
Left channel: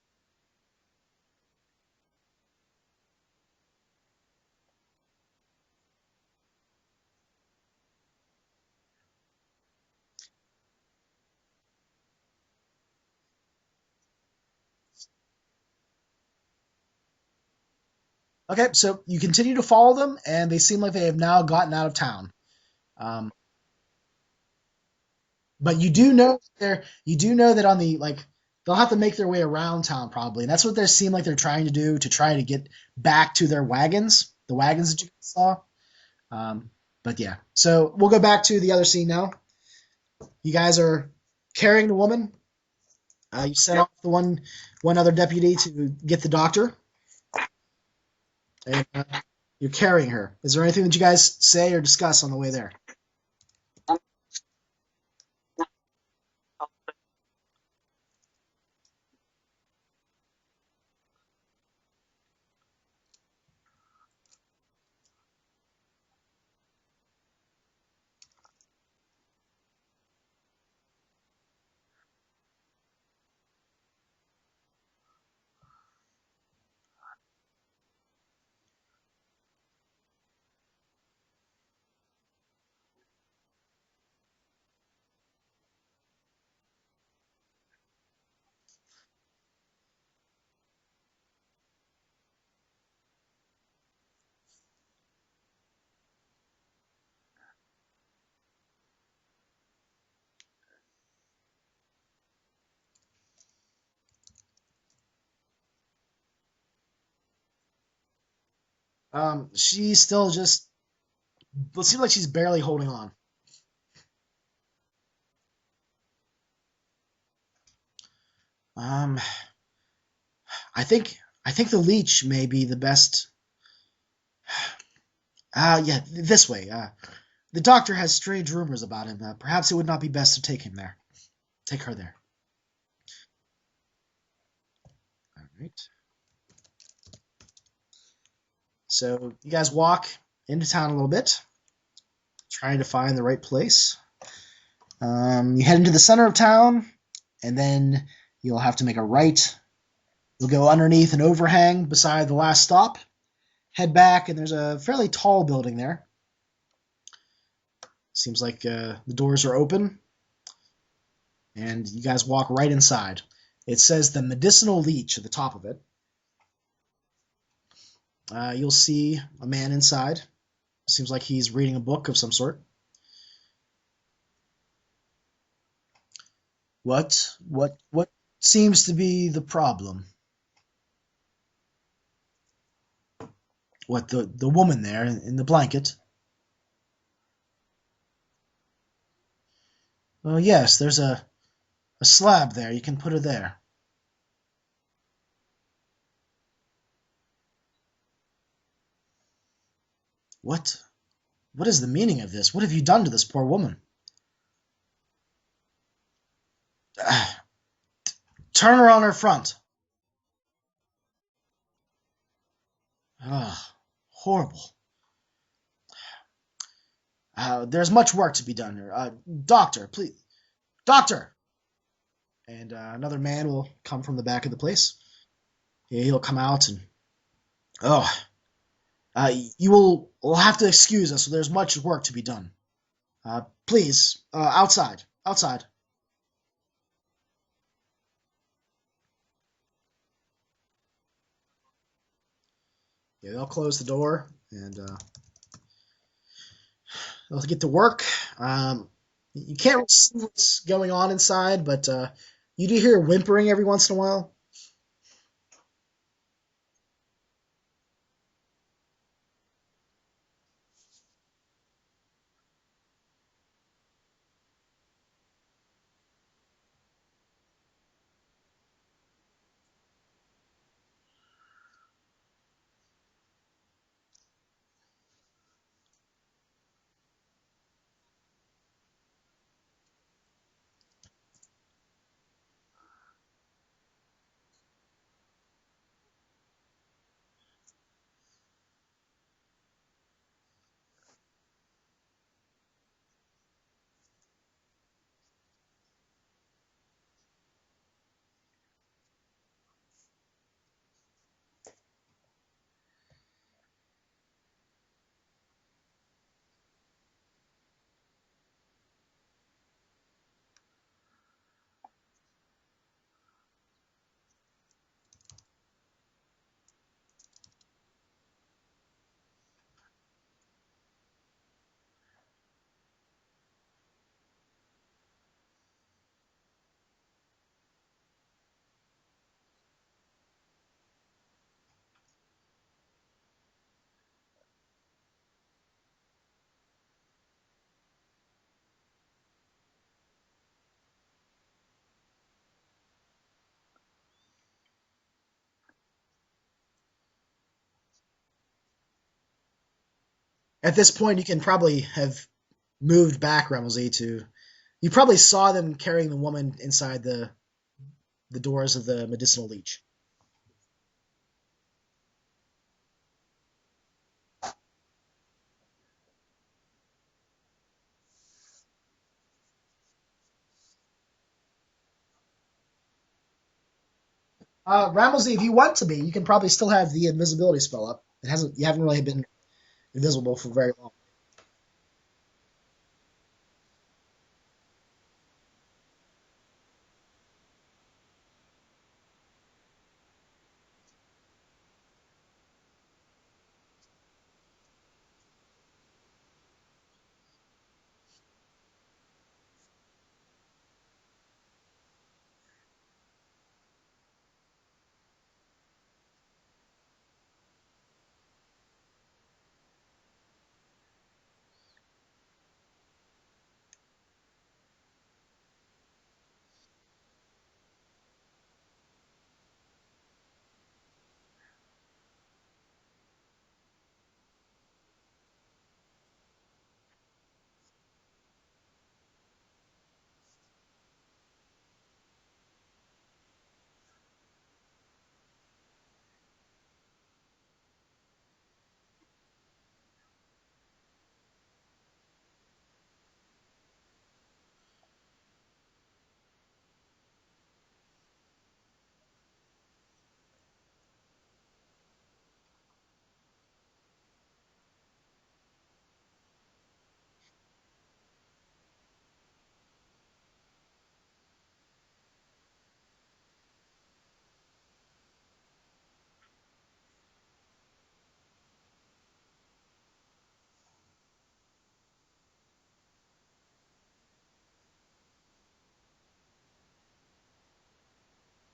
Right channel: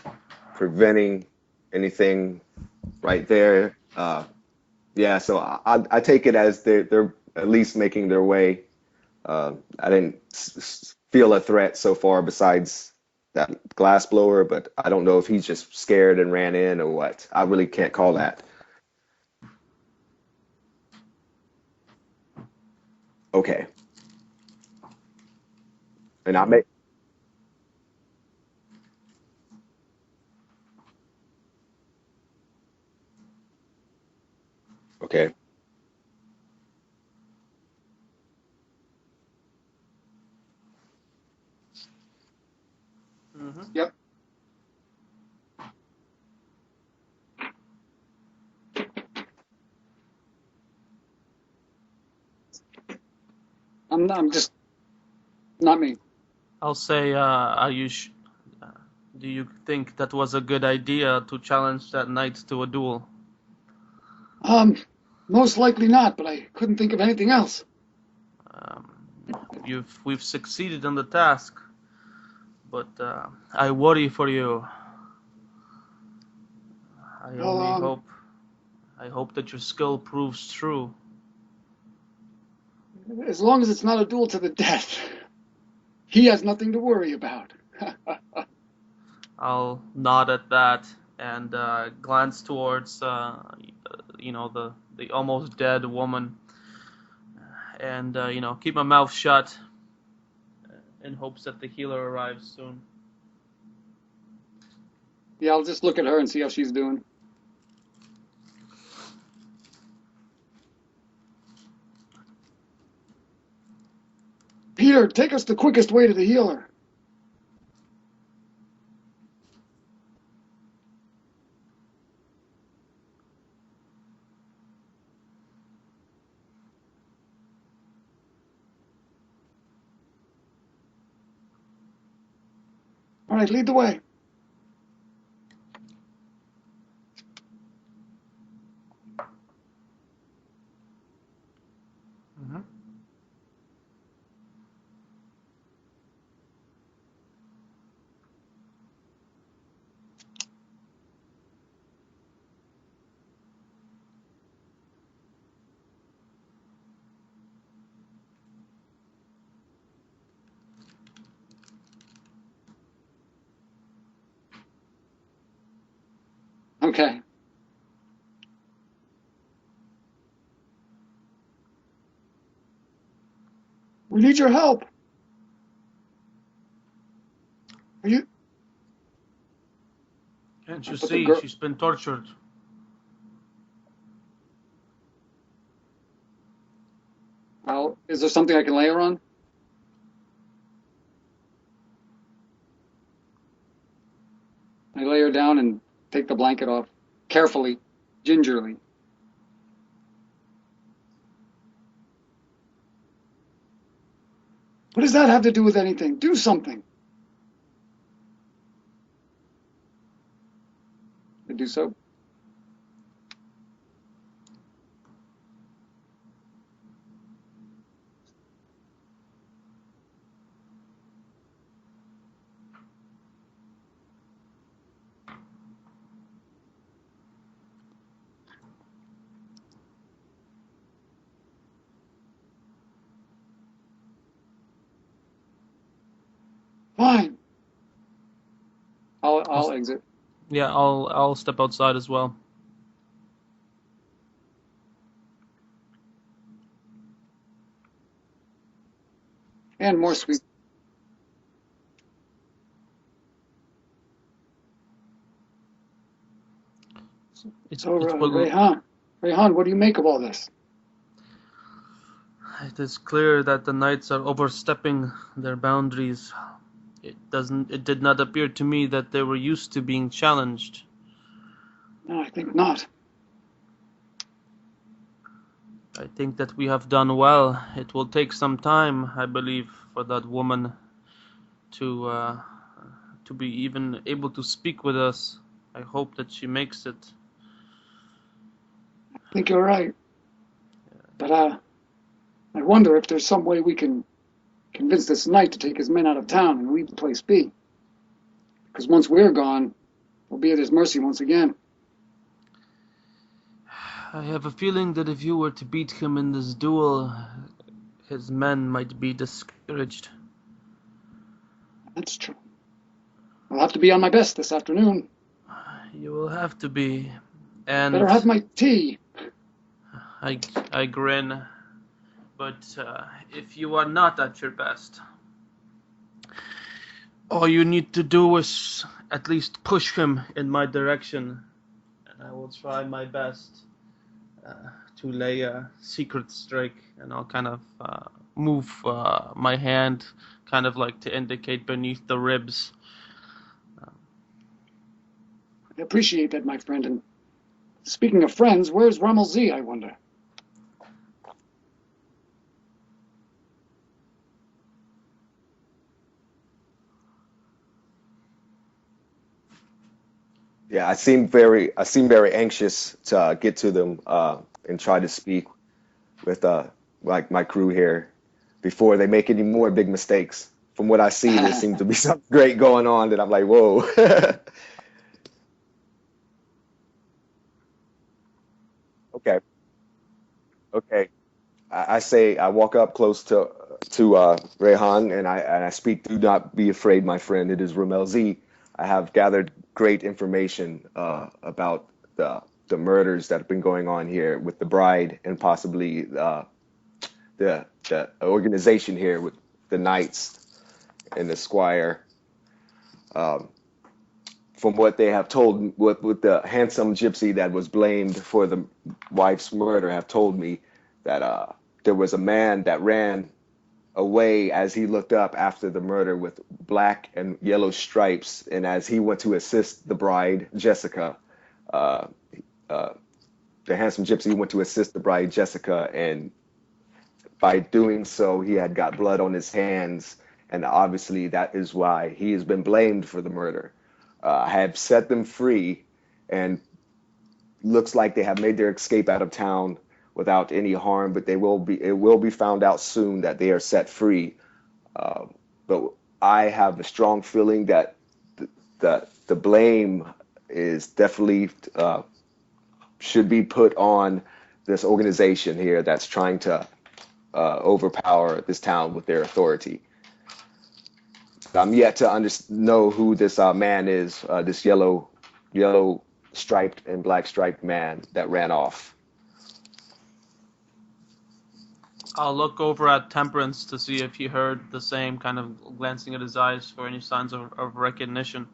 preventing anything right there. Yeah, so I take it as they're at least making their way. I didn't feel a threat so far besides that glass blower, but I don't know if he's just scared and ran in or what. I really can't call that. Okay, so you continue to follow them, and they seem like they have now gotten out of town. Okay. But you do know And I that make on the they'll have to make their way around town probably, and that's what they seem like they're trying to do to try to get back to their wagons, the wagons that you okay. guys saw. But yeah, so we'll go back to the other scene now. You guys are carrying the woman. You sent out the one other deputy to get the doctor. And, you're carrying her. Is there anything that you guys say or discuss on the way there? I'm just not me. I'll say, Ayush, do you think that was a good idea to challenge that knight to a duel? Most likely not, but I couldn't think of anything else. We've succeeded in the task, but I worry for you. I hope that your skill proves true. As long as it's not a duel to the death, he has nothing to worry about. I'll nod at that and glance towards, the almost dead woman, and keep my mouth shut in hopes that the healer arrives soon. Yeah, I'll just look at her and see how she's doing. She's still just. It seems like she's barely holding on. Peter, take us the quickest way to the healer. I think the leech may be the best. Yeah, this way. The doctor has strange rumors about him. Perhaps it would not be best to take him there. Take her there. All right, lead the way. All right. So you guys walk into town a little bit, trying to find the right place. You head into the center of town, and then you'll have to make a right. You'll go underneath an overhang beside the last stop. Head back, and there's a fairly tall building there. Seems like the doors are open, and you guys walk right inside. It says the medicinal leech at the top of it. Okay. You'll see a man inside. Seems like he's reading a book of some sort. We need your help. What seems to be the problem? Can't you see she's been tortured? What, the woman there in the blanket? Well, is there something I can lay her on? Well, yes, there's a slab there. You can put her there. I lay her down and take the blanket off, carefully, gingerly. What is the meaning of this? What have you done to this poor woman? What does that have to do with anything? Do something. Turn her on her front. I do so. Horrible. There's much work to be done here. Doctor, please. Doctor! And another man will come from the back of the place. He'll come out and... you will have to excuse us. There's much work to be done. Please, outside. Fine. I'll exit. Yeah, I'll step outside as well. Yeah, they'll close the door and they'll get to work. You can't really see what's going on inside, but you do hear whimpering every once in a while. Rayhan, what do you make of all this? It is clear that the knights are overstepping their boundaries. It did not appear to me that they were used to being challenged. No, I think not. I think that we have done well. It will take some time, I believe, for that woman to be even able to speak with us. I hope that she makes it. I think you're right. But I wonder if there's some way we can convince this knight to take his men out of town and leave the place be. Because once we're gone, we'll be at his mercy once again. I have a feeling that if you were to beat him in this duel, his men might be discouraged. That's true. I'll have to be on my best this afternoon. You will have to be. Better And have my tea. I grin. But if you are not at your best, all you need to do is at least push him in my direction, and I will try my best to lay a secret strike, and I'll kind of move my hand, kind of like to indicate beneath the ribs. I appreciate that, my friend. And speaking of friends, where's Rommel Z, I wonder? At this point, you can probably have moved back, Remelzy, to... You probably saw them carrying the woman inside the doors of the medicinal leech. Yeah, I seem very anxious to get to them and try to speak with like my crew here before they make any more big mistakes. From what I see, there seems to be something great going on that I'm like, whoa. Remelzy, if you want to be, you can probably still have the invisibility spell up. You haven't really been Okay. invisible for very long. Okay. I walk up close to Rehan and I speak. Do not be afraid, my friend. It is Ramel Z. I have gathered great information about the murders that have been going on here with the bride and possibly the organization here with the knights and the squire. From what they have told, with the handsome gypsy that was blamed for the wife's murder, have told me that there was a man that ran away as he looked up after the murder with black and yellow stripes, and as he went to assist the bride, Jessica, the handsome gypsy went to assist the bride, Jessica, and by doing so, he had got blood on his hands, and obviously that is why he has been blamed for the murder. I have set them free, and looks like they have made their escape out of town without any harm, but it will be found out soon that they are set free. But I have a strong feeling that the blame is definitely should be put on this organization here that's trying to overpower this town with their authority. I'm yet to know who this man is, this yellow striped and black striped man that ran off. I'll look over at Temperance to see if he heard the same, kind of glancing at his eyes for any signs of recognition.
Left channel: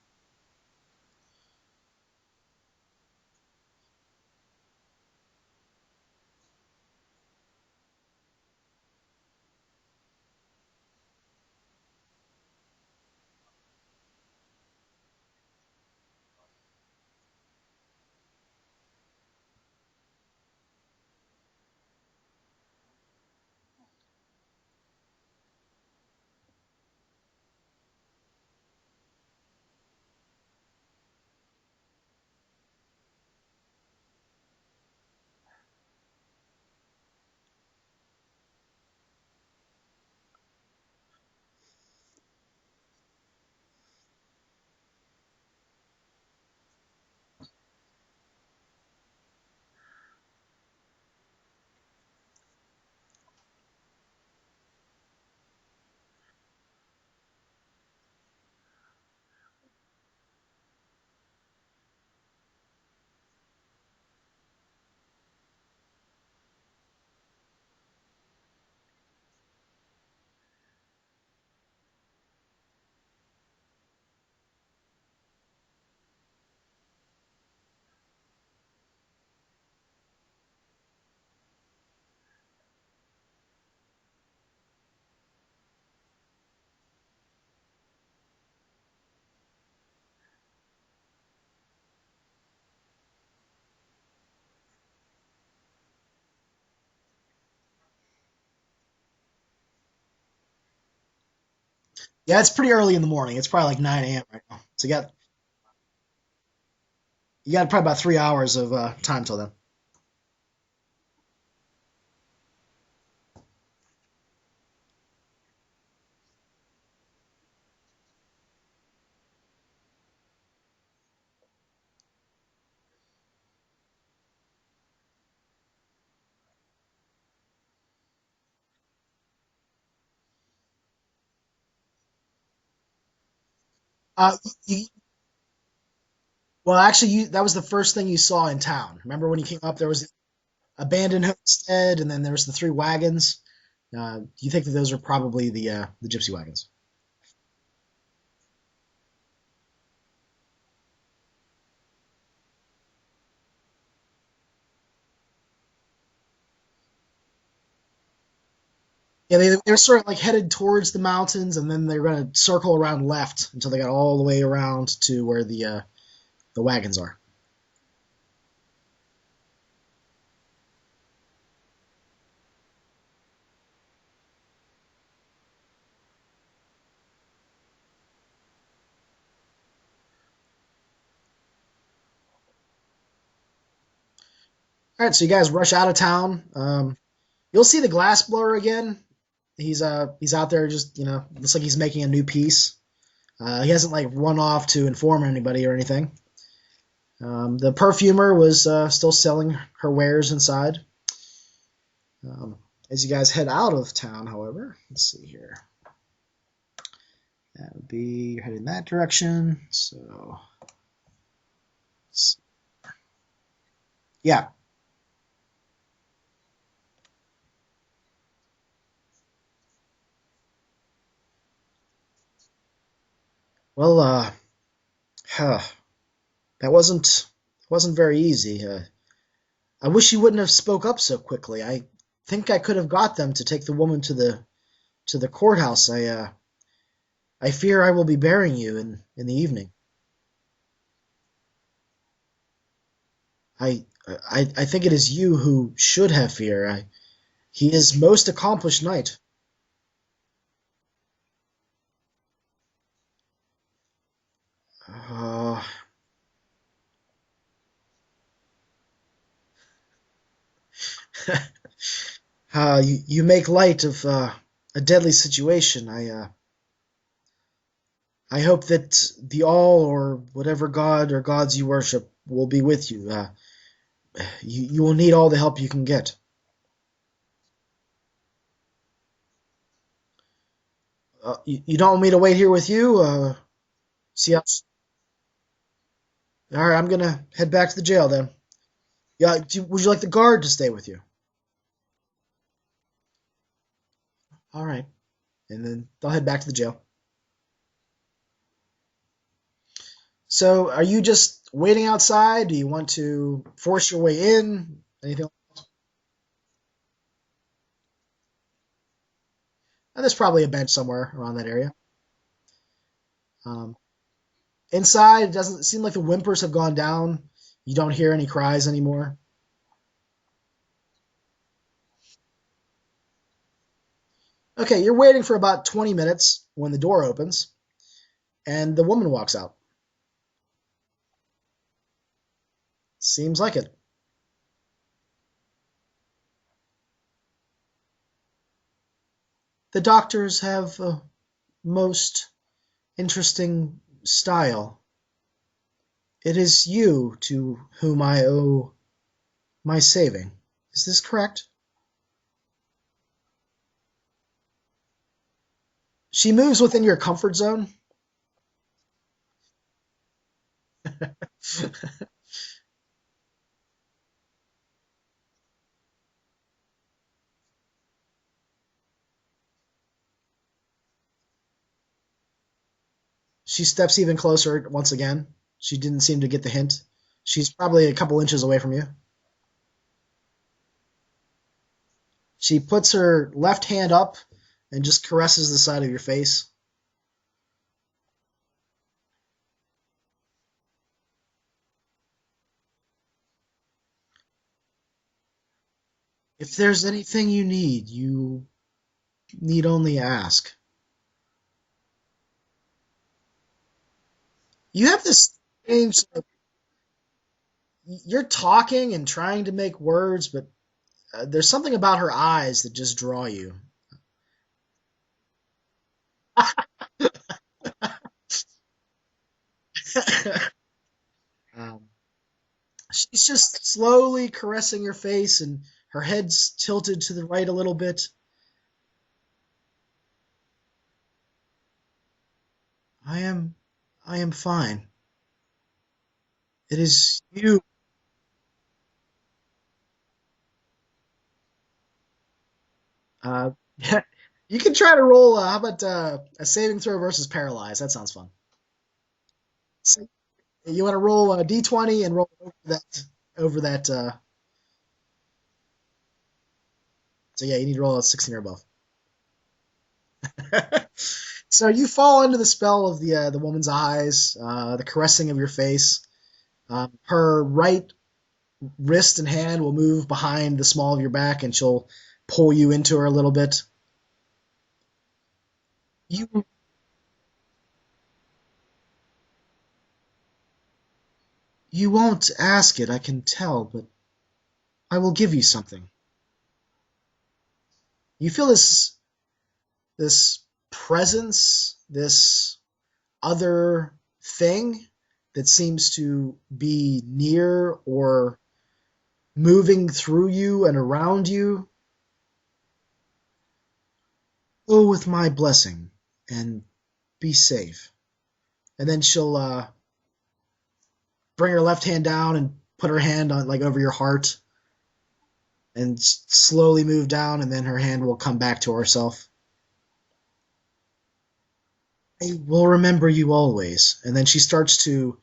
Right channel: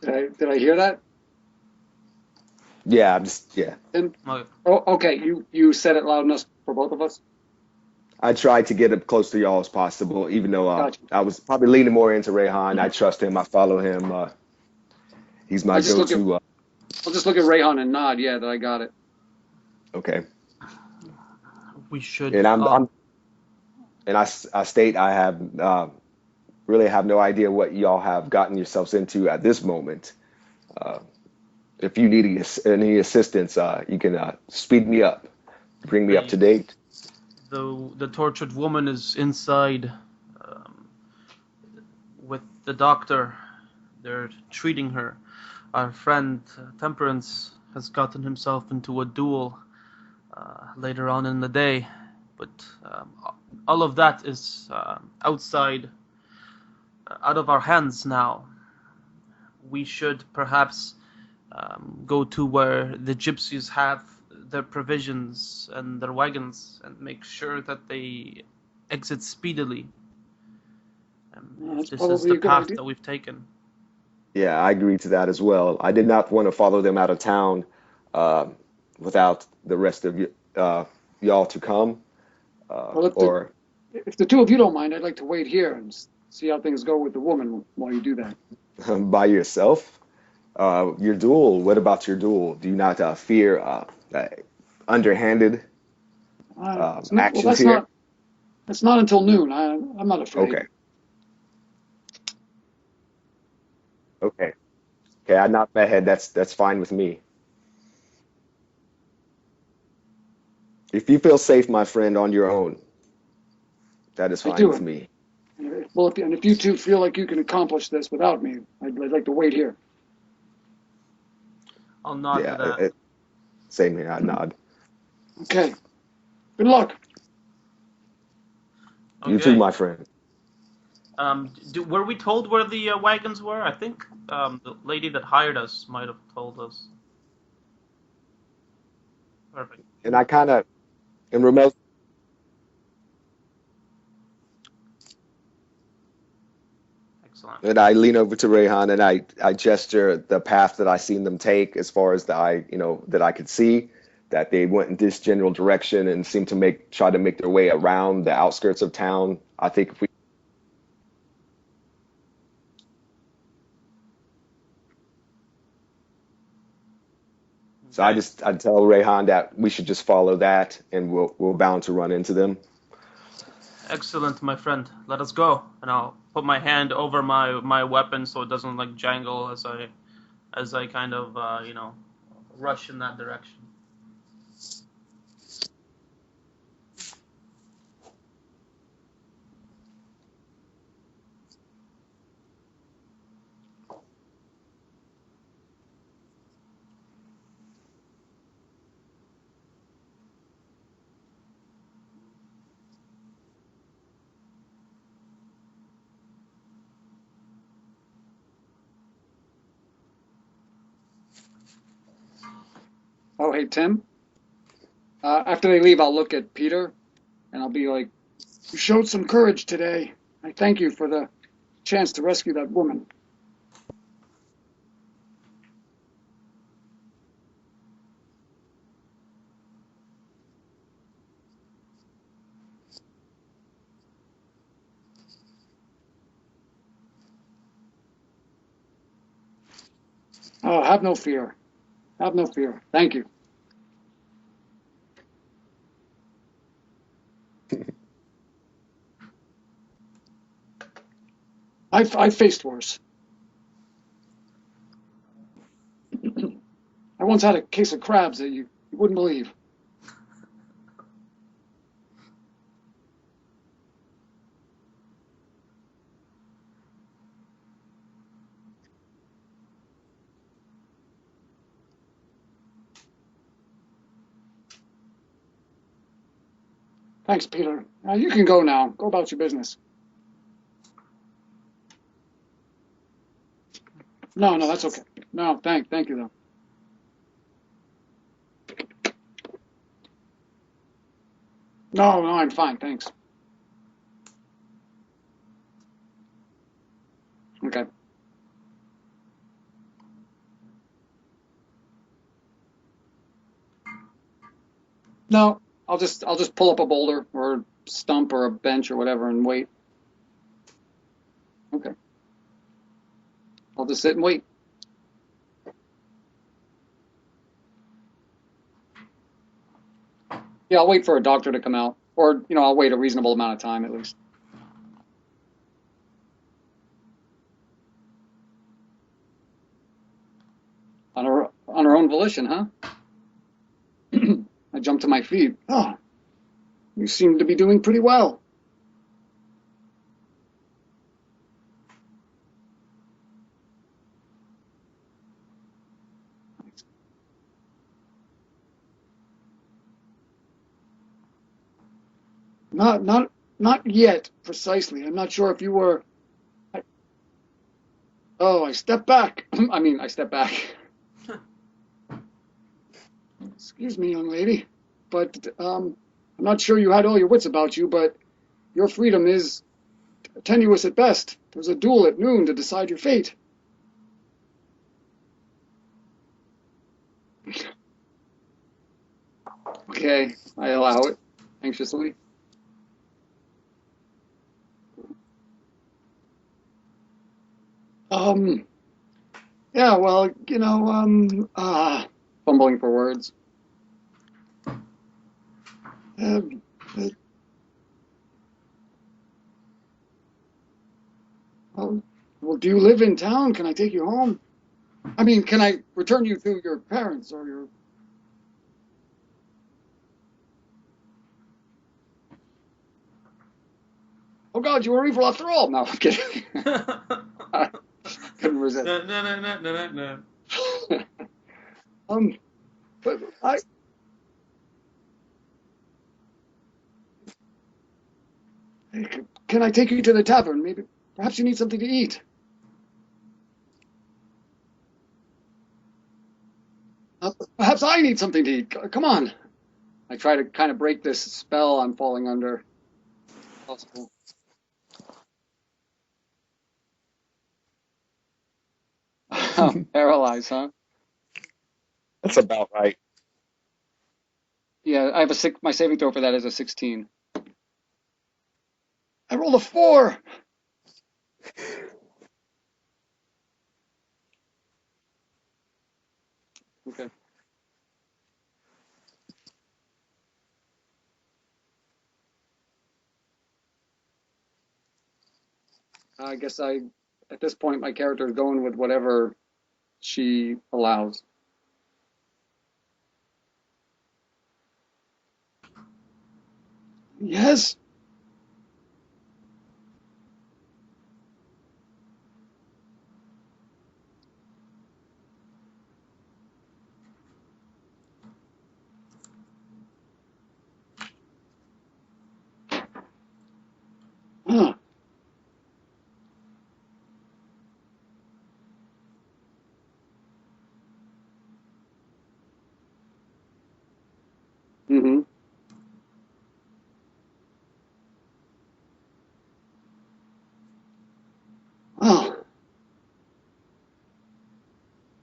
Did I hear that? Yeah, And, Okay. okay, you said it loud enough for both of us? I tried to get as close to y'all as possible, even though Gotcha. I was probably leaning more into Rehan. I trust him. I follow him. He's my go-to. I'll just look at Rayhan and nod. Yeah, that I got it. Okay. We should. And I state I have really have no idea what y'all have gotten yourselves into at this moment. If you need any assistance, you can speed me up, bring me up to date. The tortured woman is inside with the doctor. They're treating her. Our friend Temperance has gotten himself into a duel later on in the day, but all of that is out of our hands now. We should perhaps go to where the gypsies have their provisions and their wagons and make sure that they exit speedily. This is the path that we've taken. Yeah, I agree to that as well. I did not want to follow them out of town without the rest of y'all to come. If the two of you don't mind, I'd like to wait here and see how things go with the woman while you do that. By yourself? Your duel? What about your duel? Do you not fear underhanded actions here? That's not until noon. I'm not afraid. Okay. Yeah, it's pretty early in the morning. It's probably like 9 a.m. Okay. So you got. Okay, I knocked my head. That's fine with me. You got probably about 3 hours of time till then. If you feel safe, my friend, on your own, that is fine with me. Well, if you two feel like you can accomplish this without me, I'd like to wait here. I'll nod to that. Same here. I nod. Okay. Good luck. You too, my friend. Were we told where the wagons were? I think the lady that hired us might have told us. Well, actually, that was the first thing you saw in town. Remember when you came up, there was And I kind of abandoned and remote. homestead, and then there was the 3 wagons. You think that those are probably the gypsy wagons? Excellent. And I lean over to Rayhan and I gesture the path that I seen them take as far as that I could see, that they went in this general direction and seemed to try to make their way around the outskirts of town. Yeah, they're sort of like headed towards the mountains, and then they're going to circle around left until they got all the way around to where the wagons are. So I tell Rayhan that we should just follow that, and we're bound to run into them. Excellent, my friend. Let us go. And I'll put my hand over my weapon so it doesn't like jangle as I kind of rush in that direction. All right, so you guys rush out of town. You'll see the glass blower again. He's out there just looks like he's making a new piece. He hasn't like run off to inform anybody or anything. The perfumer was still selling her wares inside. As you guys head out of town, however, let's see here. That would be heading that direction. So, Oh, hey, Tim. yeah. After they leave, I'll look at Peter, and I'll be like, "You showed some courage today. I thank you for the chance to rescue that woman." Well, that wasn't very easy. I wish you wouldn't have spoke up so quickly. I think I could have got them to take the woman to the courthouse. I fear I will be burying you in the evening. Oh, have no fear. Have no fear. Thank you. I think it is you who should have fear. He is most accomplished knight. I've faced worse. Uh, I once had a case of crabs that you wouldn't believe. you make light of a deadly situation. I hope that the all or whatever god or gods you worship will be with you. You will need all the help you can get. Thanks, Peter. You can go now. Go about your business. You don't want me to wait here with you? See No, that's okay. No, thank you, though. All right, I'm going to head back to the jail then. Yeah, would you like the guard to stay with you? No, I'm fine, thanks. All right. And then they'll head back to the jail. Okay. So, are you just waiting outside? Do you want to force your way in? Anything? No, I'll just pull up a boulder or a stump or a bench or whatever and wait. There's probably a bench somewhere around that area. Okay. I'll just sit and wait. Inside, it doesn't seem like the whimpers have gone down. You don't hear any cries anymore. Yeah, I'll wait for a doctor to come out. Or, I'll wait a reasonable amount of time at least. Okay, you're waiting for about 20 minutes when the door opens, and the woman walks out. On her own volition, huh? Seems like it. I jumped to my feet. Oh, you seem to be doing pretty well. The doctors have a most interesting style. It is you to whom I owe my saving. Is this correct? Not yet, precisely. I'm not sure if you were... She moves within your comfort zone. Oh, I step back. I step back. Excuse me, young lady, but I'm not sure you had all your wits about you, but your freedom is tenuous at best. There's a duel at noon to decide your fate. She steps even closer once again. She didn't seem to get the hint. She's probably a couple inches away from you. Okay, I allow it, anxiously. She puts her left hand up and just caresses the side of your face. Yeah, well, fumbling for words. If there's anything you need only ask. Well, do you live in town? Can I take you home? You have this. Can I return you to your parents or your... You're talking and trying to make words, but there's something about her eyes that just draw you. Oh, God, you were evil after all. No, I'm kidding. Couldn't resist. No. She's just slowly caressing your face, and her head's tilted to the right a little bit. Can I take you to the tavern? Maybe, perhaps you need something to eat. I am fine. It is you. Perhaps I need something to eat. Come on. I try to kind of break this spell I'm falling under. Yeah, you can try to roll. How about a saving throw versus paralyzed? That sounds fun. Paralyzed, huh? You want to roll a d20 and roll That's about right. over that. Yeah, I have my saving throw for that is a 16. So yeah, you need to roll a 16 or above. I rolled a 4. So you fall into the spell of the woman's eyes, the caressing of your face. Okay. Her right wrist and hand will move behind the small of your back, and she'll pull you into her a little bit. I guess at this point, my character is going with whatever she allows. You won't ask it, I can tell, but I will give you something. Yes? You feel this presence, this other thing that seems to be near or moving through you and around you. Go with my blessing and be safe. And then she'll bring her left hand down and put her hand on over your heart. Mm-hmm. And slowly move down, and then her hand will come back to herself. Oh. We'll remember you always. And then she starts to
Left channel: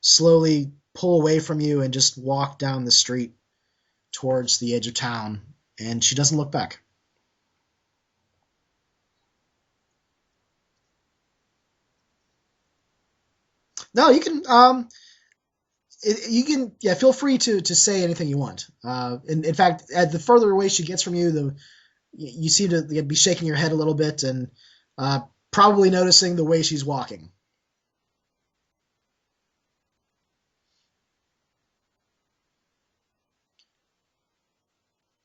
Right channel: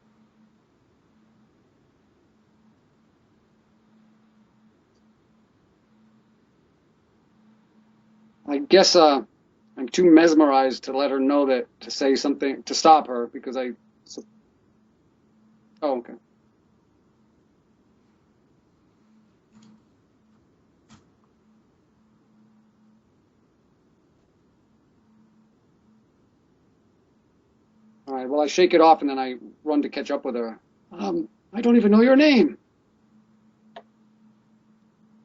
slowly pull away from you and just walk down the street towards the edge of town. And she doesn't look back. I guess I'm too mesmerized to let her know to say something, to stop her, because I... No, you can... you can... Yeah, feel free to say anything you want. In fact, the further away she gets from you, you seem to be shaking your head a little bit and probably noticing the way she's walking. All right, well, I shake it off and then I run to catch up with her. I don't even know your name.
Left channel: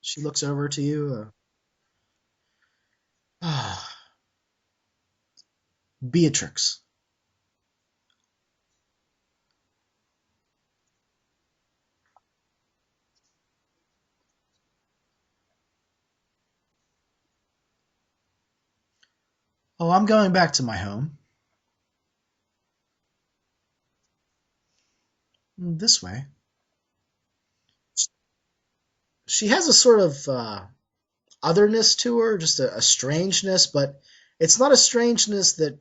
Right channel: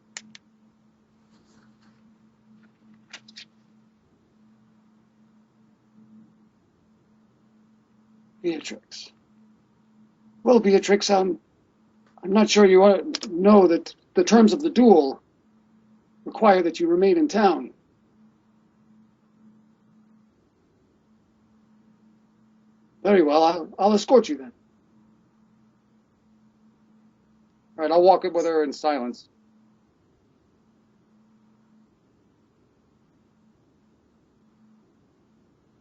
She looks over to you. Beatrix. Beatrix. Well, Beatrix, I'm not sure you want to know that the terms of the duel require that you remain in town. Oh, I'm going back to my home. Very well, I'll escort you then. This way. All right, I'll walk with her in silence. She has a sort of otherness to her, just a strangeness, but it's not a strangeness that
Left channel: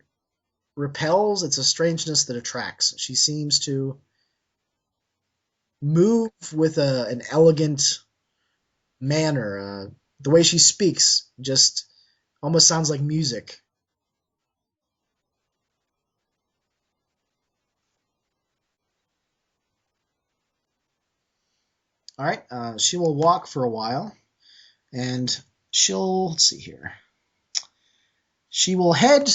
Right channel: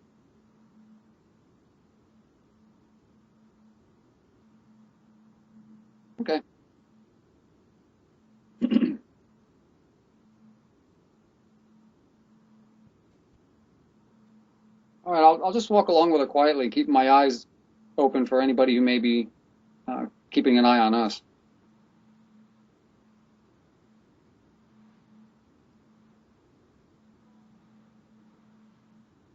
repels, it's a strangeness that attracts. She seems to move with an elegant manner. The way she speaks just almost sounds like music. All right, I'll just walk along with her quietly, keeping my eyes open for anybody who may be keeping an eye on us. All right, she will walk for a while, and let's see here. She will head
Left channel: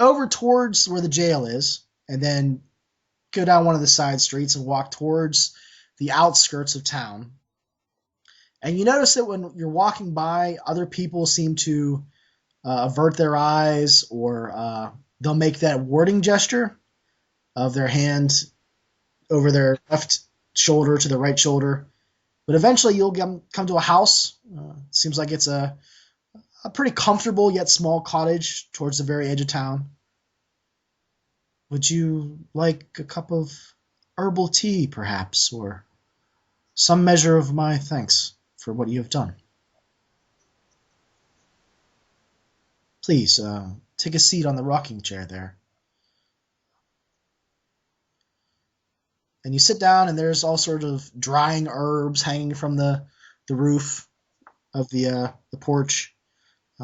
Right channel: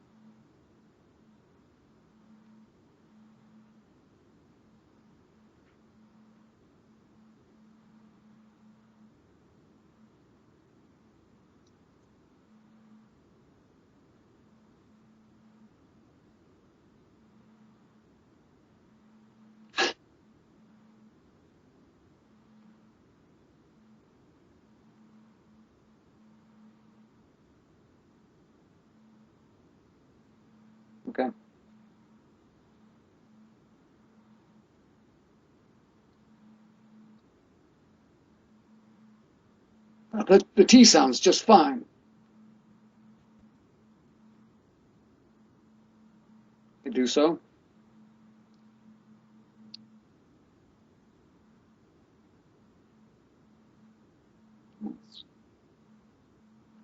over towards where the jail is, and then go down one of the side streets and walk towards the outskirts of town. And you notice that when you're walking by, other people seem to avert their eyes, or they'll make that warding gesture of their hand over their left shoulder to the right shoulder. But eventually you'll come to a house. Seems like it's a pretty comfortable yet small cottage towards the very edge of town. Okay. Would you like a cup of herbal tea, perhaps, or some measure of my thanks for what you have done? The tea sounds just fine. Please, take a seat on the rocking chair there. I do so. And you sit down, and there's all sorts of drying herbs hanging from the roof of the porch.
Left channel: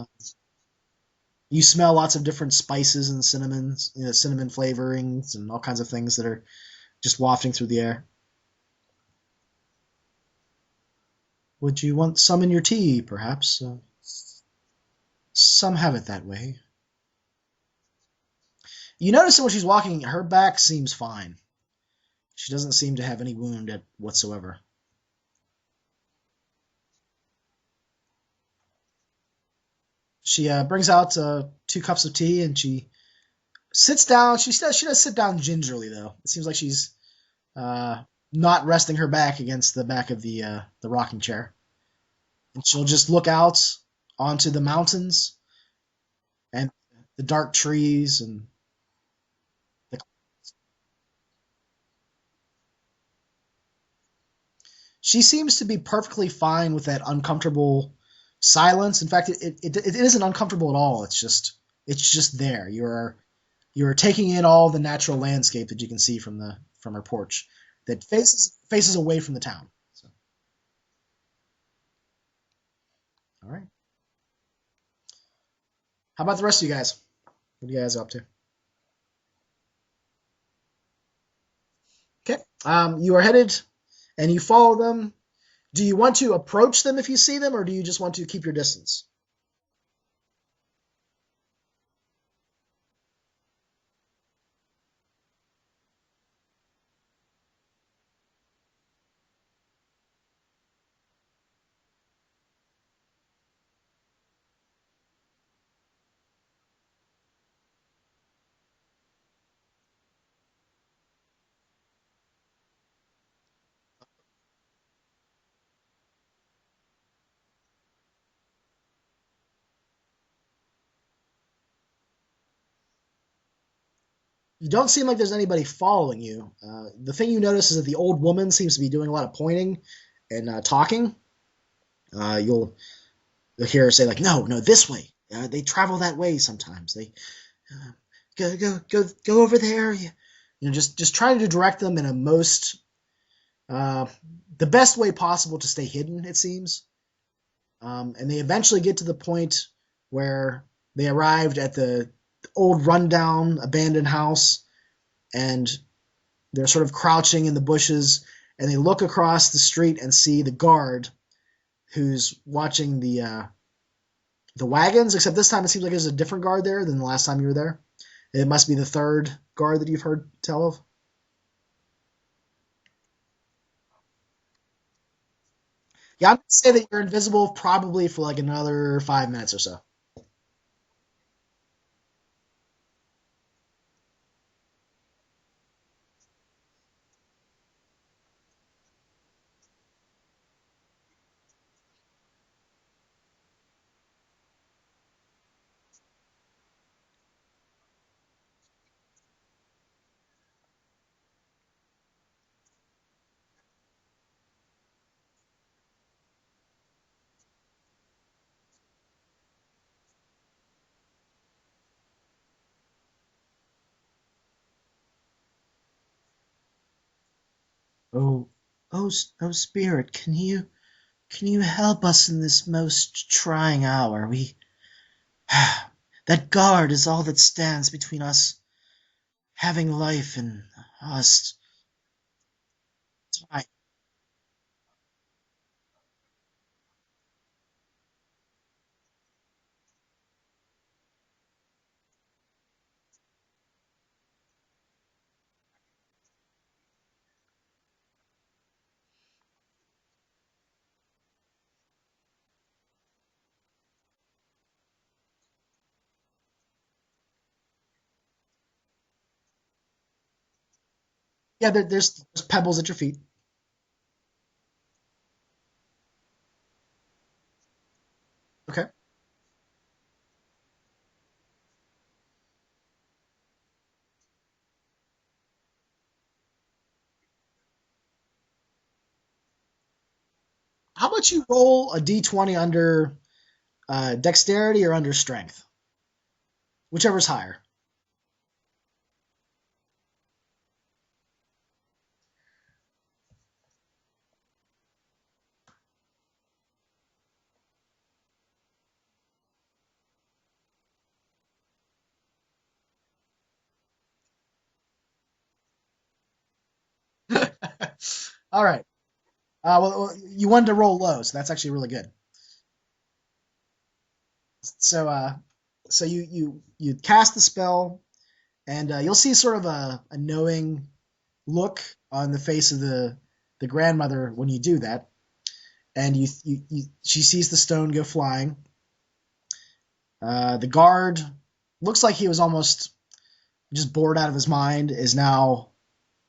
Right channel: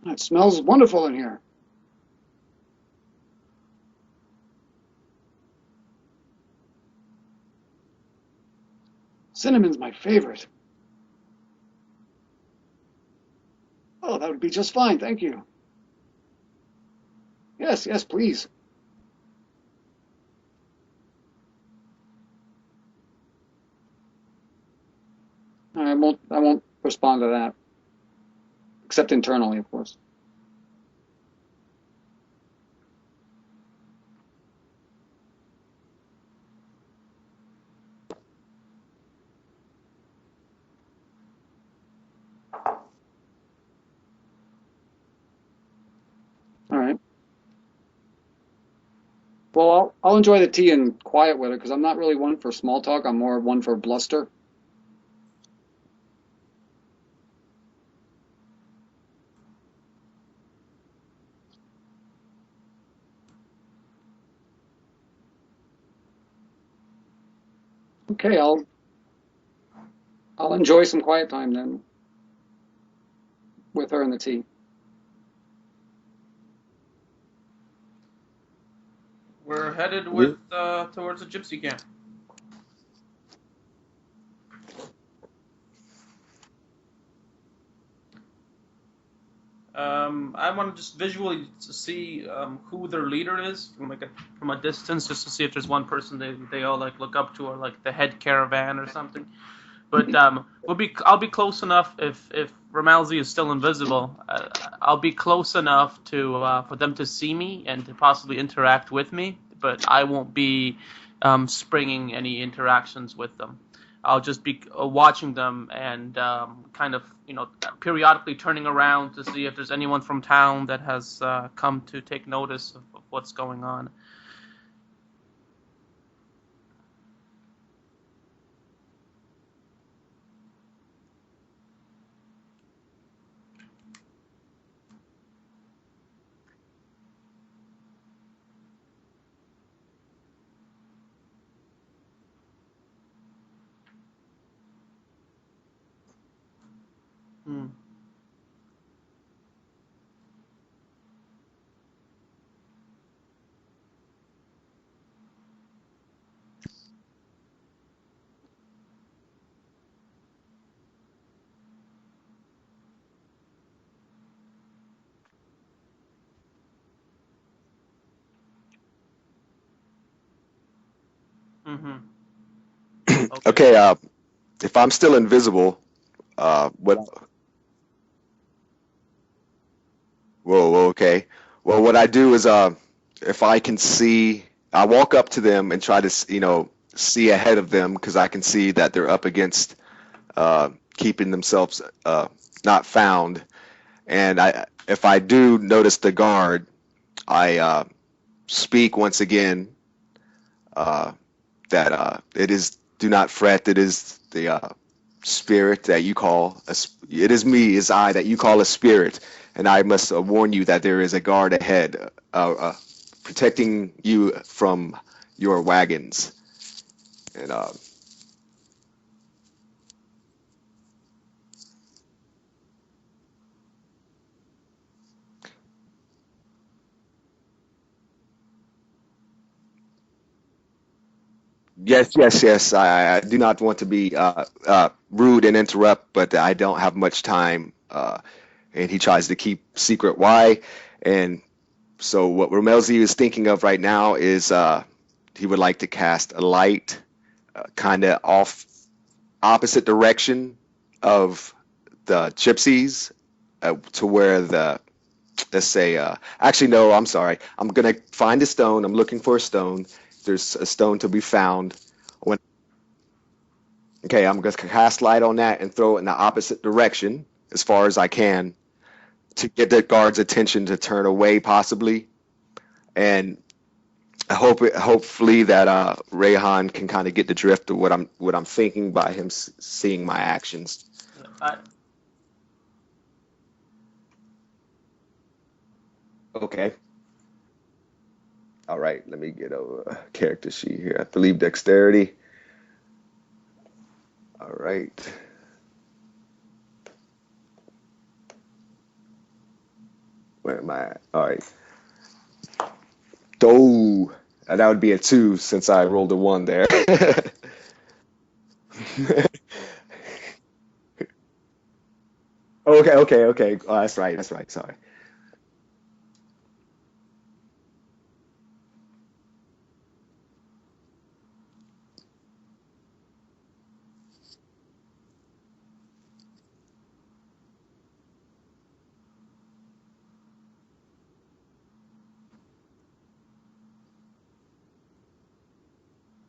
It smells wonderful in here. You smell lots of different spices and cinnamon flavorings and all kinds of things that are just wafting through the air. Cinnamon's my favorite. Would you want some in your tea, perhaps? Oh, that would be just fine, thank you. Some have it that way. Yes, please. You notice that when she's walking, her back seems fine. She doesn't seem to have any wound whatsoever. I won't respond to that. Except internally, of course. She brings out 2 cups of tea, and she sits down. She does sit down gingerly, though. It seems like she's not resting her back against the back of the rocking chair. And she'll just look out onto the mountains and All right. the dark trees. And Well, I'll enjoy the tea and quiet with her because I'm not really one for small talk. I'm more one for bluster. she seems to be perfectly fine with that uncomfortable silence. In fact, it isn't uncomfortable at all. It's just there. You're taking in all the natural landscape that you can see from her porch that faces away from the town. So. I'll enjoy some quiet time then. All right. With her and the tea. How about the rest of you guys? What are you guys up to? We're headed towards a gypsy camp. Okay. You are headed, and you follow them. Do you want to approach them if you see them, or do you just want to keep your distance? I want to just visually see who their leader is from a distance, just to see if there's one person they all like look up to, or like the head caravan or something. But I'll be close enough if Ramalzi is still invisible. I'll be close enough to for them to see me and to possibly interact with me. But I won't be springing any interactions with them. I'll just be watching them and kind of periodically turning around to see if there's anyone from town that has come to take notice of what's going on. You don't seem like there's anybody following you. The thing you notice is that the old woman seems to be doing a lot of pointing and talking. You'll hear her say like, "No, this way. They travel that way sometimes. They go over there." Just trying to direct them in a most the best way possible to stay hidden. It seems, and they eventually get to the point where they arrived at the old rundown abandoned house, and they're sort of crouching in the bushes, and they look across the street and see the guard who's watching the wagons, except this time it seems like there's a different guard there than the last time you were there. It must be the third guard that you've heard tell of. Okay, if I'm still invisible... Yeah, I'm going to say that you're invisible probably for like another 5 minutes or so. Whoa, okay. Well, what I do is, if I can see, I walk up to them and try to, see ahead of them because I can see that they're up against keeping themselves not found. And if I do notice the guard, I speak once again that it is, do not fret, it is the spirit that you call, it is me, is I that you call a spirit. And I must warn you that there is a guard ahead, protecting you from your wagons. And oh, spirit, can you help us in this most trying hour? That guard is all that stands between us having life and us. Yes. I do not want to be rude and interrupt, but I don't have much time. And he tries to keep secret why. And so what Ramelzi is thinking of right now is he would like to cast a light kind of off opposite direction of the gypsies to where let's say, actually, no, I'm sorry. I'm going to find a stone. I'm looking for a stone. There's a stone to be found. Yeah, there's pebbles at your feet. Okay, I'm going to cast light on that and throw it in the opposite direction as far as I can. Okay. To get the guard's attention to turn away, possibly. And hopefully that Rayhan can kind of get the drift of what I'm thinking by him seeing my actions. How about you roll a d20 under dexterity or under strength? Okay. Whichever's higher. All right, let me get a character sheet here. I believe dexterity. All right. Where am I at? All right. Oh, that would be a 2 since I rolled a 1 there. All right. Well, you wanted to roll low, so that's actually really good. Okay. Oh, that's right. Sorry. So you cast the spell, and you'll see sort of a knowing look on the face of the grandmother when you do that, and she sees the stone go flying. The guard looks like he was almost just bored out of his mind, is now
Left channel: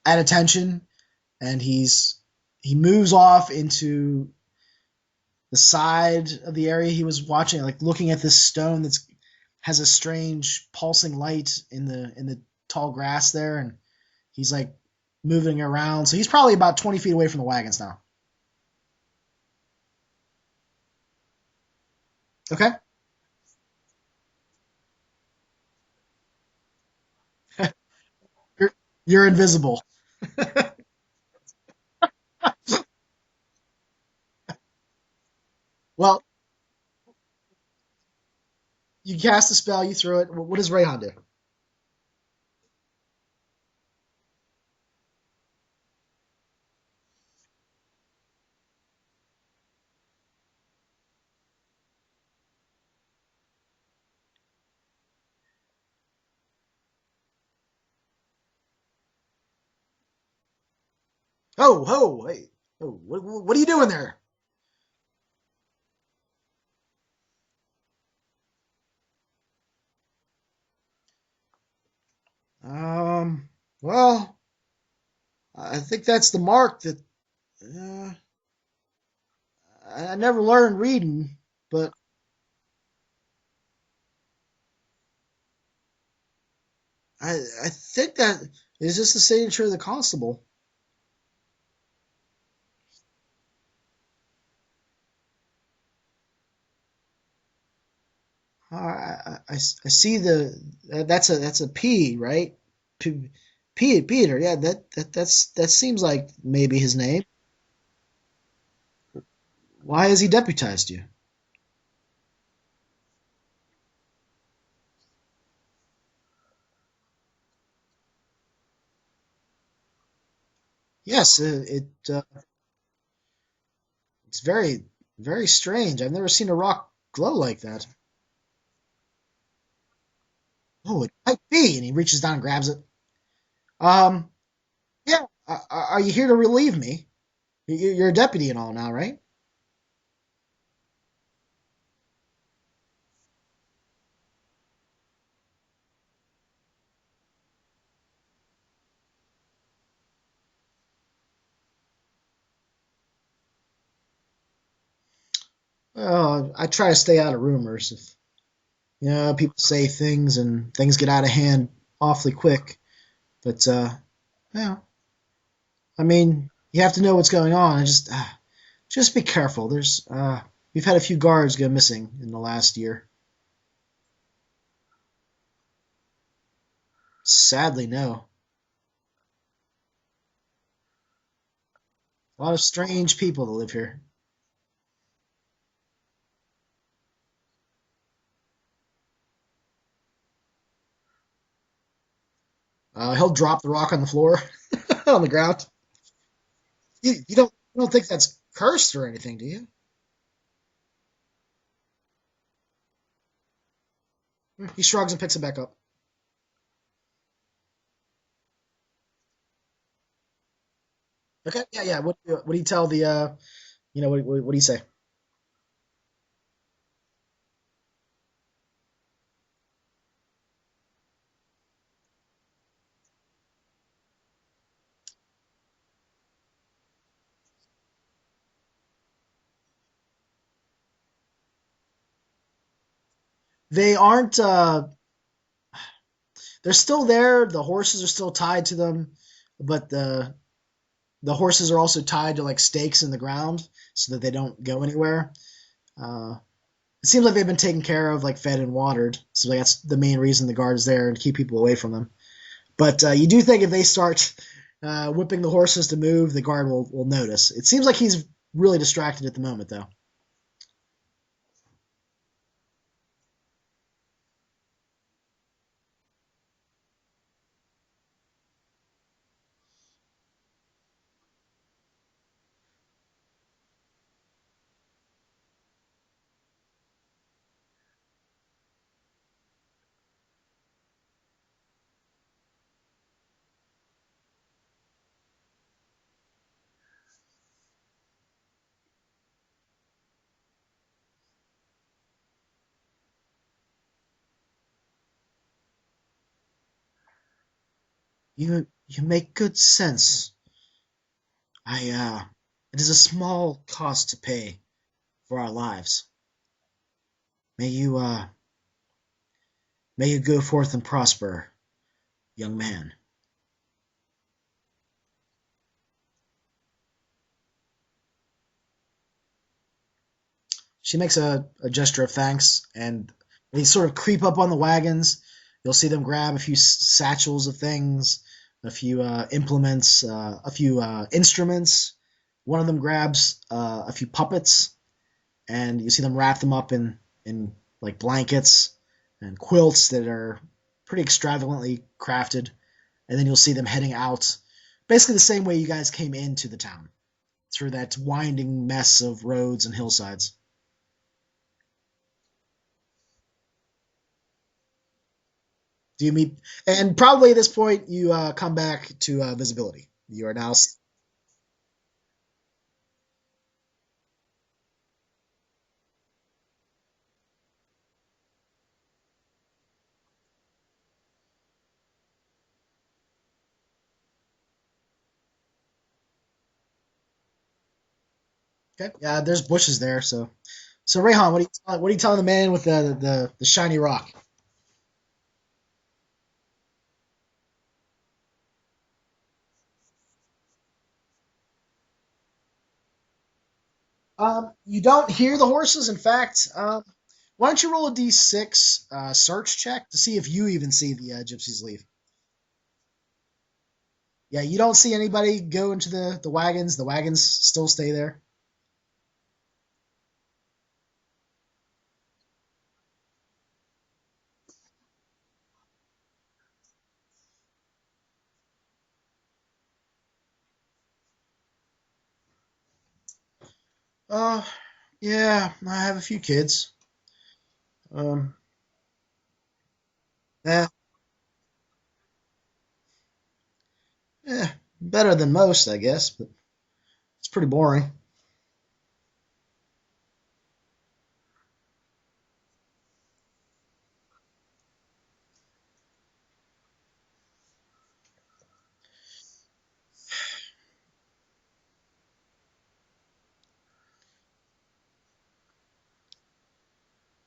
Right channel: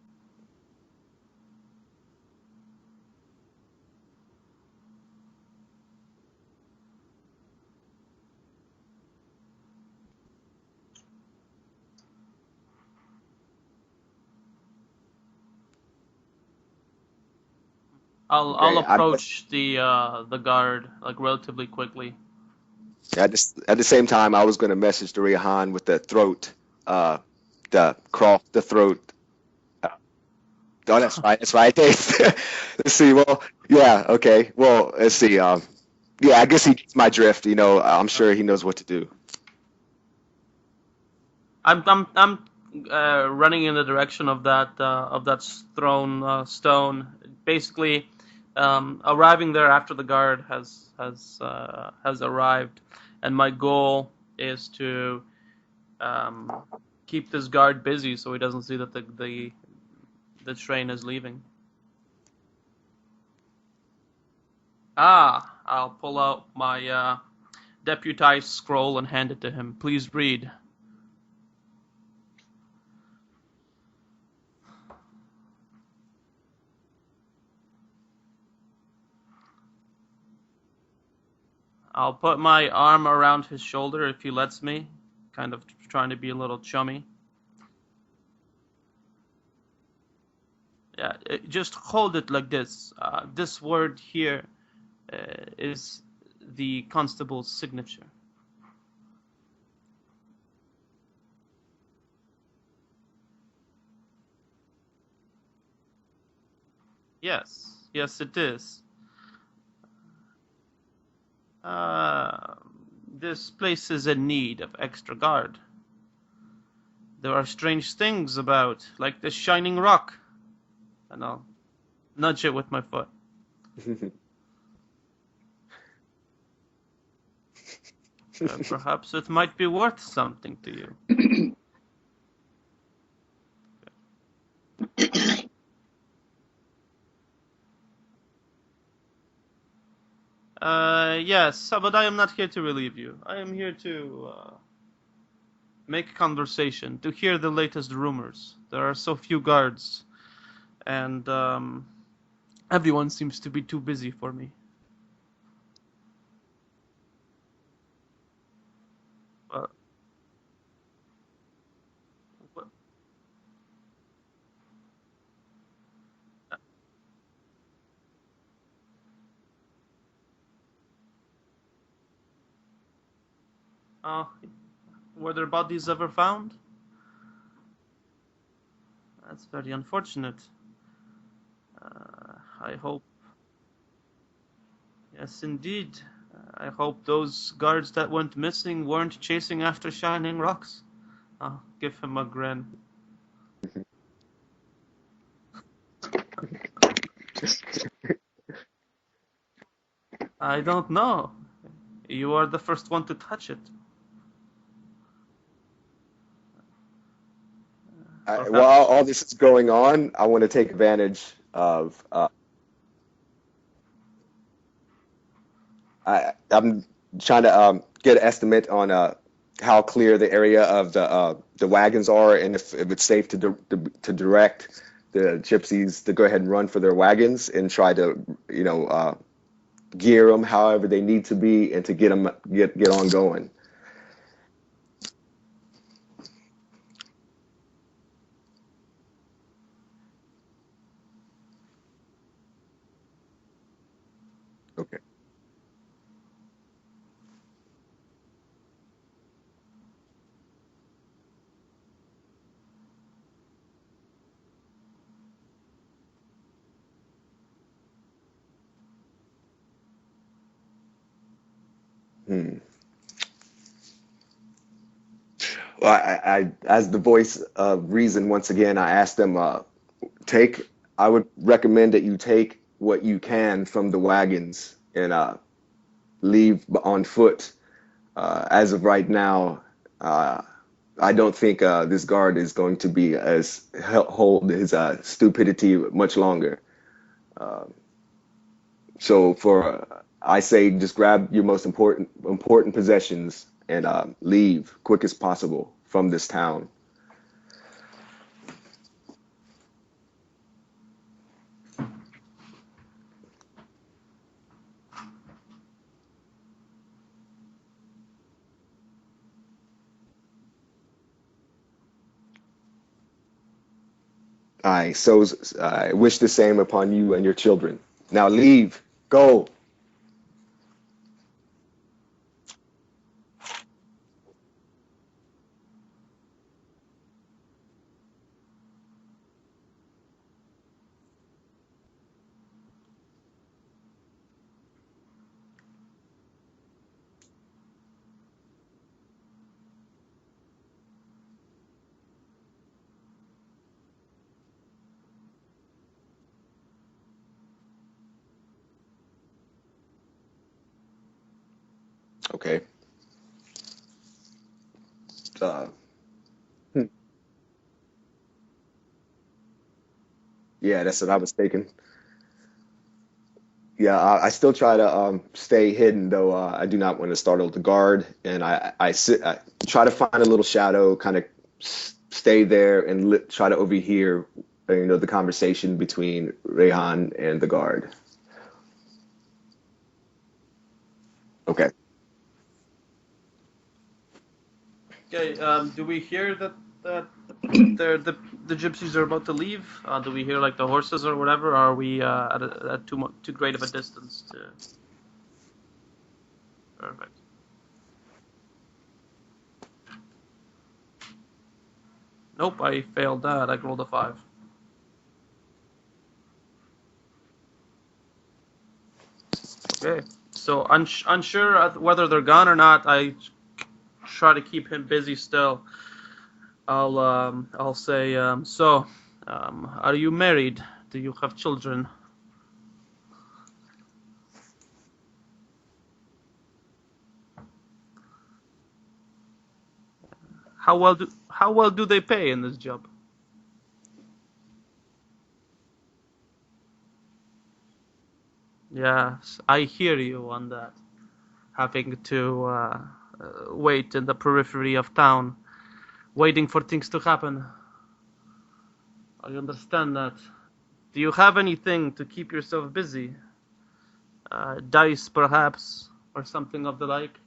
at attention, and he moves off into the side of the area he was watching, like looking at this stone that has a strange pulsing light in the tall grass there, and he's like moving around. So he's probably about 20 feet away from the wagons now. I'll approach the guard like relatively quickly. Okay. At the same time, I was going to message the Rehan with the throat, the cross, the throat. You're invisible. Oh, that's right. That's right. Let's see. Well, yeah. Okay. Well, let's see. Well, yeah. I guess he gets my drift. You know, I'm sure he knows what to do. You cast a spell. You throw it. What does Rayhan do? I'm running in the direction of that thrown stone. Basically, arriving there after the guard has arrived, and my goal is to keep this guard busy so he doesn't see that the train is leaving. Oh, hey, what are you doing there? I'll pull out my deputized scroll and hand it to him. Please read. Well, I think that's the mark that I never learned reading, but I'll put my arm around his shoulder if he lets me, kind of trying to be a little chummy. I think that is just the signature of the constable. Yeah, just hold it like this. This word here is the constable's signature. I see that's a P, right? Peter. Yeah, that seems like maybe his name. Yes, it is. Why has he deputized you? This place is in need of extra guard. There are strange things about, like this shining rock. Yes, nudge it with my foot. It's very, very strange. I've never seen a rock glow like that. Perhaps it might be worth something to you. Oh, it might be. And he reaches down and grabs it. Yeah. Are you here to relieve me? You're a deputy and all now, right? Yes, but I am not here to relieve you. I am here to make conversation, to hear the latest rumors. There are so few guards, and everyone seems to be too busy for me. Well, I try to stay out of rumors. If, people say things and things get out of hand awfully quick. But, yeah. I mean, you have to know what's going on. Just be careful. We've had a few guards go missing in the last year. Were their bodies ever found? Sadly, no. That's very unfortunate. A lot of strange people that live here. Yes, indeed. I hope those guards that went missing weren't chasing after shining rocks. I'll give him a grin. He'll drop the rock on the floor, on the ground. You don't think that's cursed or anything, do you? I don't know. You are the first one to touch it. He shrugs and picks it back up. While all this is going on, I want to take advantage. Okay, yeah. What do you tell the, what do you say? I'm trying to get an estimate on how clear the area of the wagons are, and if it's safe to direct the gypsies to go ahead and run for their wagons and try to gear them however they need to be and to get on going. They aren't. They're still there. The horses are still tied to them, but the horses are also tied to like stakes in the ground so that they don't go anywhere. It seems like they've been taken care of, like fed and watered. So that's the main reason the guard is there, to keep people away from them. But you do think if they start whipping the horses to move, the guard will notice. It seems like he's really distracted at the moment, though. Well, I as the voice of reason once again, I asked them, I would recommend that you take what you can from the wagons and leave on foot. As of right now, I don't think this guard is going to be hold his stupidity much longer. So I say just grab your most important possessions and leave quick as possible from this town. You make good sense. It is a small cost to pay for our lives. May you go forth and prosper, young man. I wish the same upon you and your children. Now leave. Go. She makes a gesture of thanks, and they sort of creep up on the wagons. You'll see them grab a few satchels of things, a few implements, a few instruments. One of them grabs a few puppets, and you see them wrap them up in like blankets and quilts that are pretty extravagantly crafted. And then you'll see them heading out, basically the same way you guys came into the town, through that winding mess of roads and hillsides. Okay. Do you meet? And probably at this point, you come back to visibility. You are now. Yeah, that's what I was thinking. Yeah, I still try to stay hidden, though I do not want to startle the guard, and I try to find a little shadow, kind of stay there and try to overhear, the conversation between Rehan and the guard. Okay. Yeah, there's bushes there, so Rehan, what are you telling the man with the shiny rock? Okay. Do we hear that the gypsies are about to leave? Do we hear like the horses or whatever? Or are we at too great of a distance? You don't hear the horses. In fact, Perfect. why don't you roll a d6 search check to see if you even see the gypsies leave? Nope, I failed that. I rolled a 5. Yeah, you don't see anybody go into the wagons. The wagons still stay there. Okay. So unsure whether they're gone or not, I try to keep him busy still. I'll say, are you married? Do you have children? Yeah, I have a few kids. How well do they pay in this job? Better than most, I guess, but it's pretty boring. Yes, I hear you on that. Having to wait in the periphery of town, waiting for things to happen. I understand that. Do you have anything to keep yourself busy? Dice, perhaps, or something of the like?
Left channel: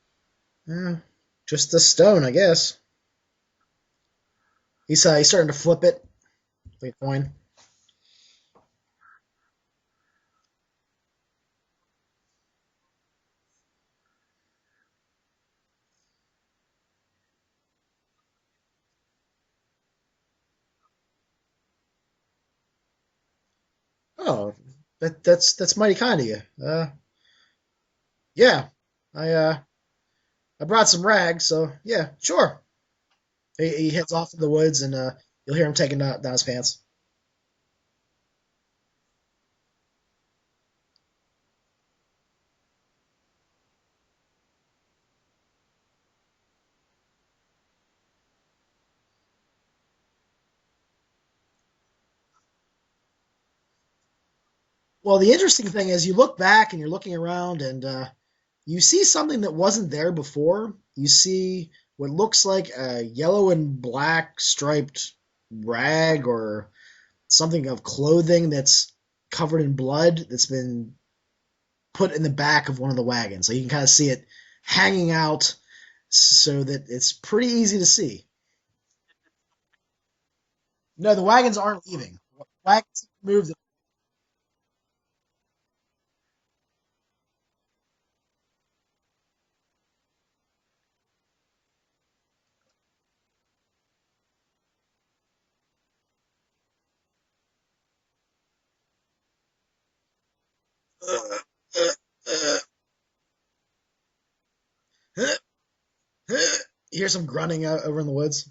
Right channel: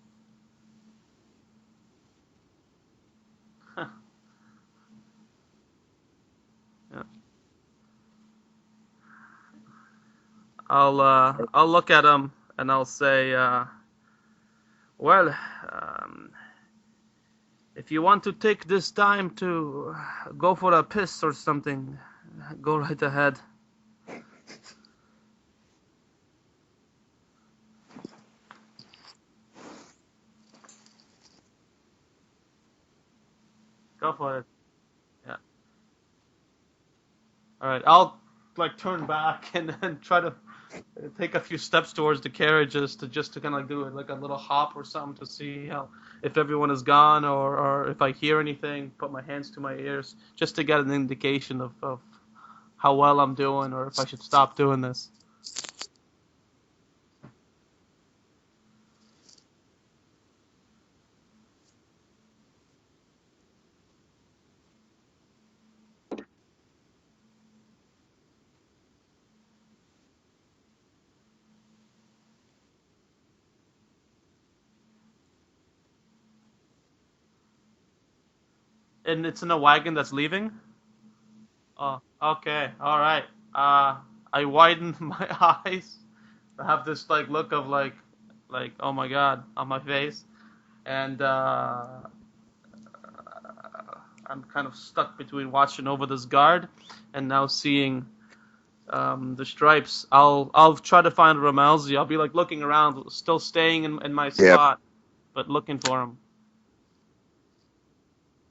Just a stone, I guess. Huh. He's starting to flip it, like a coin. I'll look at him and I'll say, well, if you want to take this time to go for a piss or something, go right ahead. Oh, that's mighty kind of you. Yeah, I brought some rags, so yeah, sure. He heads off to the woods, and you'll hear him taking down his pants. All right, I'll turn back and try to take a few steps towards the carriages to kind of do it like a little hop or something to see if everyone is gone or if I hear anything. Put my hands to my ears just to get an indication of how well I'm doing or if I should stop doing this. Well, the interesting thing is you look back and you're looking around and you see something that wasn't there before. You see what looks like a yellow and black striped rag or something of clothing that's covered in blood that's been put in the back of one of the wagons. So you can kind of see it hanging out so that it's pretty easy to see. And it's in a wagon that's leaving? No, the wagons aren't leaving. Okay, Wagons all right. moved. I widen my eyes. I have this look of like oh my god on my face, and I'm kind of stuck between watching over this guard and now seeing the stripes. I'll try to find Ramelzi. I'll be looking around, still staying in my spot, but looking for him. You hear some grunting out over in the woods.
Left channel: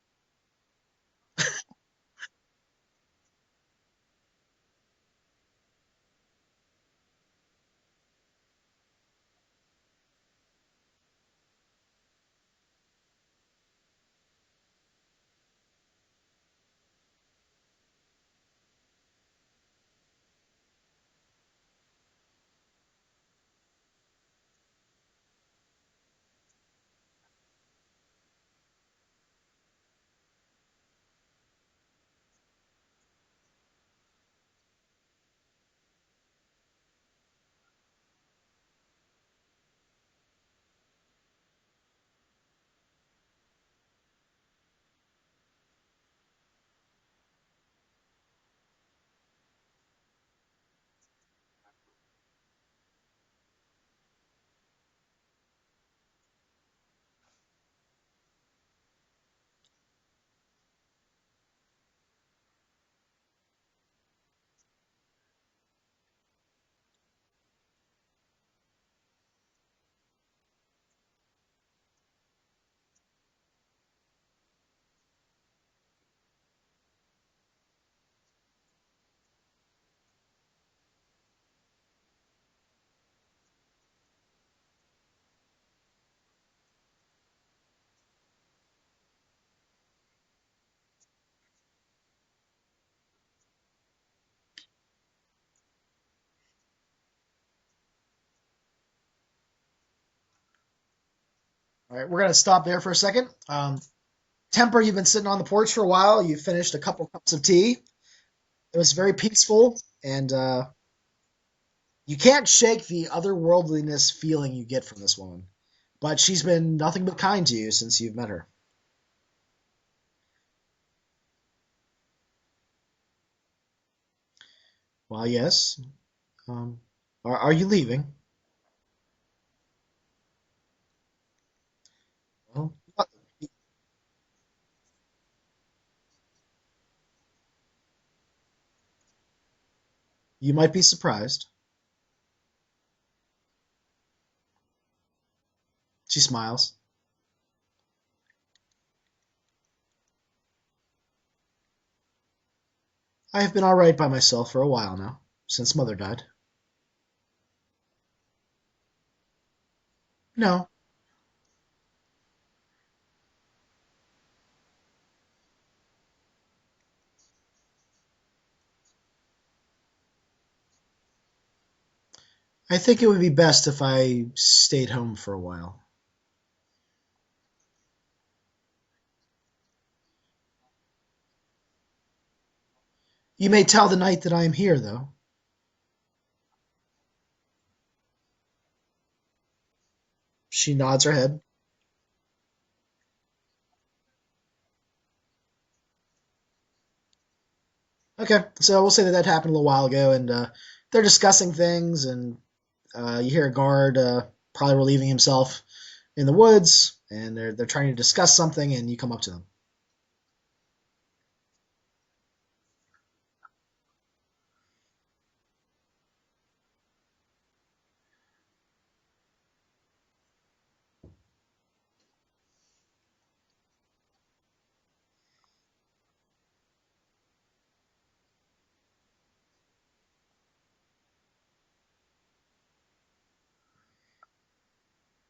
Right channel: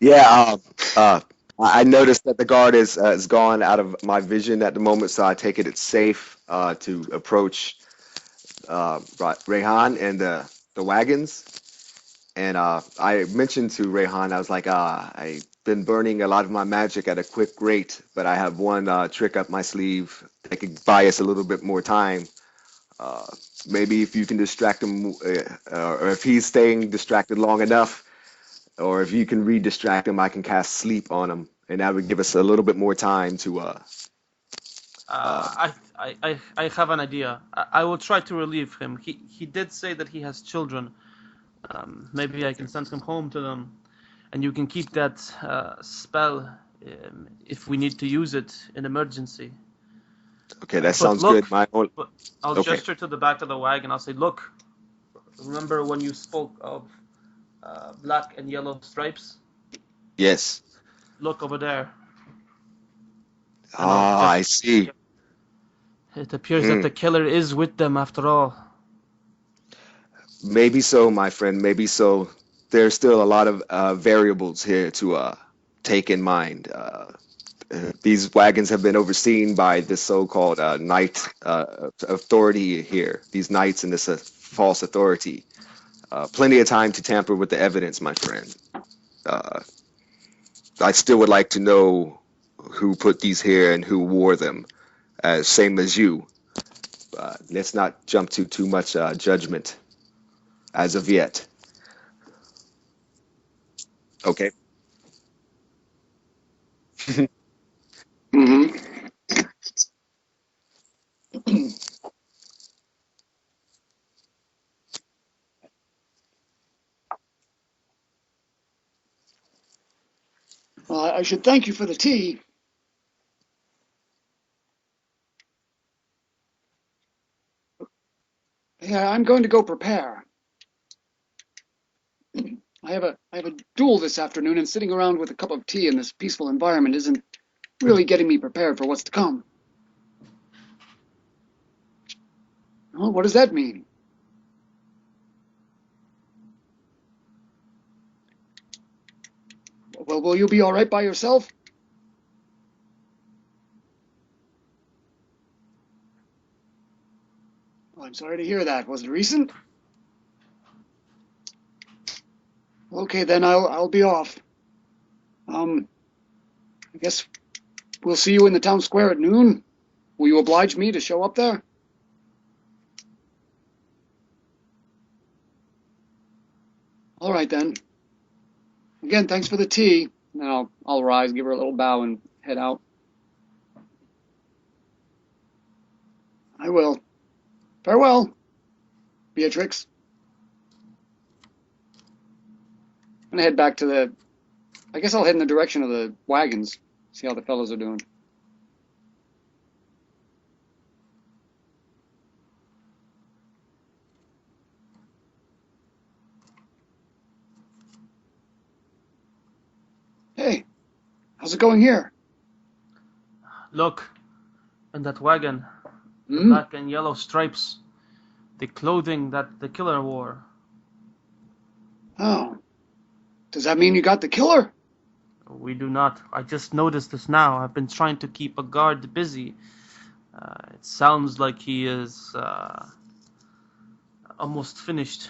Yeah, I noticed that the guard is gone out of my vision at the moment, so I take it's safe to approach Rehan and the wagons. And I mentioned to Rehan, I was like, I've been burning a lot of my magic at a quick rate, but I have one trick up my sleeve that could buy us a little bit more time. Maybe if you can distract him, or if he's staying distracted long enough, or if you can re-distract him, I can cast sleep on him and that would give us a little bit more time to. I have an idea. I will try to relieve him. He did say that he has children. Maybe I can send him home to them, and you can keep that spell if we need to use it in emergency. Okay, that But sounds look, good. My own. but I'll Okay. gesture to the back of the wagon. I'll say, look, remember when you spoke of black and yellow stripes? Yes. Look over there. Ah, I see. It appears that the killer is with them after all. Maybe so, my friend. Maybe so. There's still a lot of variables here to take in mind. These wagons have been overseen by this so-called knight authority here. These knights and this false authority. Plenty of time to tamper with the evidence, my friend. I still would like to know who put these here and who wore them, same as you. Let's not jump to too much judgment as of yet. All right, we're going to stop there for a second. Okay. Temper, you've been sitting on the porch for a while. You finished a couple cups of tea. Mm-hmm. It was very peaceful, and you can't shake the otherworldliness feeling you get from this woman. But she's been nothing but kind to you since you've met her. Well, I should thank you for the tea. Well, yes. Are you leaving? Yeah, I'm going to go prepare. Well, I have a duel this afternoon, and sitting around with a cup of tea in this peaceful environment isn't really getting me prepared for what's to come. you might be surprised. Well, what does that mean? She smiles. Well, will you be all right by yourself? I have been all right by myself for a while now, since Mother died. Well, I'm sorry to hear that. Was it recent? No. Okay, then I'll be off. I guess we'll see you in the town square at noon. Will you oblige me to show up there? I think it would be best if I stayed home for a while. All right, then. Again, thanks for the tea. Then I'll rise, give her a little bow, and head out. You may tell the knight that I am here, though. I will. Farewell, Beatrix. She nods her head. I'm gonna head back to I guess I'll head in the direction of the wagons, see how the fellows are doing. Okay, so we'll say that happened a little while ago, and they're discussing things, and you hear a guard probably relieving himself in the woods, and they're trying to discuss something, and you come up to them. Hey, how's it going here? Look, in that wagon, the Hmm? black and yellow stripes, the clothing that the killer wore. Oh. Does that mean you got the killer? We do not. I just noticed this now. I've been trying to keep a guard busy. It sounds like he is almost finished.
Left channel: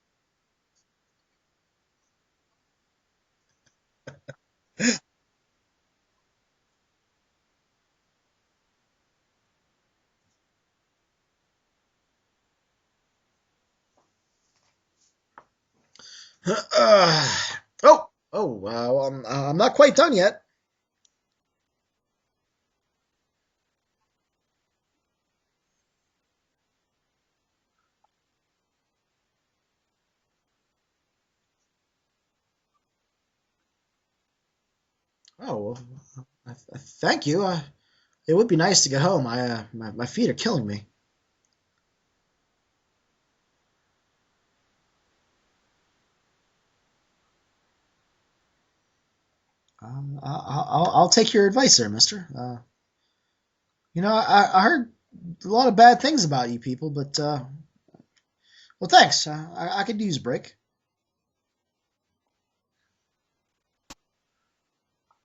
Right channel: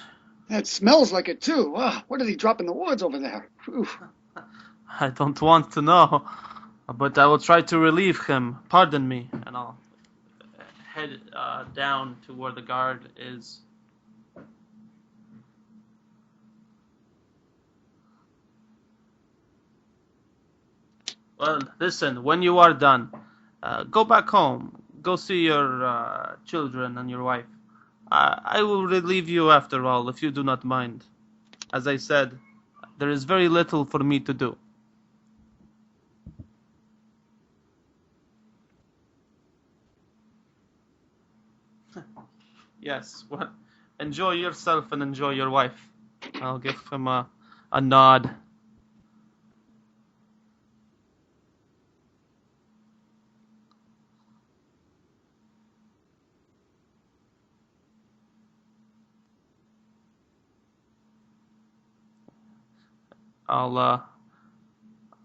It smells like it too. Ah, what did he drop in the woods over there? Oof. I don't want to know, but I will try to relieve him. Pardon me, and I'll head down to where the guard is. I'm not quite done yet. Well, listen, when you are done, go back home. Go see your children and your wife. I will relieve you after all, if you do not mind. As I said, there is very little for me to do. Oh, well, thank you. It would be nice to get home. My feet are killing me. Yes, well, enjoy yourself and enjoy your wife. I'll give him a nod. I'll take your advice there, mister. I heard a lot of bad things about you people, but, well, thanks. I could use a break.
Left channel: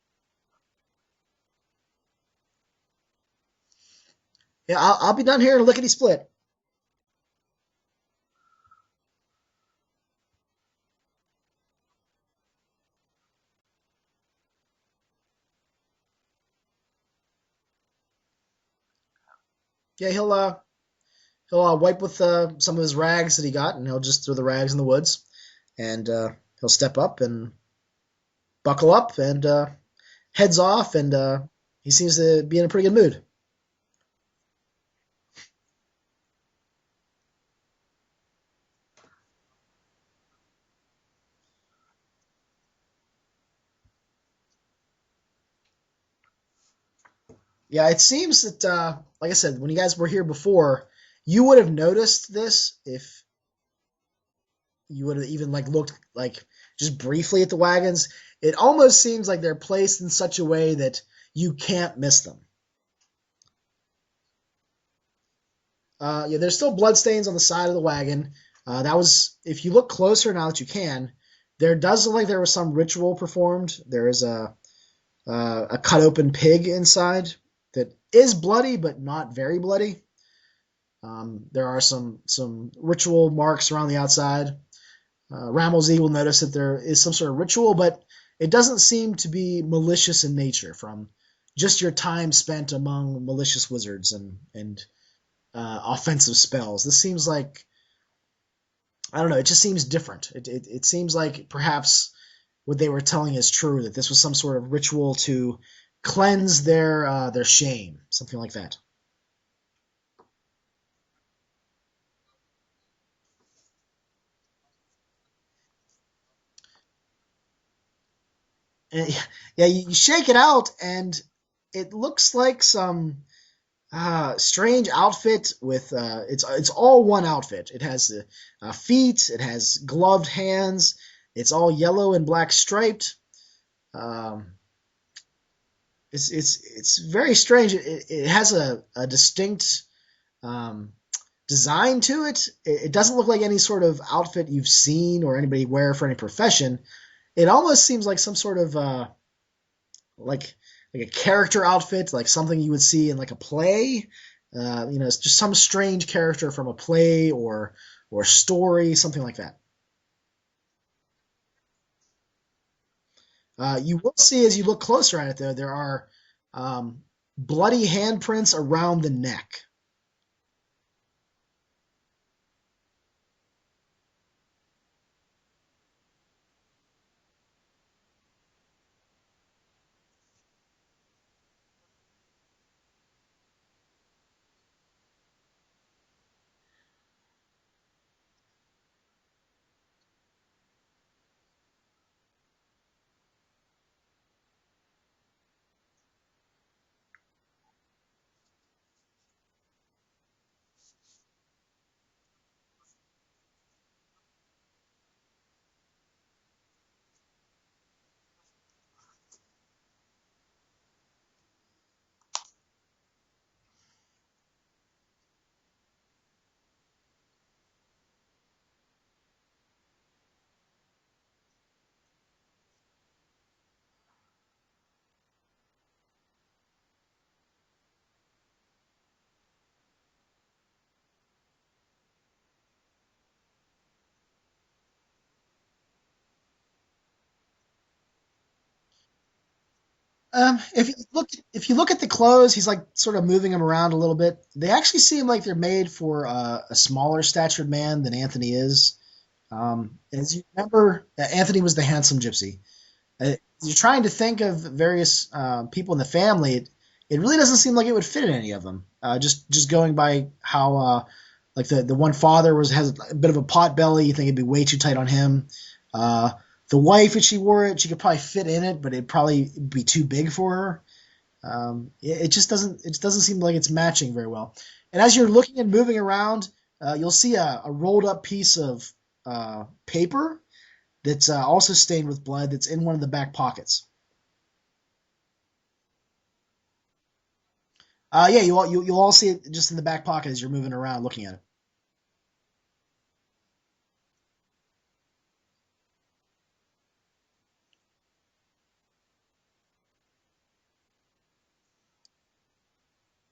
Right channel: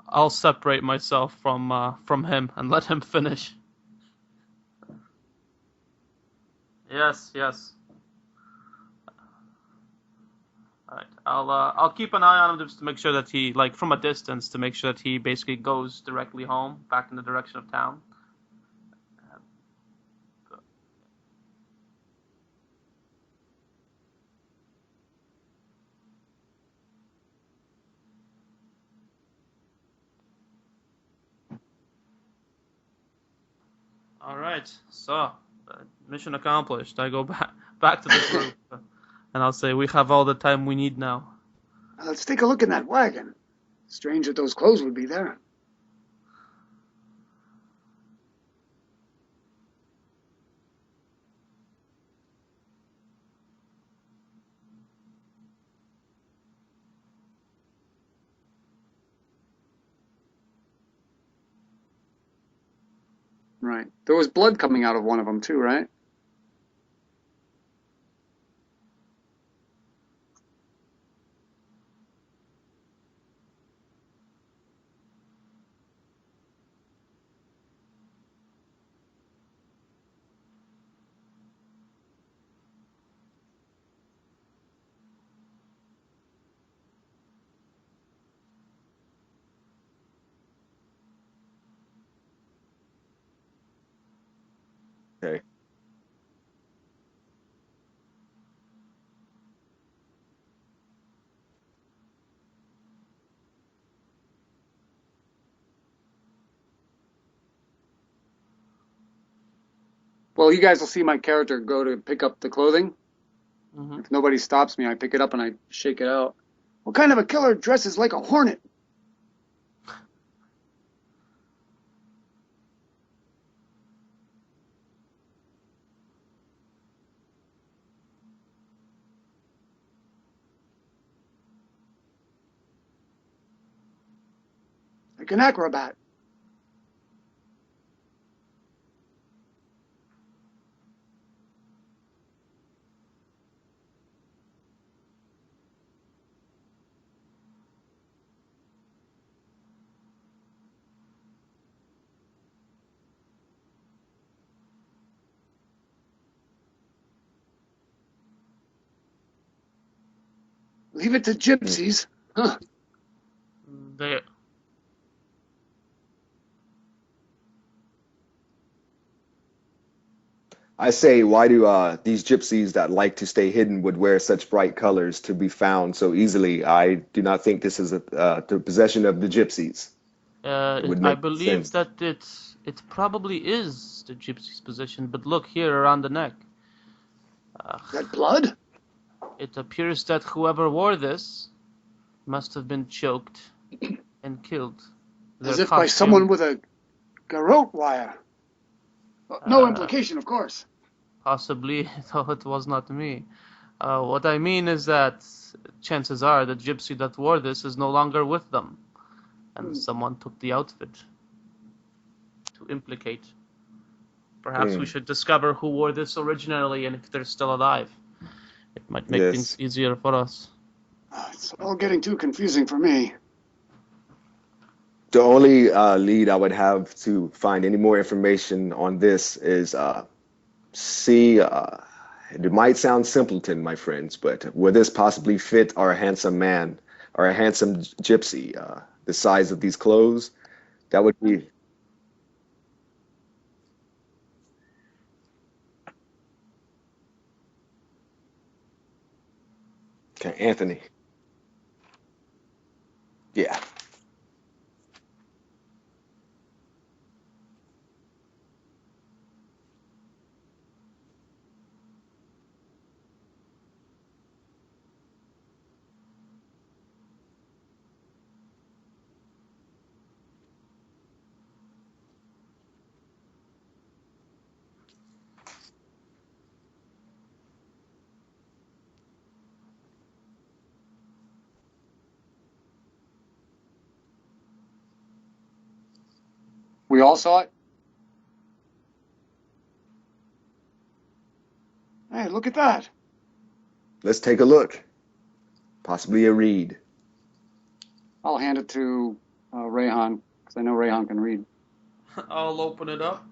I'll separate myself from him and let him finish. Yeah, I'll be done here in lickety split. Yes. All right. I'll keep an eye on him just to make sure that he, like, from a distance, to make sure that he basically goes directly home, back in the direction of town. Yeah, he'll wipe with some of his rags that he got, and he'll just throw the rags in the woods, and he'll step up and buckle up and heads off, and he seems to be in a pretty good mood. All right, so mission accomplished. I go back to the group, and I'll say we have all the time we need now. Let's take a look in that wagon. Strange that those clothes would be there. Yeah, it seems that, like I said, when you guys were here before, you would have noticed this if you would have even looked just briefly at the wagons. It almost seems like they're placed in such a way that you can't miss them. Right. There was blood coming out of one of them too, right? Yeah, there's still blood stains on the side of the wagon. That was, if you look closer now that you can, there does look like there was some ritual performed. There is a cut open pig inside that is bloody, but not very bloody. There are some ritual marks around the outside. Ramelsey will notice that there is some sort of ritual, but it doesn't seem to be malicious in nature from just your time spent among malicious wizards and offensive spells. This seems like, I don't know, it just seems different. It seems like perhaps what they were telling is true, that this was some sort of ritual to cleanse their shame, something like that. Well, you guys will see my character go to pick up the clothing. Mm-hmm. If nobody stops me, I pick it up and I shake it out. What kind of a killer dresses like a hornet? Yeah, you shake it out, and it looks like some strange outfit with it's all one outfit. It has feet, it has gloved hands, it's all yellow and black striped. Like an acrobat. It's very strange. It has a distinct design to it. It doesn't look like any sort of outfit you've seen or anybody wear for any profession. It almost seems like some sort of like a character outfit, like something you would see in like a play. It's just some strange character from a play or story, something like that. Leave it to gypsies. Huh. You will see as you look closer at it, though, there are bloody handprints around the neck. I say, why do these gypsies that like to stay hidden would wear such bright colors to be found so easily? I do not think this is the possession of the gypsies. I believe that it probably is the gypsy's possession, but look here around the neck. Is that blood? It appears that whoever wore this must have been choked and killed. As if by someone with a garrote wire. No implication, of course. Possibly, though it was not me. What I mean is that chances are the gypsy that wore this is no longer with them, and someone took the outfit to implicate. Perhaps we should discover who wore this originally and if they're still alive. It might make things easier for us. It's all getting too confusing for me. The only lead I would have to find any more information on this is it might sound simpleton, my friends, but would this possibly fit our handsome man or a handsome gypsy? The size of these clothes? If you look at the clothes, he's like sort of moving them around a little bit. They actually seem like they're made for a smaller statured man than Anthony is. Anthony was the handsome gypsy. You're trying to think of various people in the family. It really doesn't seem like it would fit in any of them. Just going by how like the one father has a bit of a pot belly. You think it'd be way too tight on him. The wife, if she wore it, she could probably fit in it, but it'd probably be too big for her. It just doesn't seem like it's matching very well. And as you're looking and moving around, you'll see a rolled up piece of paper that's also stained with blood that's in one of the back pockets. We all saw it? Yeah, you'll all see it just in the back pocket as you're moving around looking at it. Hey, look at that. Let's take a look. Possibly a read. I'll hand it to Rayhan, because I know Rayhan can read. I'll open it up.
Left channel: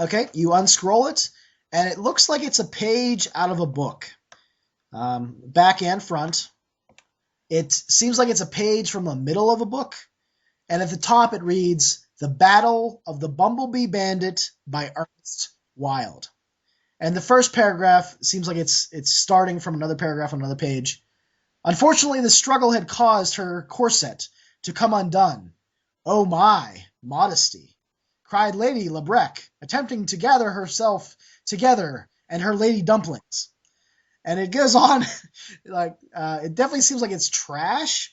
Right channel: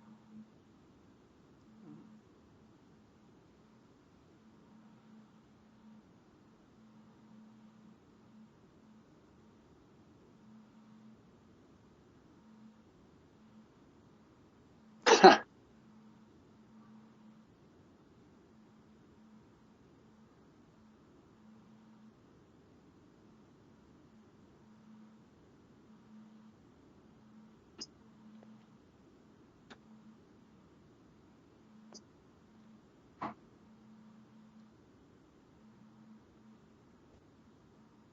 Okay, you unscroll it, and it looks like it's a page out of a book. Back and front. It seems like it's a page from the middle of a book, and at the top it reads, "The Battle of the Bumblebee Bandit" by Ernest Wild. And the first paragraph seems like it's starting from another paragraph on another page. Unfortunately, the struggle had caused her corset to come undone. Oh my, modesty, cried Lady Lebrec, attempting to gather herself together and her lady dumplings. And it goes on, like, it definitely seems like it's trash,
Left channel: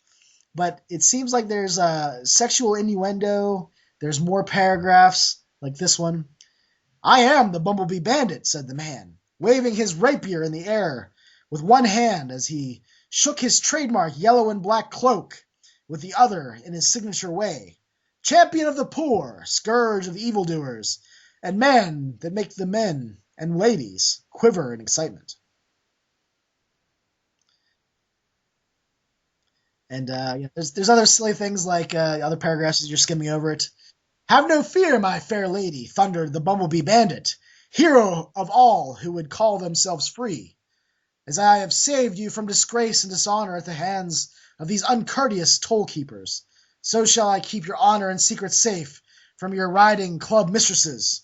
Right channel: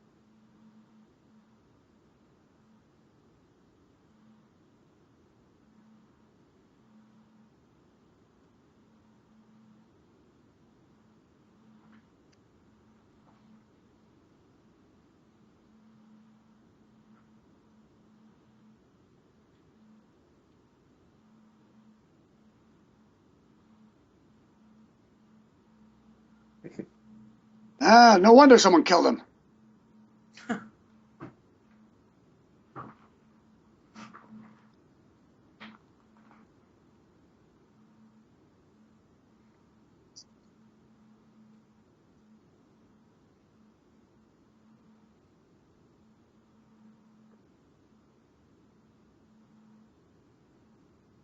but it seems like there's sexual innuendo. There's more paragraphs, like this one. I am the Bumblebee Bandit, said the man, waving his rapier in the air with one hand as he shook his trademark yellow and black cloak with the other in his signature way. Champion of the poor, scourge of evildoers, and man that make the men and ladies quiver in excitement. No wonder someone killed him. And there's other silly things like other paragraphs as you're skimming over it. Have no fear, my fair lady, thundered the Bumblebee Bandit, hero of all who would call themselves free. As I have saved you from disgrace and dishonor at the hands of these uncourteous toll-keepers, so shall I keep your honor and secret safe from your riding club mistresses.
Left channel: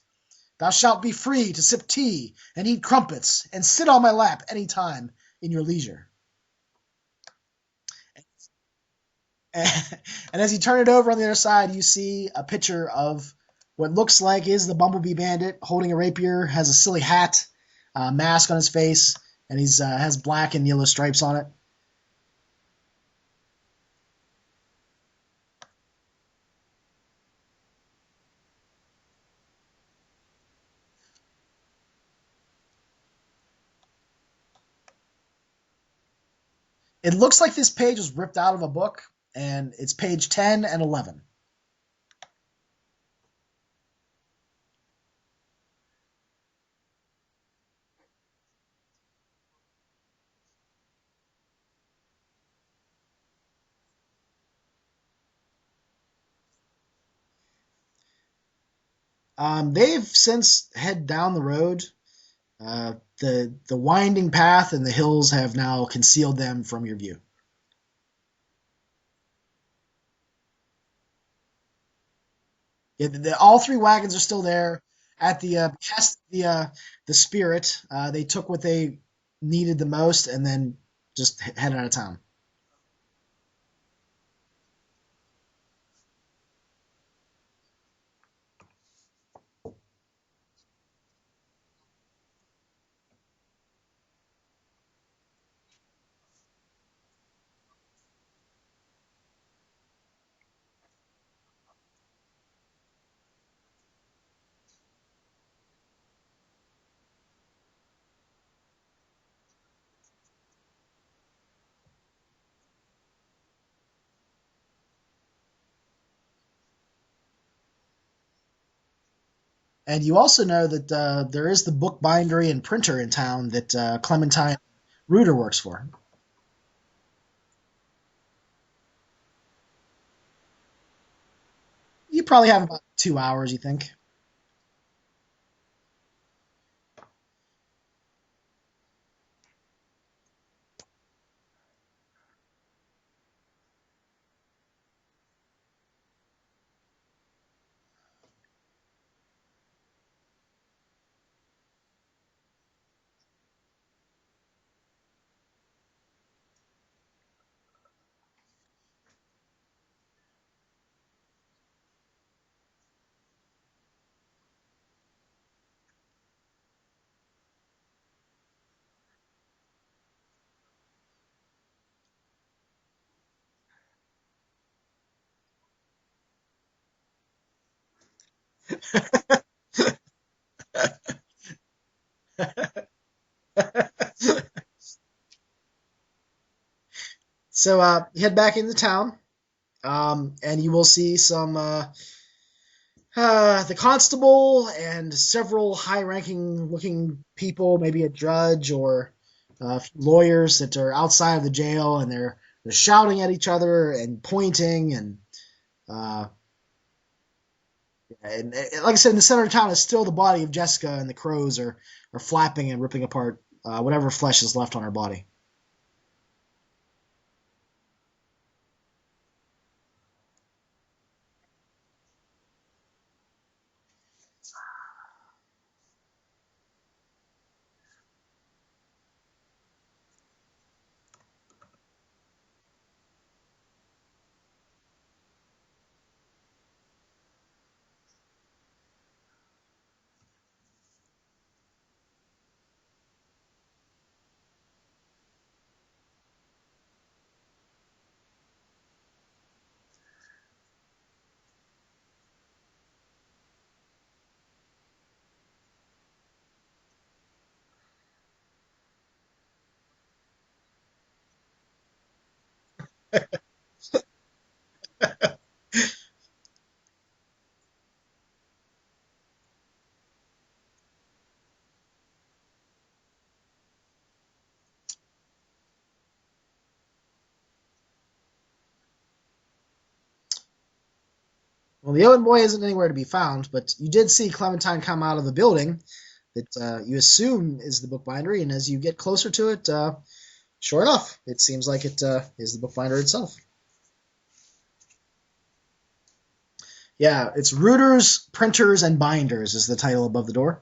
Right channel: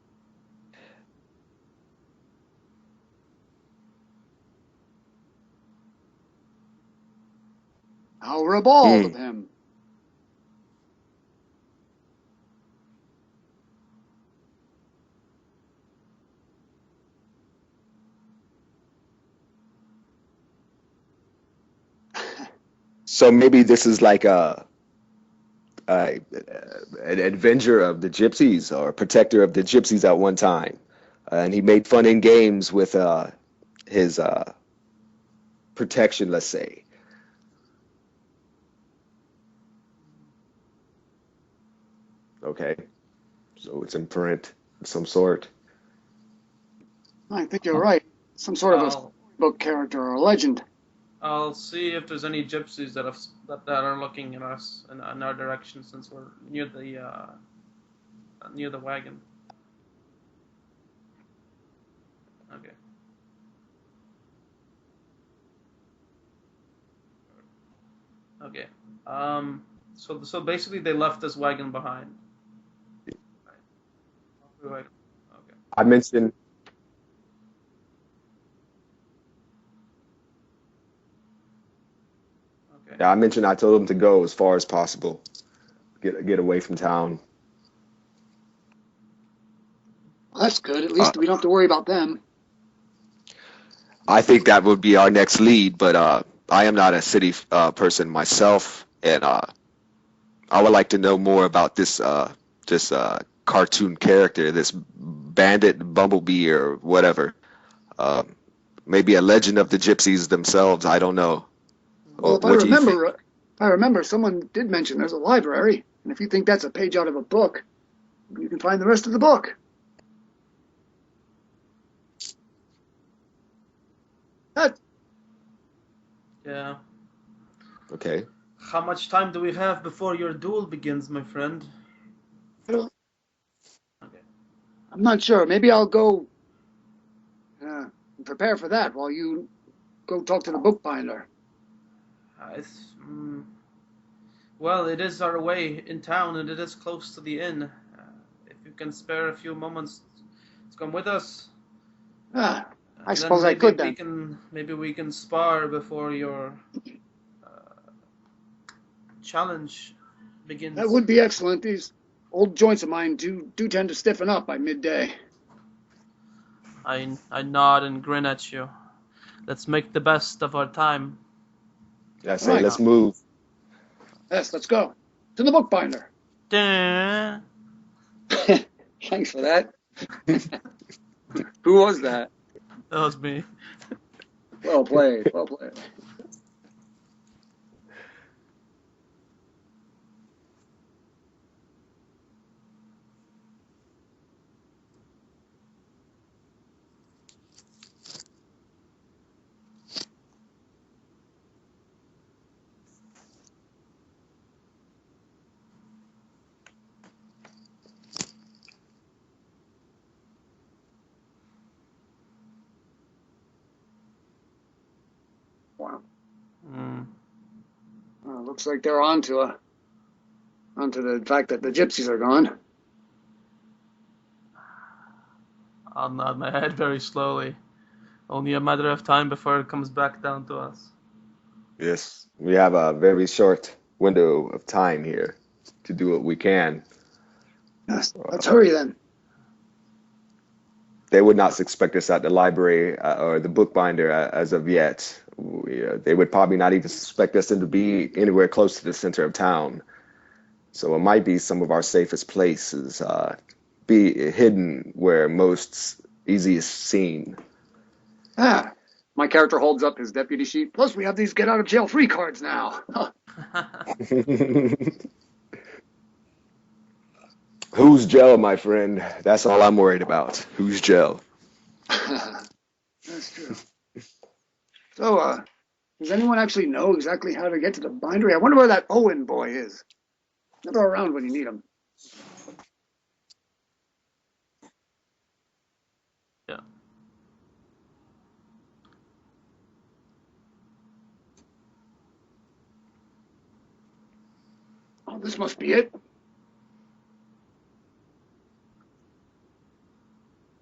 Thou shalt be free to sip tea and eat crumpets and sit on my lap any time in your leisure. How ribald of him. And as you turn it over on the other side, you see a picture of what looks like is the Bumblebee Bandit holding a rapier, has a silly hat, mask on his face, and he's has black and yellow stripes on it. So maybe this is like an avenger of the gypsies or a protector of the gypsies at one time. And he made fun and games with his protection, let's say. It looks like this page was ripped out of a book, and it's page 10 and 11. Okay. So it's in print of some sort. I think you're right. Some sort of a book character or a legend. I'll see if there's any gypsies that are looking at us in our direction, since we're near the wagon. They've since head down the road. The winding path and the hills have now concealed them from your view. Okay. So basically they left this wagon behind. Yeah, all three wagons are still there. Correct. At the I mentioned the Spirit. They took what they needed the most and then just headed out of town. Okay. Yeah, I told them to go as far as possible. Get away from town. Well, that's good. At least we don't have to worry about them. I think that would be our next lead, but I am not a city person myself, and I would like to know more about this cartoon character, this bandit, Bumblebee, or whatever. Maybe a legend of the gypsies themselves. I don't know. Well, if I remember, someone did mention there's a library, and if you think that's a page out of a book, you can find the rest of the book. And you also know that there is the book bindery and printer in town that Clementine Reuter works for. Yeah. Okay. How much time do we have before your duel begins, my friend? You probably have about 2 hours, you think. Okay. I'm not sure. Maybe I'll go prepare for that while you go talk to the bookbinder. Well, it is our way in town, and it is close to the inn. If you can spare a few moments to come with us. I suppose I could then. Maybe we can spar before your challenge begins. That would be excellent. These old joints of mine do tend to stiffen up by midday. I nod and grin at you. Let's make the best of our time. Yeah, say let's move. Yes, let's go. To the bookbinder. Dun. Thanks for that. Who was that? That was me. Well played. Well played. So you head back into town, and you will see some the constable and several high-ranking looking people, maybe a judge or lawyers that are outside of the jail, and they're shouting at each other and pointing and like I said, in the center of town is still the body of Jessica, and the crows are flapping and ripping apart whatever flesh is left on her body. Wow. Looks like they're onto the fact that the gypsies are gone. I'll nod my head very slowly. Only a matter of time before it comes back down to us. Yes, we have a very short window of time here to do what we can. Yes, let's hurry then. They would not suspect us at the library or the bookbinder as of yet. They would probably not even suspect us to be anywhere close to the center of town. So it might be some of our safest places, be hidden where most easiest seen. Ah, my character holds up his deputy sheet. Plus, we have these get out of jail free cards now. Who's Joe, my friend? That's all I'm worried about. Who's Joe? That's true. So, does anyone actually know exactly how to get to the bindery? I wonder where that Owen boy is. Never around when you need him. Well, the Owen boy isn't anywhere to be found, but you did see Clementine come out of the building that you assume is the bookbindery, and as you get closer to it, sure enough, it seems like it is the bookbinder itself. Oh, this must be it. Yeah, it's Rooters, Printers, and Binders is the title above the door.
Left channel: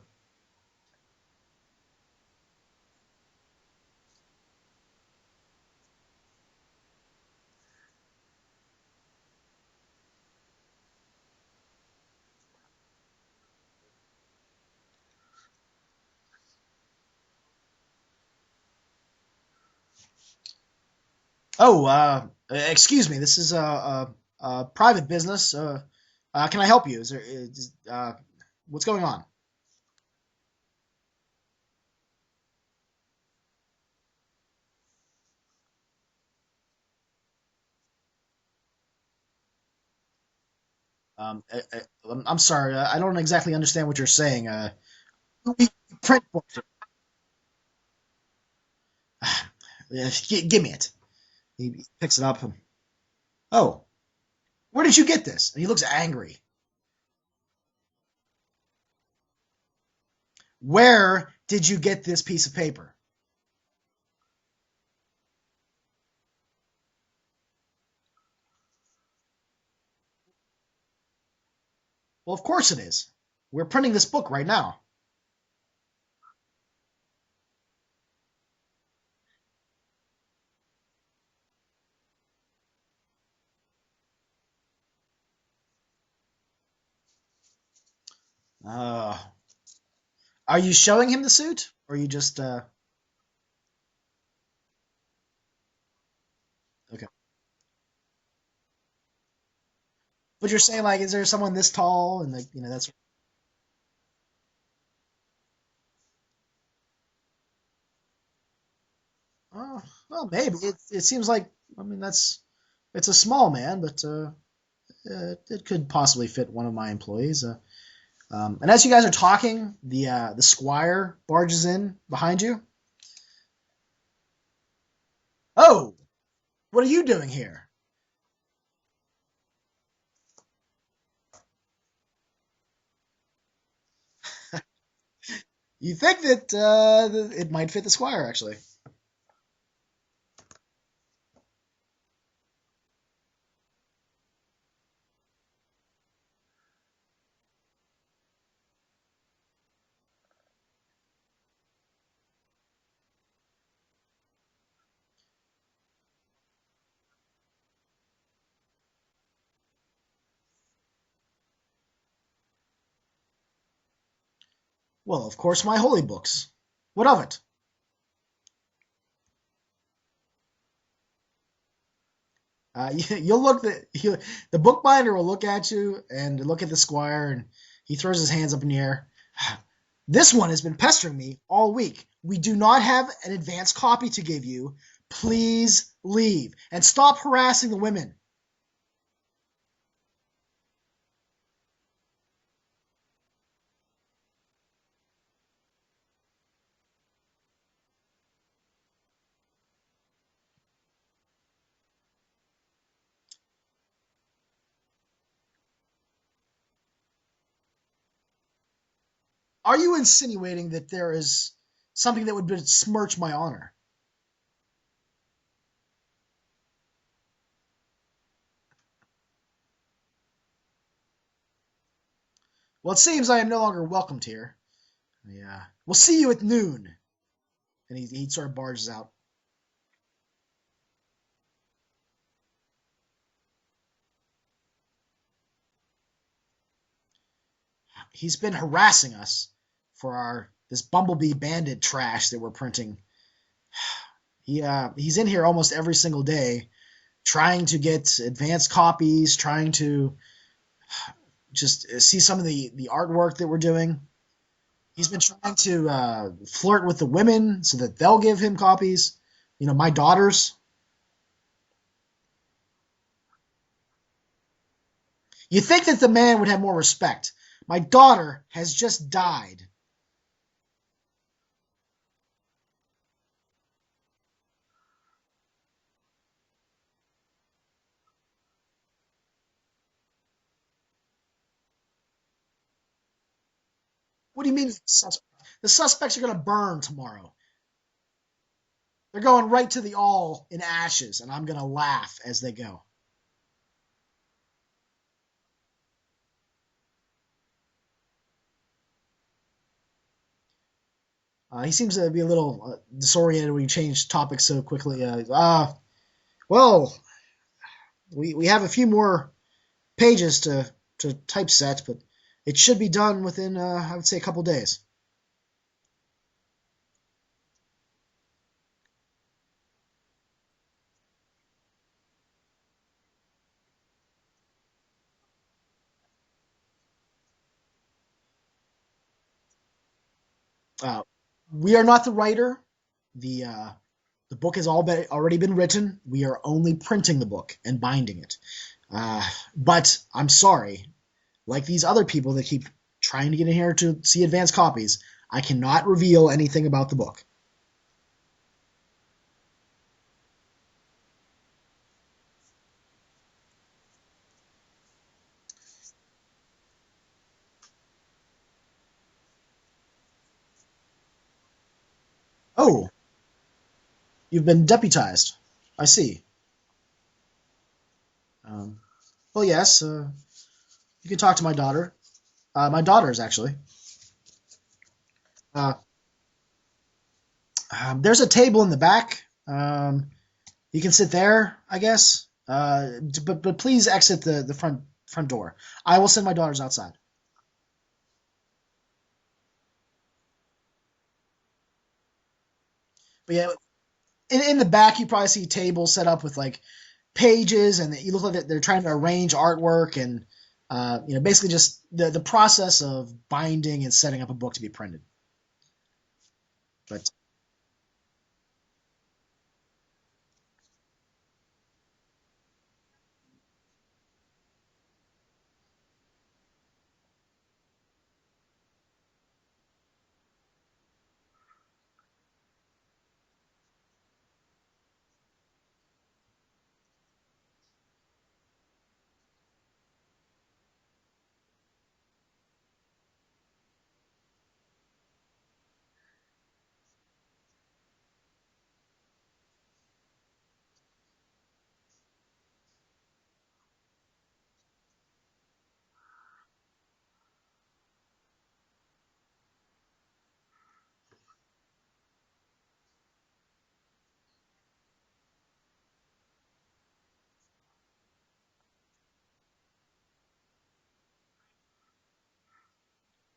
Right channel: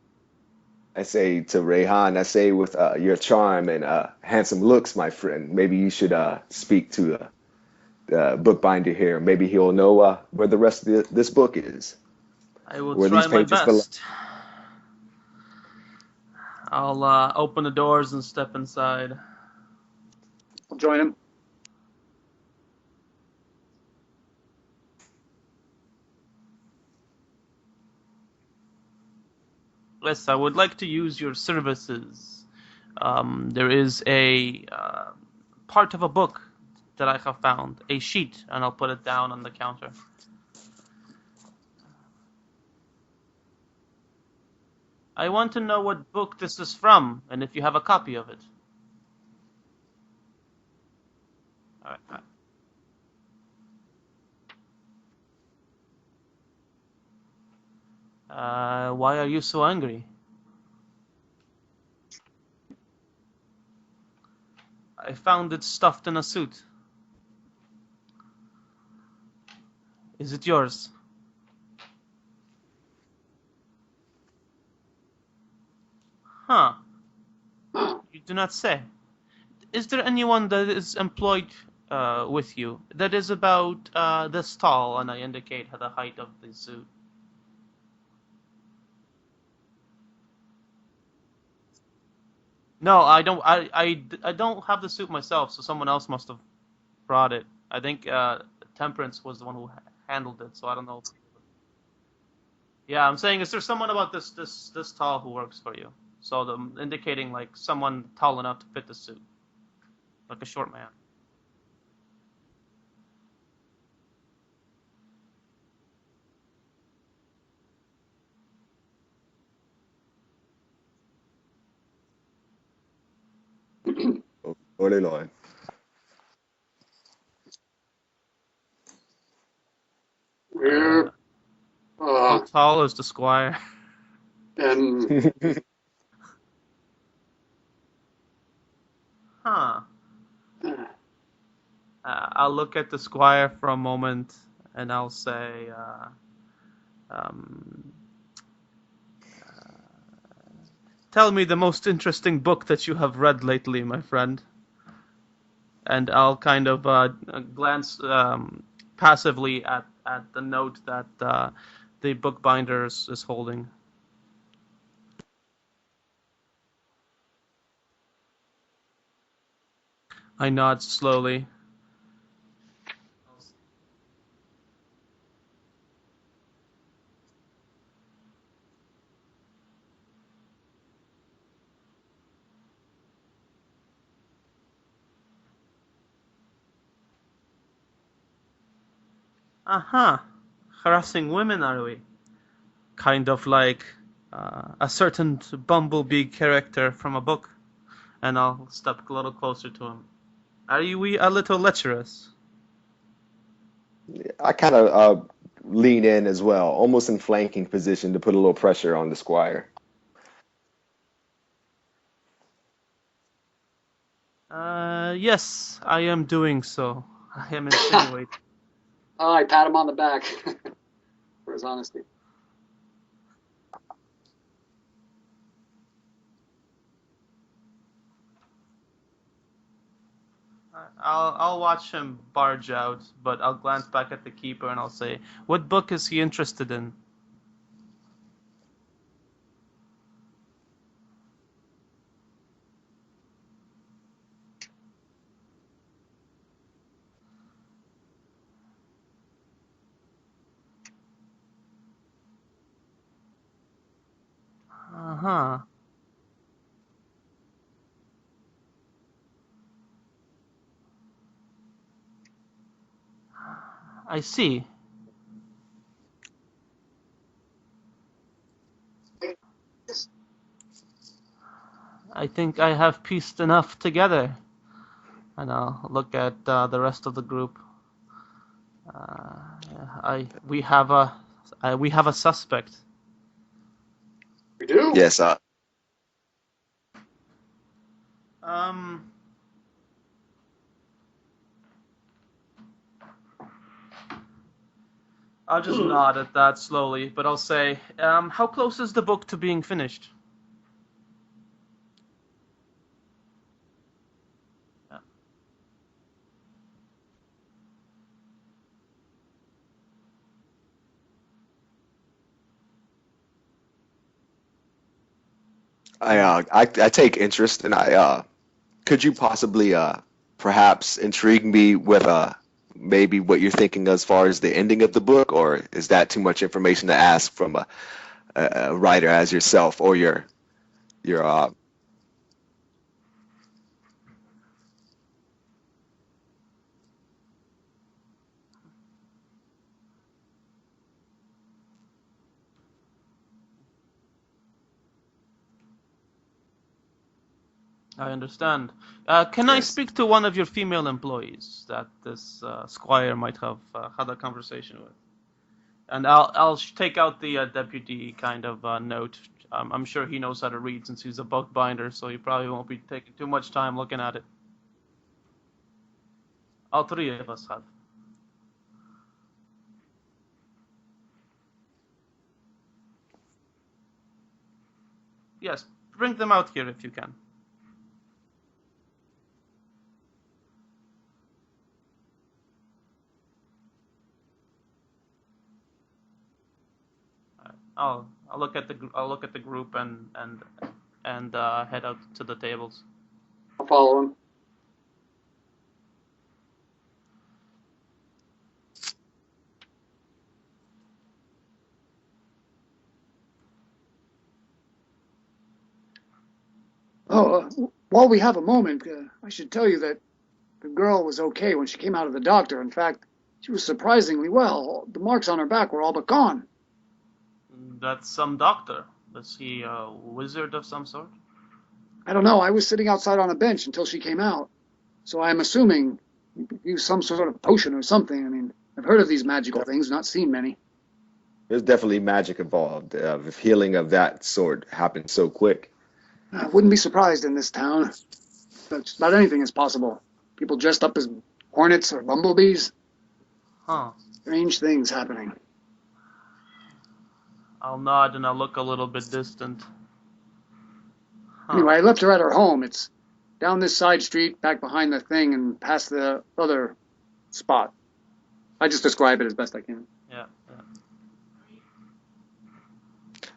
I say to Rayhan, I say with your charm and handsome looks, my friend, maybe you should speak to the bookbinder here. Maybe he'll know where the rest of this book is. I will Where try these my pages belong. best. I'll open the doors and step inside. I'll join him. Oh, excuse me, this is a private business. Can I help you? What's going on? Yes, I would like to use your services. There is a part of a book that I have found, a sheet, and I'll put it down on the counter. I'm sorry, I don't exactly understand what you're saying. I want to know what book this is from, and if you have a copy of it. Give me it. He picks it up. Oh, where did you get this? And he looks angry. Why are you so angry? Where did you get this piece of paper? I found it stuffed in a suit. Is it yours? Well, of course it is. We're printing this book right now. Huh. You do not say. Is there anyone that is employed with you that is about this tall? And I indicate the height of the suit. Are you showing him the suit, or you just? No, I don't. I don't have the suit myself, so someone else must have brought it. I think Temperance was the one who handled it. But you're saying, like, is there someone this tall, and like, that's? Yeah, I'm saying, is there someone about this tall who works for you? So I'm indicating like someone tall enough to fit the suit. Oh, well, maybe it seems like. I mean, it's a small man, but it could possibly fit one of my employees. And as you guys are talking, the squire barges in behind you. Lord. Oh, what are you doing here? How tall is the squire? You think that it might fit the squire, actually. Huh. I'll look at the squire for a moment, and I'll say, tell me the most interesting book that you have read lately, my friend. And I'll kind of glance passively at the note that the bookbinder is holding. Well, of course, my holy books. What of it? I nod slowly. You'll look the bookbinder will look at you and look at the squire, and he throws his hands up in the air. This one has been pestering me all week. We do not have an advance copy to give you. Please leave and stop harassing the women. Harassing women, are we? Kind of like a certain bumblebee character from a book. And I'll step a little closer to him. Are we a little lecherous? I kind of lean in as well, almost in flanking position to put a little pressure on the squire. Are you insinuating that there is something that would besmirch my honor? Yes, I am doing so. I am insinuating. I pat him on the back for his honesty. Well, it seems I am no longer welcomed here. Yeah. We'll see you at noon. And he sort of barges out. I'll watch him barge out, but I'll glance back at the keeper and I'll say, "What book is he interested in?" He's been harassing us for this bumblebee bandit trash that we're printing. He's in here almost every single day, trying to get advanced copies, trying to just see some of the artwork that we're doing. He's been trying to flirt with the women so that they'll give him copies. You know, my daughters. I see. You think that the man would have more respect. My daughter has just died. I think I have pieced enough together. And I'll look at the rest of the group. We have a suspect. What do you mean? Yes, The suspects are going to burn tomorrow. Um, They're going right to the all in ashes, and I'm going to laugh as they go. I'll just nod at that slowly, but I'll say, how close is the book to being finished? He seems to be a little disoriented when you change topics so quickly. Well, we have a few more pages to typeset, but it should be done within, I would say, a couple days. I take interest, and could you possibly perhaps intrigue me with maybe what you're thinking as far as the ending of the book, or is that too much information to ask from a writer as yourself or your We are not the writer. The book has already been written. We are only printing the book and binding it. But I'm sorry, like these other people that keep trying to get in here to see advanced copies, I cannot reveal anything about the book. I understand. Can I speak to one of your female employees that this squire might have had a conversation with? And I'll take out the deputy kind of note. I'm sure he knows how to read since he's a book binder, so he probably won't be taking too much time looking at it. You've been deputized. I see. All three of us have. Well, yes. You can talk to my daughter. My daughters, actually. Yes, bring them out here if you can. There's a table in the back. You can sit there, I guess. But please exit the front door. I will send my daughters outside. I'll look at the group and head out to the tables. But yeah, I'll follow him. In the back, you probably see tables set up with like pages, and you look like they're trying to arrange artwork and basically just the process of binding and setting up a book to be printed. But while we have a moment, I should tell you that the girl was okay when she came out of the doctor. In fact, she was surprisingly well. The marks on her back were all but gone. That's some doctor. Is he a wizard of some sort? I don't know. I was sitting outside on a bench until she came out. So I'm assuming he used some sort of potion or something. I mean, I've heard of these magical things, not seen many. There's definitely magic involved. If healing of that sort happens so quick. I wouldn't be surprised in this town. Just about anything is possible. People dressed up as hornets or bumblebees. Huh. Strange things happening. I'll nod and I'll look a little bit distant. Huh. Anyway, I left her at her home. It's down this side street, back behind the thing, and past the other spot. I just describe it as best I can. Yeah.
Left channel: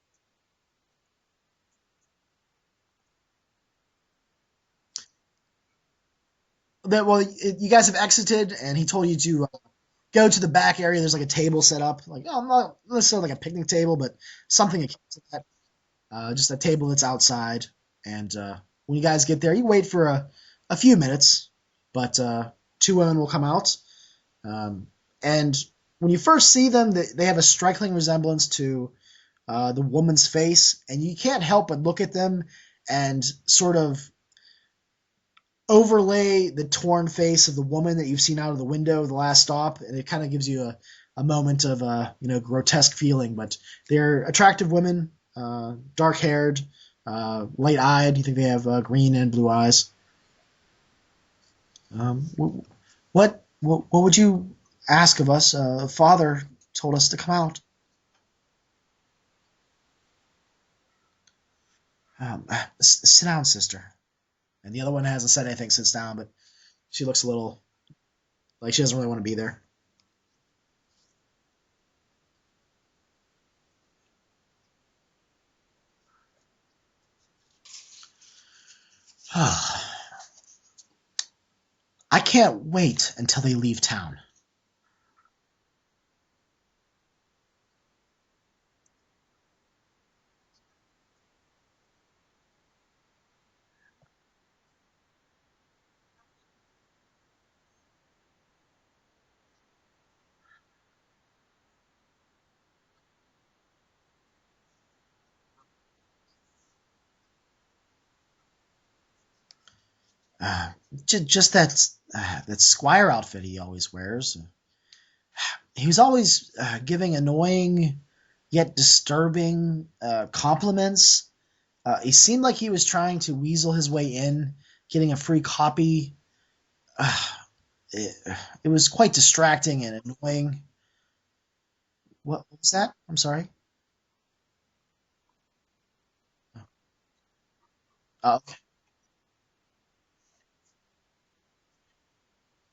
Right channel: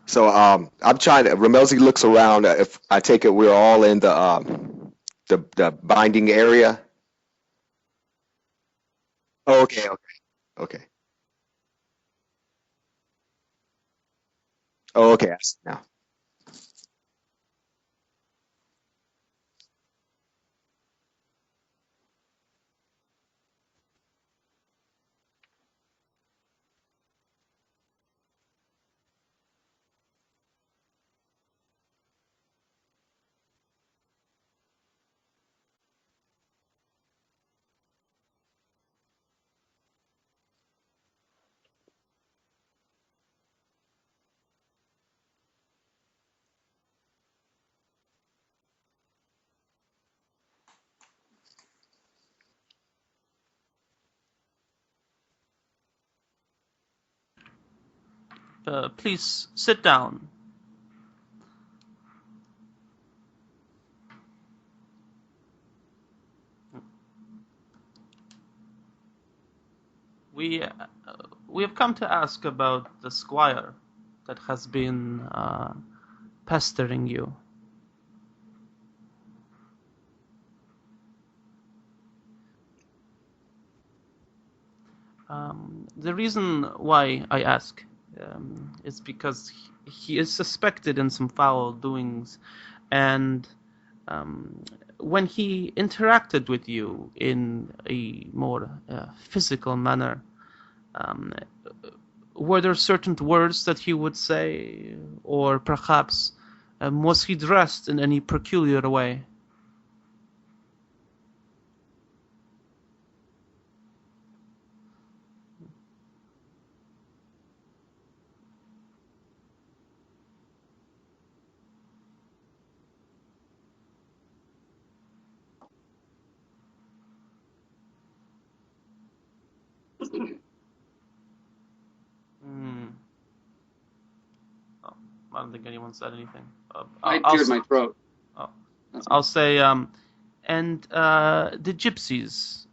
So I'm trying to. Ramelzi looks around. If I take it, we're all in the binding area. You guys have exited, and he told you to Okay. go to the back area. There's like a table set up, like not necessarily like a picnic table, but something. Okay. Yeah. Just a table that's outside, and when you guys get there, you wait for a few minutes, but two women will come out, and when you first see them, they have a striking resemblance to the woman's face, and you can't help but look at them and sort of overlay the torn face of the woman that you've seen out of the window of the last stop, and it kind of gives you a moment of grotesque feeling. But they're attractive women, dark-haired, light-eyed. You think they have green and blue eyes. What would you ask of us? Father told us to come out. Please sit down. Sit down, sister. And the other one hasn't said anything, sits down, but She looks a little like she doesn't really want to be there. We have come to ask about the squire that has been pestering you. I can't wait until they leave town. The reason why I ask is because he is suspected in some foul doings, and when he interacted with you in a more physical manner, were there certain words that he would say, or perhaps was he dressed in any peculiar way? Just that squire outfit he always wears. He was always giving annoying yet disturbing compliments. He seemed like he was trying to weasel his way in, getting a free copy. It was quite distracting and annoying. What was that? I'm sorry. Oh, I don't think anyone said anything. I cleared my throat. Oh, okay. I'll say, and the gypsies.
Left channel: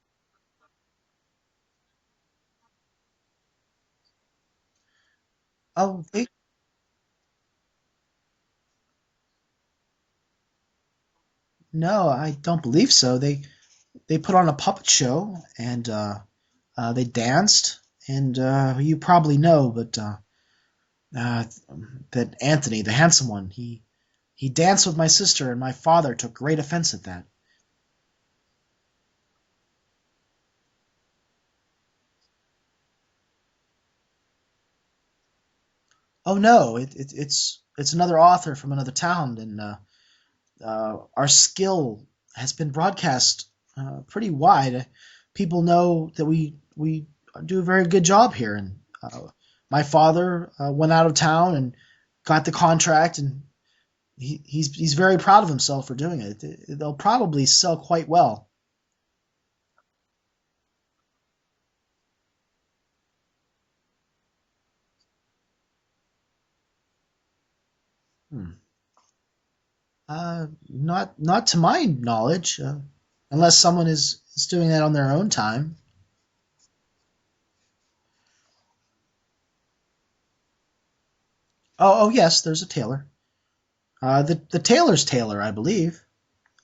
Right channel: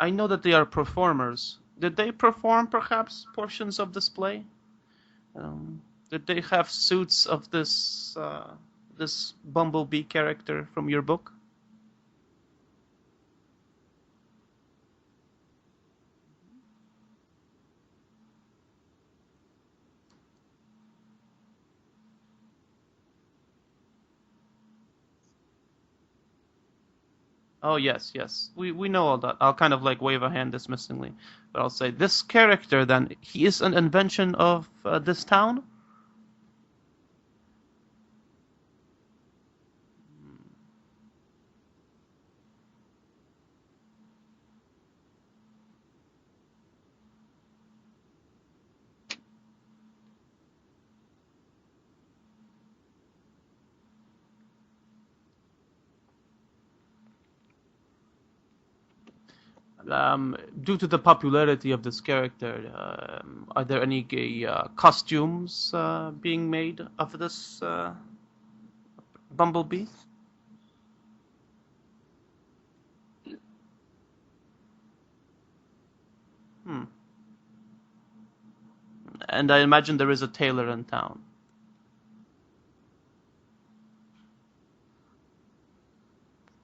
I know that they are performers. Did they perform perhaps portions of display? Did they have suits of this bumblebee character from your book? No, I don't believe so. They put on a puppet show and they danced, and you probably know, but that Anthony, the handsome one, he danced with my sister, and my father took great offense at that. Oh, yes. We know all that. I'll kind of like wave a hand dismissingly. But I'll say, this character, then, he is an invention of this town? Oh, no, it's another author from another town, and our skill has been broadcast pretty wide. People know that we do a very good job here, and my father went out of town and got the contract, and he's very proud of himself for doing it. They'll probably sell quite well. Due to the popularity of this character, are there any costumes being made of this bumblebee? Not to my knowledge, unless someone is doing that on their own time. And I imagine there is a tailor in town. Oh yes, there's a tailor. The tailor's tailor, I believe.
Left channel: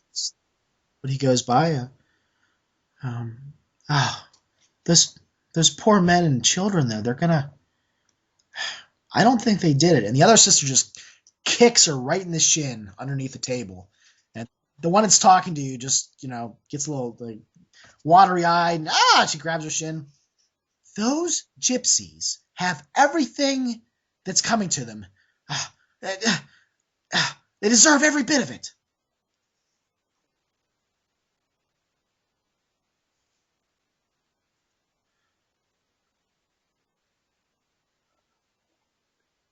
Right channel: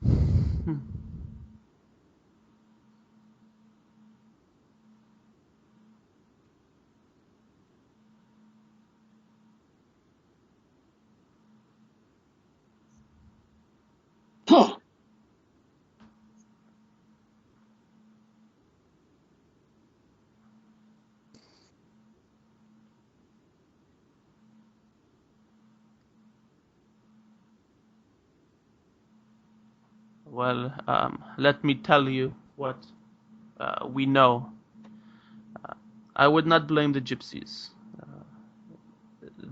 That's what he goes by. Those poor men and children there. They're gonna. I don't think they did it. And the other sister just kicks her right in the shin underneath the table. And the one that's talking to you just, gets a little like watery eyed. And, she grabs her shin. Those gypsies have everything that's coming to them. They deserve every bit of it. Well, let me tell you what we know. I would not blame the gypsies.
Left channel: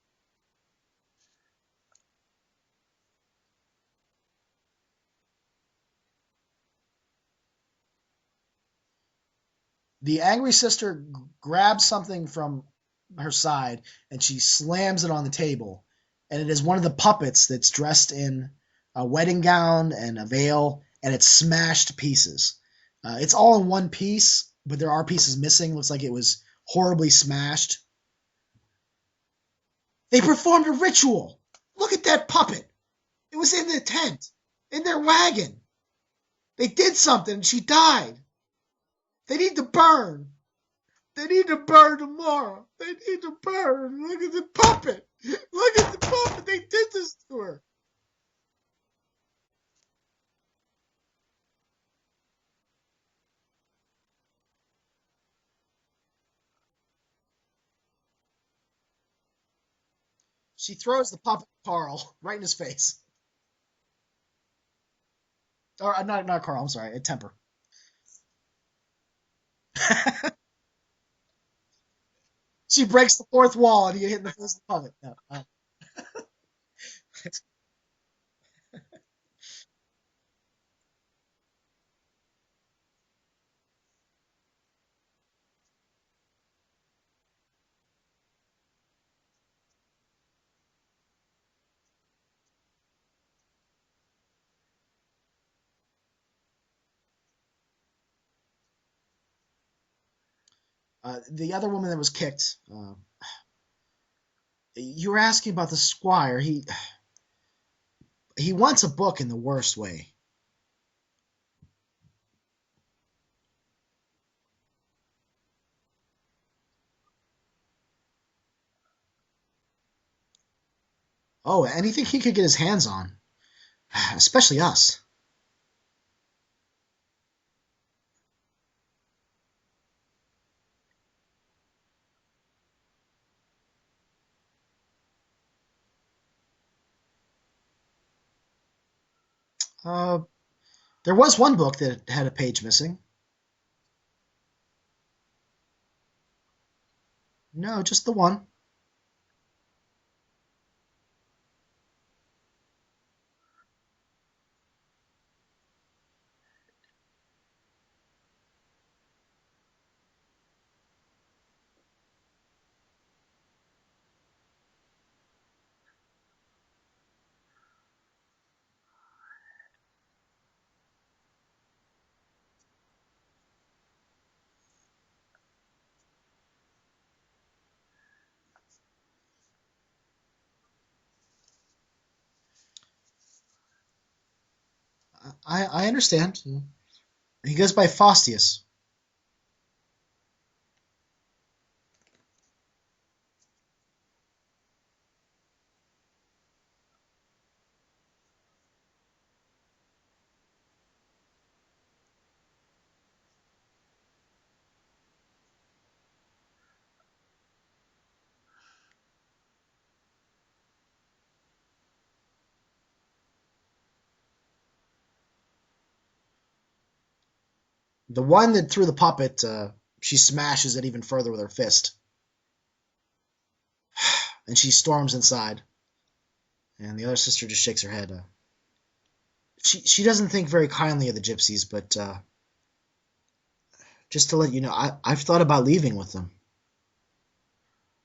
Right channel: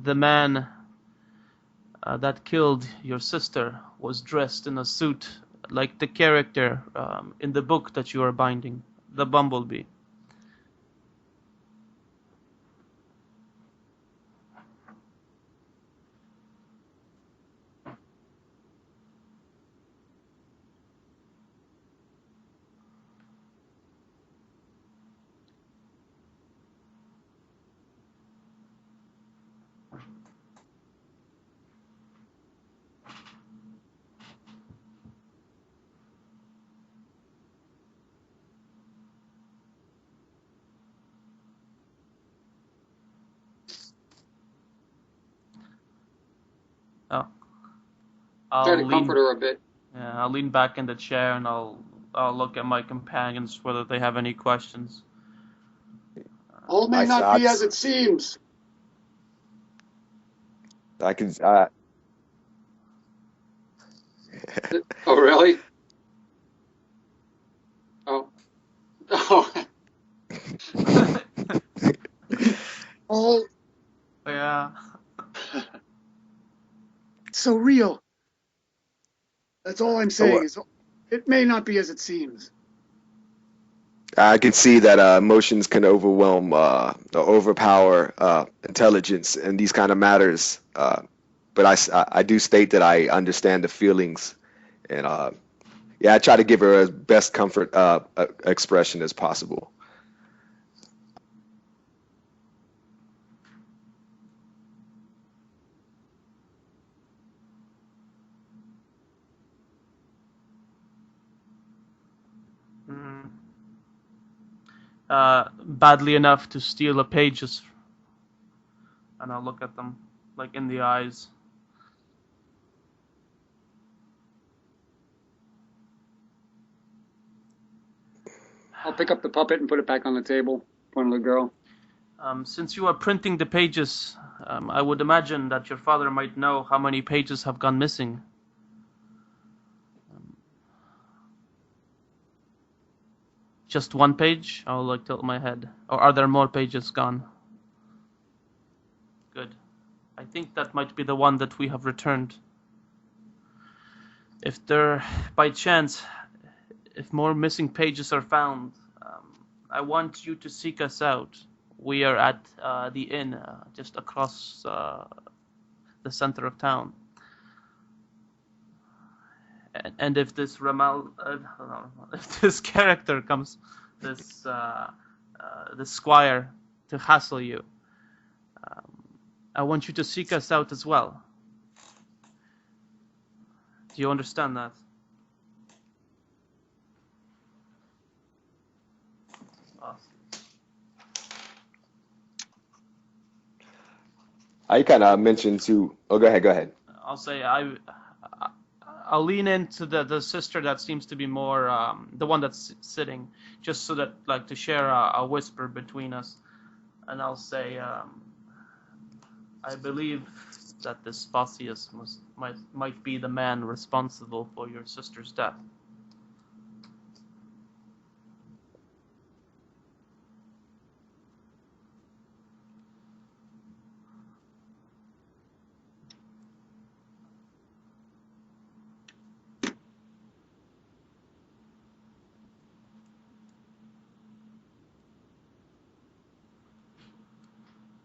The man that killed your sister was dressed in a suit like the character in the book that you are binding, the bumblebee. The angry sister grabs something from her side and she slams it on the table. And it is one of the puppets that's dressed in a wedding gown and a veil, and it's smashed to pieces. It's all in one piece, but there are pieces missing. Looks like it was horribly smashed. They performed a ritual. Look at that puppet. It was in the tent, in their wagon. They did something, and she died. They need to burn. They need to burn tomorrow. They need to burn. Look at the puppet. Look at the puppet. They did this to her. Try to comfort her a bit. Yeah, I'll lean back in the chair and I'll look at my companions whether they have any questions. All may not be as it seems. She throws the puppet at Carl right in his face. Oh, really? Or not Carl. I'm sorry, at Temper. Oh. She breaks the fourth wall and you hit the puppet. No. It's so real. That's all I'm saying. It may not be as it seems. I can see that emotions can overwhelm or overpower intelligence in these kind of matters. But I do state that I understand the feelings, and Yeah, I try to give her as best comfort expression as possible. The other woman that was kicked. You were asking about the squire. He wants a book in the worst way. Badly enough to steal the pages, and I'll look at them like in the eyes. Oh, anything he could get his hands on, especially us. I'll pick up the puppet and put it back on the table in front of the girl. Since you are printing the pages, I would imagine that your father might know how many pages have gone missing. There was one book that had a page missing. Just one page? I'll like tilt my head. Or are there more pages gone? No, just the one. Good. I think that might be the one that we have returned. If there, by chance, if more missing pages are found, I want you to seek us out. We are at the inn just across the center of town. And if this if this character comes, this squire, to hassle you, I want you to seek us out as well. Do you understand that? I understand. He goes by Faustius. I kind of mentioned to. Oh, go ahead. I'll say I'll lean into the sister that seems to be more the one that's sitting, just so that like to share a whisper between us, and I'll say I believe that this Faustius might be the man responsible for your sister's death. The one that threw the puppet, she smashes it even further with her fist. And she storms inside. And the other sister just shakes her head. She doesn't think very kindly of the gypsies, but just to let you know, I've thought about leaving with them.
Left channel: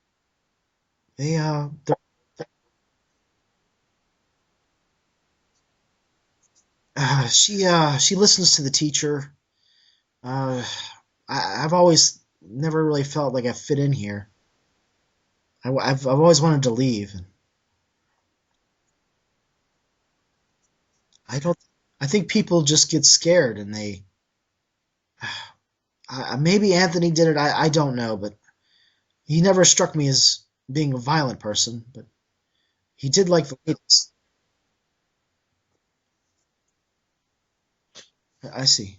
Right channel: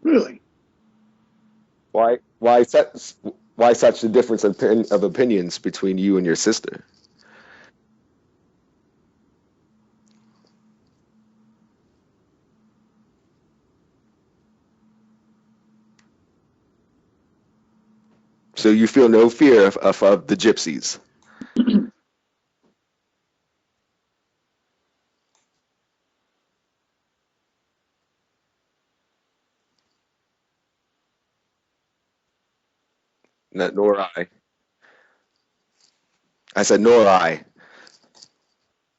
Really? They Why such a difference of opinions between you and your sister? She listens to the teacher. I've always never really felt like I fit in here. I've always wanted to leave. So you feel no fear of the gypsies? I think people just get scared and they. Maybe Anthony did it. I don't know, but he never struck me as being a violent person. But he did like the. Nor I. I said, nor I. I see.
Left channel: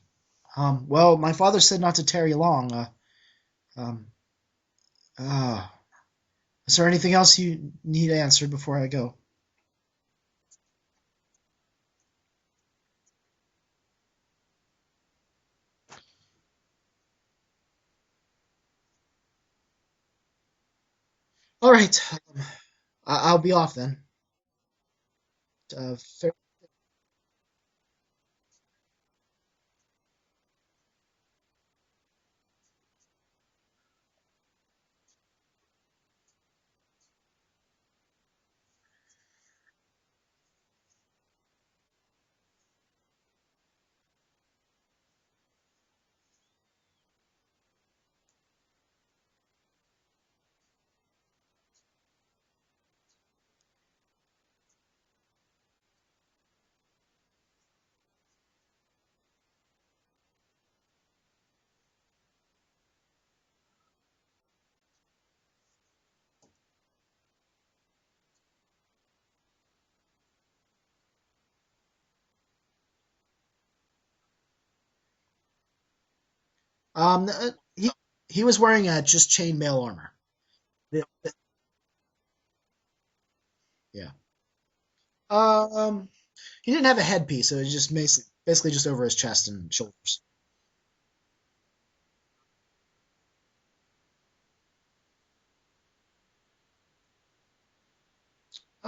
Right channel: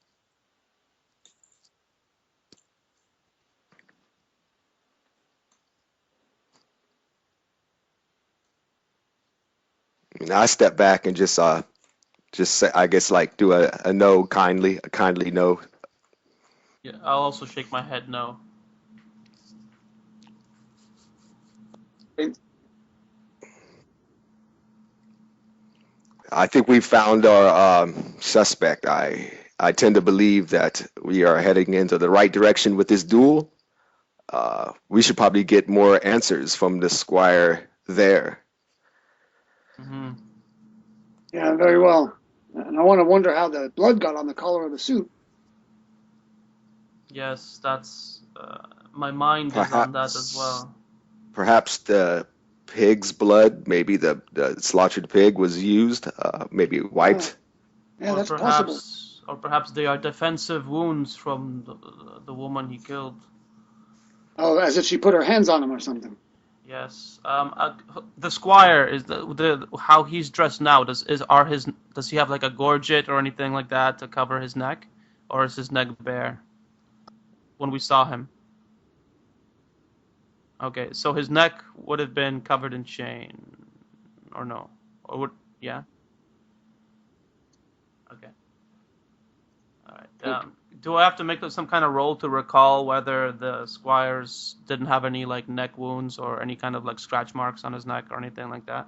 Well, my father said not to tarry long. Is there anything else you need answered before I go? I step back and just say, I guess, like do a no a kindly no. Yeah, I'll also shake my head no. All right, I'll be off then. I think we found our suspect. I tend to believe that we are heading into the right direction with this duel. We should probably get more answers from the squire there. Mm-hmm. Yeah, very well. And I want to wonder how the blood got on the collar of the suit. Yes, that's my mind is on that as well. Perhaps the pig's blood, maybe the slaughtered pig was used, maybe wiped. Yeah, Or that's perhaps, possible. or perhaps they are defensive wounds from the woman he killed. Oh, as if she put her hands on him or something. Yes. The squire is the how he's dressed now. Does he have like a gorget or anything like that to cover his neck, or is his neck bare? When we saw him, he was wearing just chainmail armor. Okay, so his neck would have been covered in chain. Yeah. Or no? Or would, He didn't have a headpiece, so it was just basically just over his chest and shoulders. Right. Do I have to make some kind of roll to recall whether the squires didn't have any like neck wounds or any kind of like scratch marks on his neck or anything like that?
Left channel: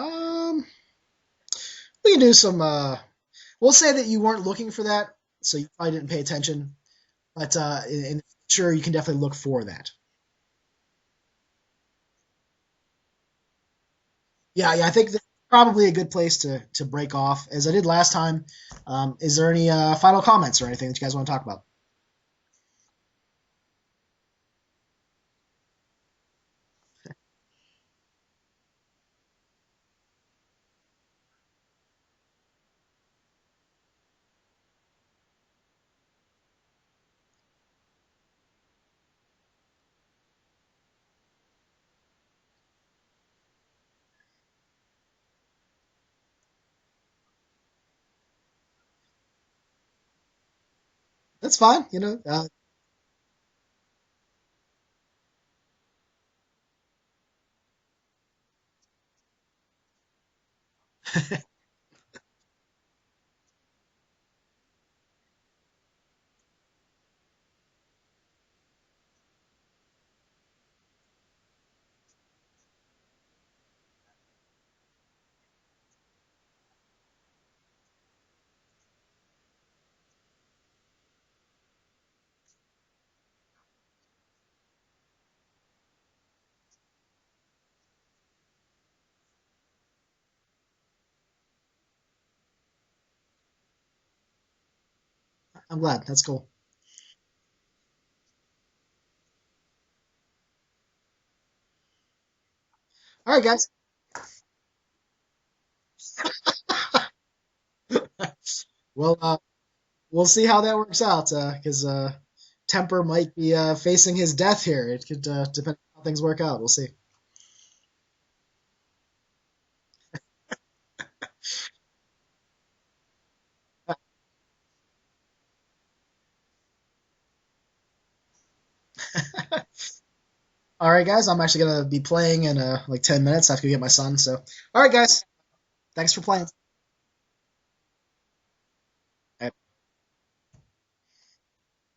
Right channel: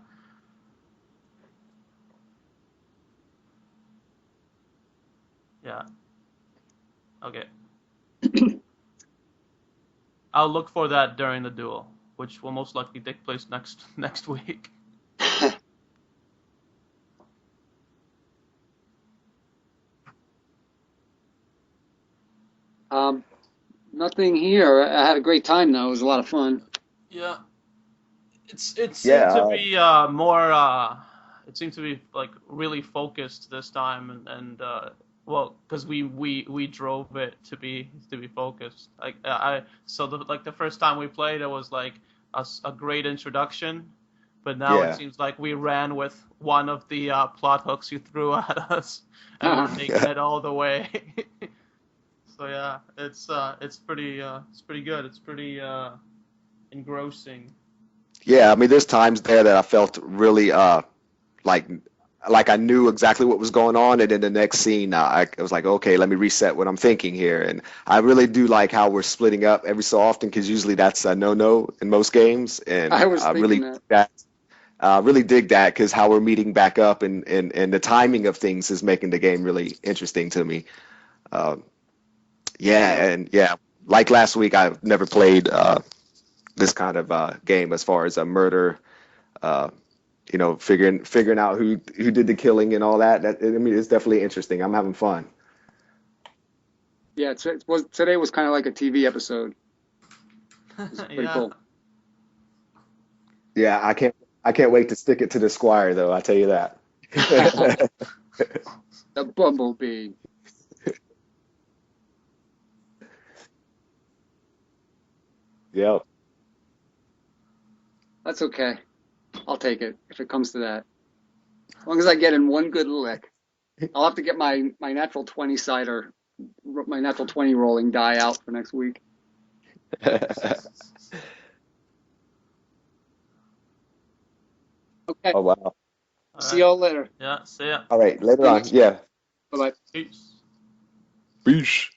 We can do some. We'll say that you weren't looking for that, so I didn't pay attention. Okay. But in the future, you can definitely look for that. I'll look for that during the duel. which will most likely take place next week. Yeah, I think that's probably a good place to break off, as I did last time. Is there any final comments or anything that you guys want to talk about? Nothing here. I had a great time though. It was a lot of fun. Yeah, it seemed Yeah, to be more. It seemed to be like really focused this time, and well, because we drove it to be focused. So the first time we played, it was like a great introduction, but now it yeah. seems like we ran with one of the plot hooks you threw at us, and we're taking it all the way. That's fine, So yeah, it's pretty good. It's pretty engrossing. Yeah, I mean, there's times there that I felt really like like I knew exactly what was going on, and in the next scene, I was like, okay, let me reset what I'm thinking here. And I really do like how we're splitting up every so often, because usually that's a no-no in most games, and I was really thinking really dig that, because how we're meeting back up and the timing of things is making the game really interesting to me. Yeah, like last week, I've never played this kind of game as far as a murder. Figuring out who did the killing and all that. I mean, it's definitely interesting. I'm having fun. I'm glad. That's cool. Yeah, today was kind of like a TV episode. It's pretty Yeah. cool. All right, guys. Yeah, I can't wait to stick it to the squire, though. I tell you that. Well, The bumblebee. we'll see how that works out, because Temper might be facing his death here. It could depend on how things work out. We'll see. That's okay. I'll take it if it comes to that. As long as I get in one good lick. I'll have to get my natural 20 sider, my natural 20 rolling die out for next week. All right, guys. I'm actually gonna be playing in like 10 minutes. I have to go get my son. So, all right, guys. Okay. Oh, wow. Thanks for playing. See y'all later. Yeah. See ya. All right, later on. Yeah. Bye-bye. Peace. Peace.